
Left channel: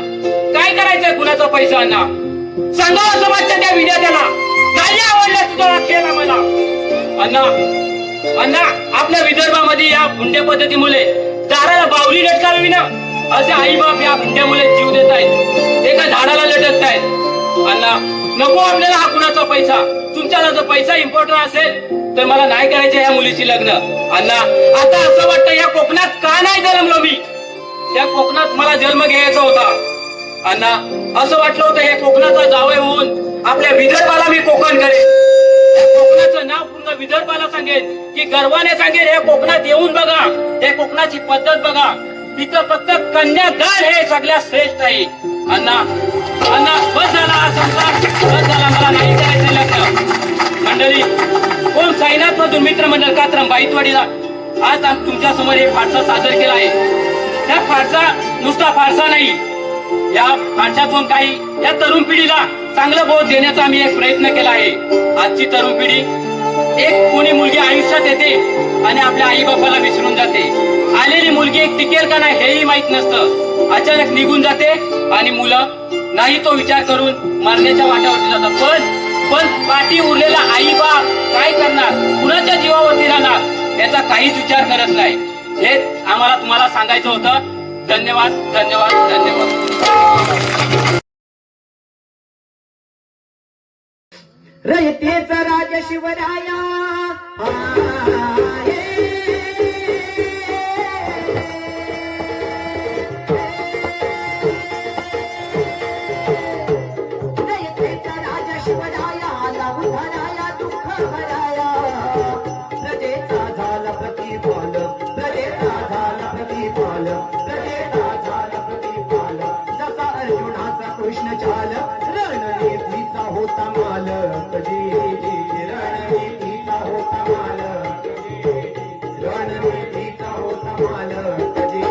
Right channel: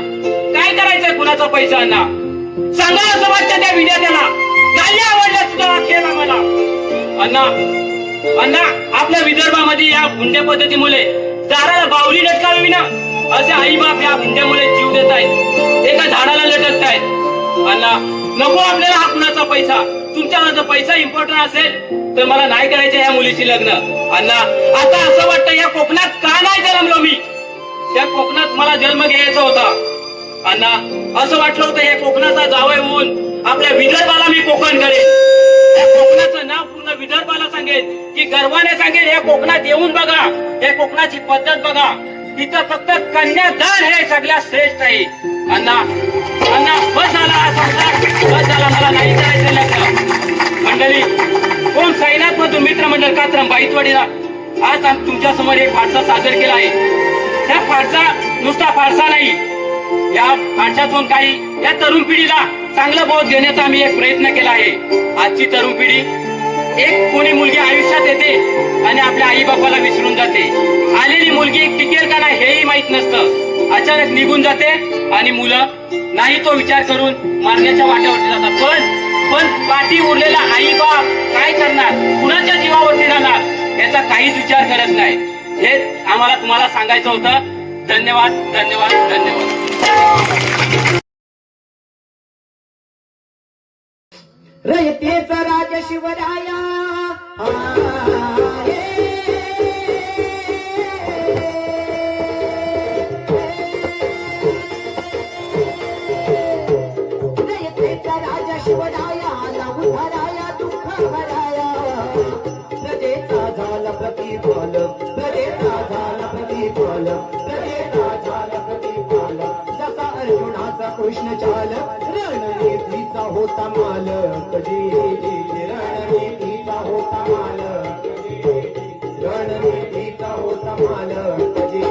काय करायचंय कुणाचा पैसा अण्णा? सांगा असं वाटतं त्या विद्यार्थ्याला. नाही आवडला तुझा खेळ आम्हाला. अण्णा आपल्या विदर्भामध्ये या हुंड्या पद्धतीमुळे दाराला बावली लटकावी ना असे आई बाप या हुंड्यामुळे जीव देत आहेत, एका झाडाला लटकत आहेत. अण्णा नको आपल्याला हा कुणाचा पैसा. तुमच्याला जर पैसा इम्पॉर्टंट असेल तर मला नाही करायचं या मुलीशी लग्न. अण्णा आता असं वाटतं या कोकणात का नाही जन्मलो मी? त्या कोकणात मला जन्म घ्यायचा होता अण्णा. असं वाटलं होतं हे कोकणाचा जावई होऊन आपल्या विदर्भाला मी कोकण करेन. या कोकणाचं नाव पूर्ण विदर्भाला सांगेन की गर्वाने सांगेन हे कोकणात येऊन बघा, हे कोकणाची पद्धत बघा. इथं फक्त कन्यादान हे सगळ्यात श्रेष्ठ आहे. अण्णा बस झाला हा संसार, बस झाला. मला नाही करायचं लग्न. मंडळी कोण साईनाथ मधून मित्रमंडळ कात्रम बाईतवाडीला आज तुमच्या समोर एक वाटचा सादर केला आहे. ह्या फारसा नुसता फारसा नाही, या फारशातून काही या तरुण पिढीला चांगलं बोध देण्याचा आम्ही एक प्रयत्न केला आहे. आजची तरुण पिढी, एक कोणी मुलगी आयुष्यात येते आणि आपल्या आई बापाला विसरून जाते. आलेली मुलगी एक टिकेल का नाही हेही माहित नसतं. अचानक निघून जाते आणि मुलं नाही तो विचार करून मारण्याच्या वाट्यावरती जातात. पण पाठी उरलेला आई बाप काय करणार, कुणाच्या जीवावरती राहणार याचा काहीच विचार करत नाही. हे आम्हाला तुम्हाला सांगायचं होतं. धन्यवाद, धन्यवाद, धन्यवाद. रयतेचा राजा शिवराया रयतेचा राजा शिवराया आला उधाराया दुःख भराया. प्रजेचा झाला प्रतिफल, प्रजेचा झाला प्रतिफल, प्रजेचा झाला प्रतिफल. जसा अर्जुनाचा कृष्ण चाल, रणनीतीचा होता माल. कधी रणनीतीचा होता माल, रणनीतीचा होता माल. कधी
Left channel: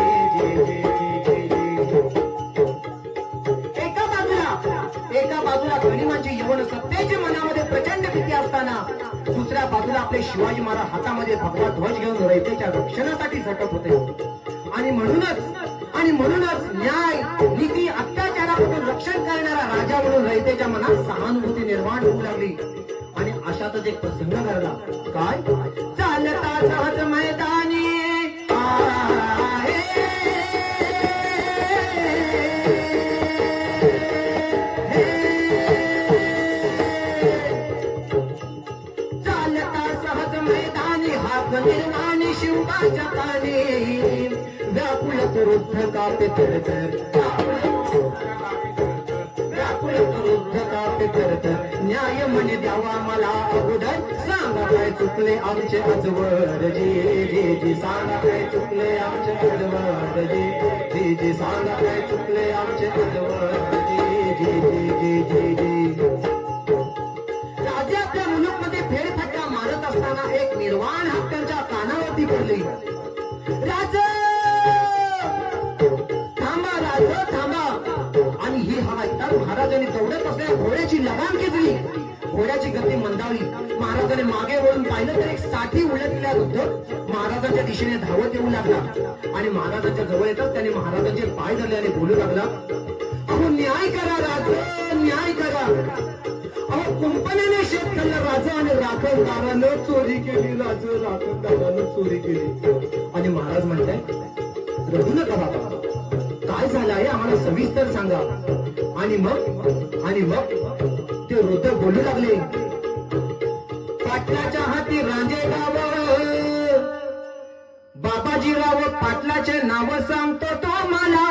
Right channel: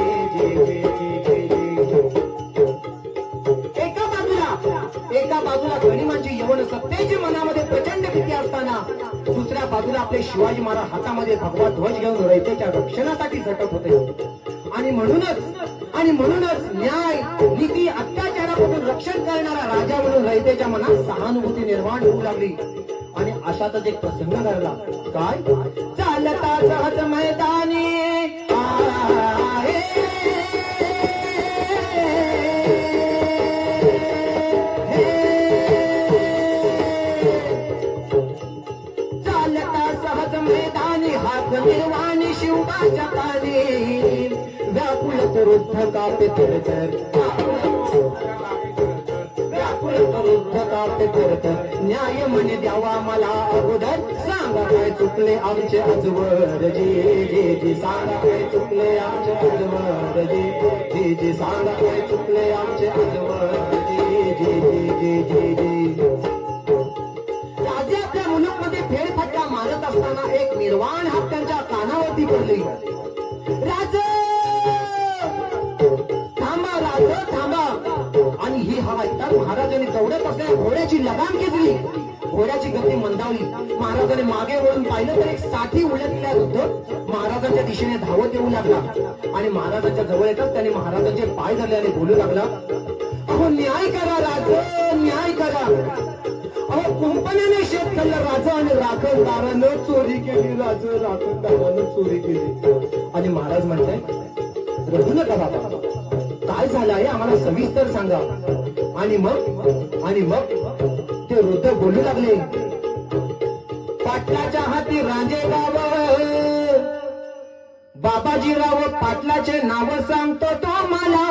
एका बाजूला गणिमांची यवन सत्तेची मनामध्ये प्रचंड भीती असताना दुसऱ्या बाजूला आपले शिवाजी महाराज हातामध्ये भगवा ध्वज घेऊन रयतेच्या रक्षणासाठी झटत होते. आणि म्हणूनच न्याय, नीती, अत्याचारापासून रक्षण करणारा राजा म्हणून रयतेच्या मनात सहानुभूती निर्माण होऊ लागली. आणि अशातच एक प्रसंग घडला. काय? चालता सहज मैदानी निर्वाणी शिवबाच्या पाणी व्याकुळ करुद्ध कापे तरतर, व्याकुळ करुद्ध कापे तरतर. न्याय म्हणे द्यावा मला अगोदर, सांगा काय चुकले आमचे अजवर. जी सांगा काय चुकले आमचे अजवर. जी सांगा काय चुकले आमचे अजवर. राज्याच्या मुलुकमध्ये फेरफटका मारत असताना एक निर्वाण हत्यांच्या कानावरती पडली. राज थांबा, राज थांबा. आणि ही हवा ऐकताच महाराजांनी दौडत असलेल्या घोड्याची लगाम घेतली. घोड्याची गती मंदावली. महाराजांनी मागे वळून पाहिलं तर एक साठी उलटलेला वृद्ध महाराजांच्या दिशेने धावत येऊ लागला. आणि महाराजांच्या जवळ येताच त्याने महाराजांचे पाय धरले आणि बोलू लागला, अहो न्याय करा राज, न्याय करा. अहो कुंपणाने शेत खाल्लं राजा आणि राखणदारानं चोरी केली. राखणदारानं चोरी केली. आणि महाराज म्हणताय, रडू नका बाबा, काय झालं आहे आम्हाला सविस्तर सांगा. आणि मग ते वृद्ध बोलू लागले, पाटलाच्या हाती रांजेगाव, बाबाजीराव पाटलाचे नाव सांगतो तो मला.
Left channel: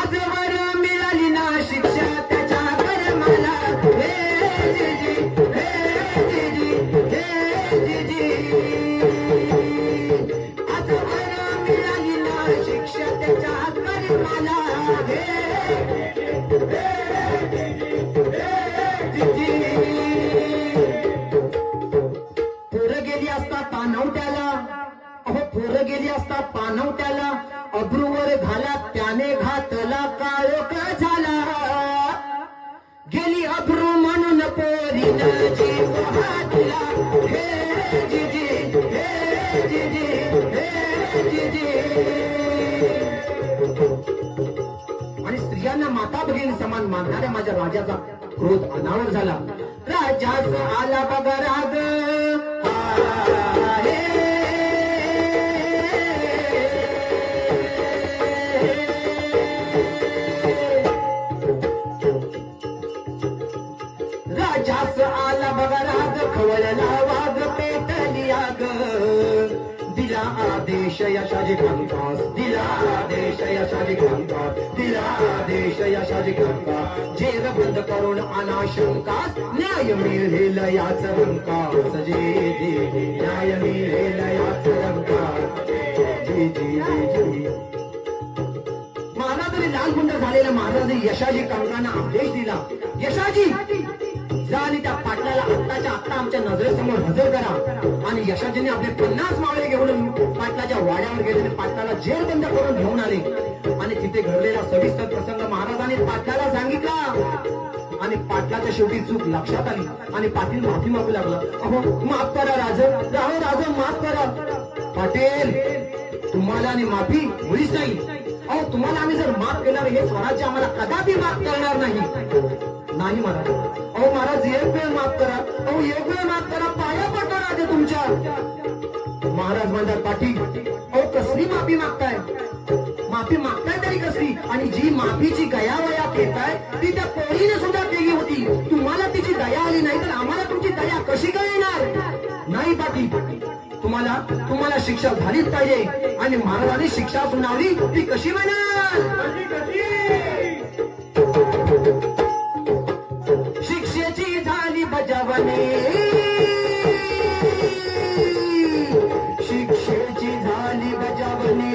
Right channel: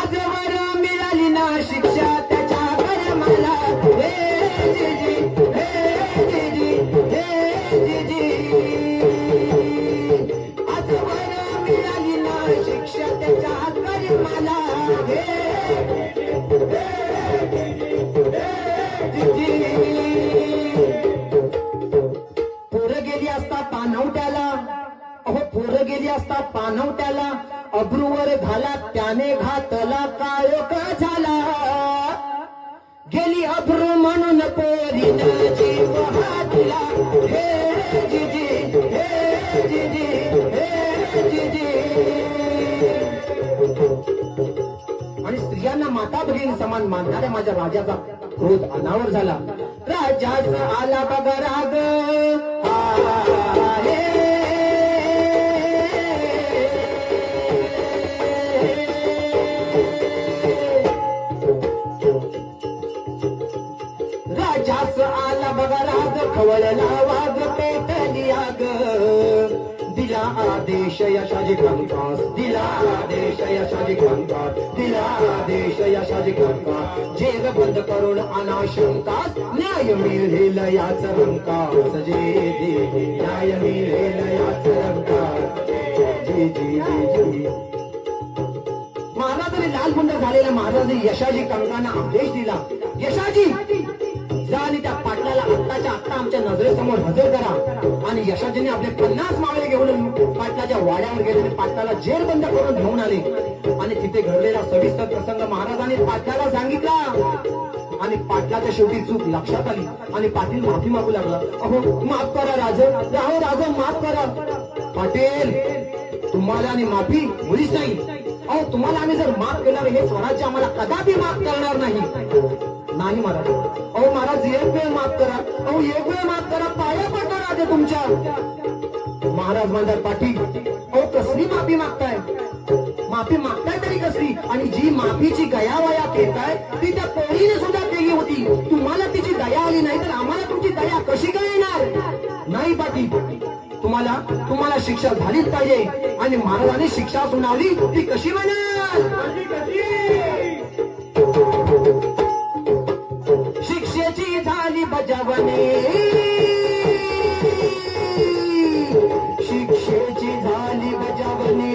आजवर मिळाली ना शिक्षा त्याच्या मला. हे जीजी, हे जीजी, हे जीजी. आजवर मिळाली ना शिक्षा त्याच्या मला. पोरं गेली असता पानवट्याला, अहो पोरं गेली असता पानवट्याला. अब्रूवर घाला त्याने घातला काळोख झाला. गेली अब्रू म्हणून पोरीन जीव हा दिला. हे जीजी, हे जीजी, हे जीजी. आणि स्त्रियांना माता भगिनी समान मानणाऱ्या माझ्या राजाचा क्रोध अनावर झाला. राजाच आला बघा राग, राजाच आला बघा राग, खवळला वाघ पेटली आग. दिला आदेश यशाजी कंकास, दिला आदेश यशाजी कंकास, दिला आदेश यशाजी कंकास. जेर बंद करून अनाशंकास, न्याय मिळेल याच रंकास. न्याय मिळेल याच रंकास. महाराजांनी लालबुंड झालेल्या महाराजांनी यशाजी कंकांना आदेश दिला, यशाजी जा आणि त्या पाटलाला आत्ताच्या आत्ता आमच्या नजरेसमोर हजर करा. आणि यशाजीने आपले 50 मावळे घेऊन पाटलाच्या वाड्यावर गेले आणि पाटलाला जेर बंद करून घेऊन आले. आणि तिथे घडलेला सविस्तर प्रसंग महाराजांनी पाटलाला सांगितला. आणि पाटलाच्या शेवटी चूक लक्षात आली आणि पाटील माफी मागू लागला. अहो माफ करा राज माफ करा. पाटील तुम्हाला आणि माफी मुळीच नाही. अहो तुम्हाला आम्ही जर माफ केलं हे स्वराज्य आम्हाला कदापि माफ करणार नाही. नाही महाराज. अहो महाराज एक वेळ माफ करा. अहो एक वेळ माफ करा. पाया पडता राजे तुमच्या. महाराज म्हणतात पाटील अहो कसली माफी मागताय. माफी मागताय तरी कसली. आणि जी माफीची गयावया पेताय ती त्या पोळीने सुद्धा केली होती. तुम्हाला तिची दया आली नाही तर आम्हाला तुमची दया कशी काय येणार. नाही पाटील तुम्हाला शिक्षा झालीच पाहिजे. आणि महाराजांनी शिक्षा सुनावली ती कशी मिळणार. शिक्षेची झाली बजावणी. शिक्षेची झाली बजावणी.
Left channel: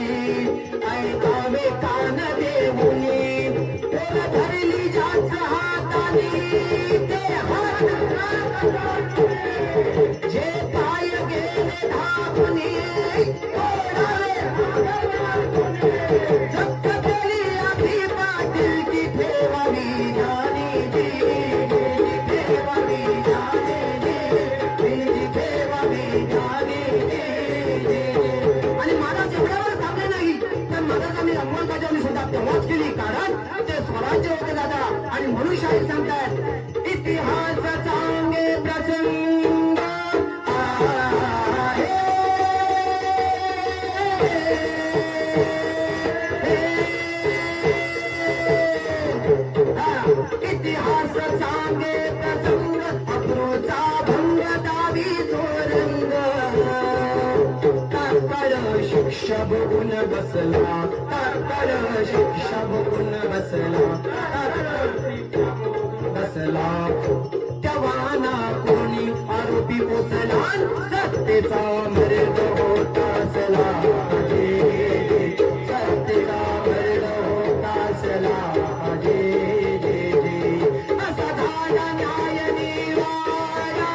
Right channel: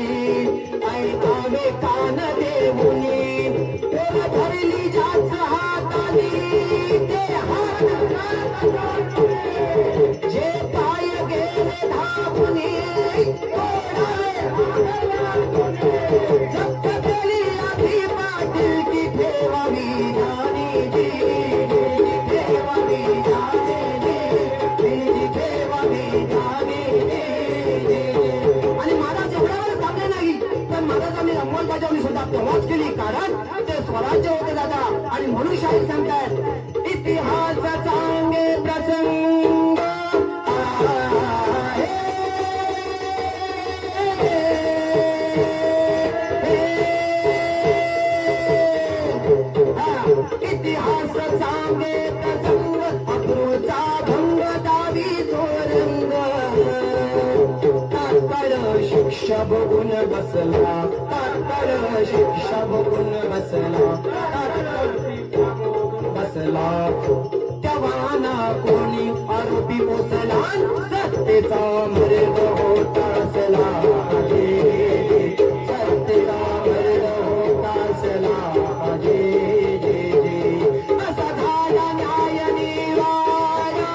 ऐकावे कान देऊनी. धरली जाच हातानी ते हात जे काय गेले धावूनी. जप्त केली आधी पाटील की ठेवावी जाणी ठेवावी जाणी ठेवावी जाणी. आणि महाराज एवढ्यावर थांबले नाही तर महाराजांनी अंमलबजावणी सुद्धा तेव्हाच केली. कारण ते स्वराज्य होते दादा. आणि म्हणून शाहीर सांगतात इतिहास सांगे प्रसंग इतिहास सांगे प्रसंग अक्रोचा भंग दावी तोरंग. तात्काळ शिक्षा बघून बसला. तात्काळ शिक्षा बघून बसला. तेव्हा कोणी आरोपी पोचला. सत्तेचा मर्द होता असला. सत्तेचा मर्द होता असला. असा झाला न्याय निवाडा.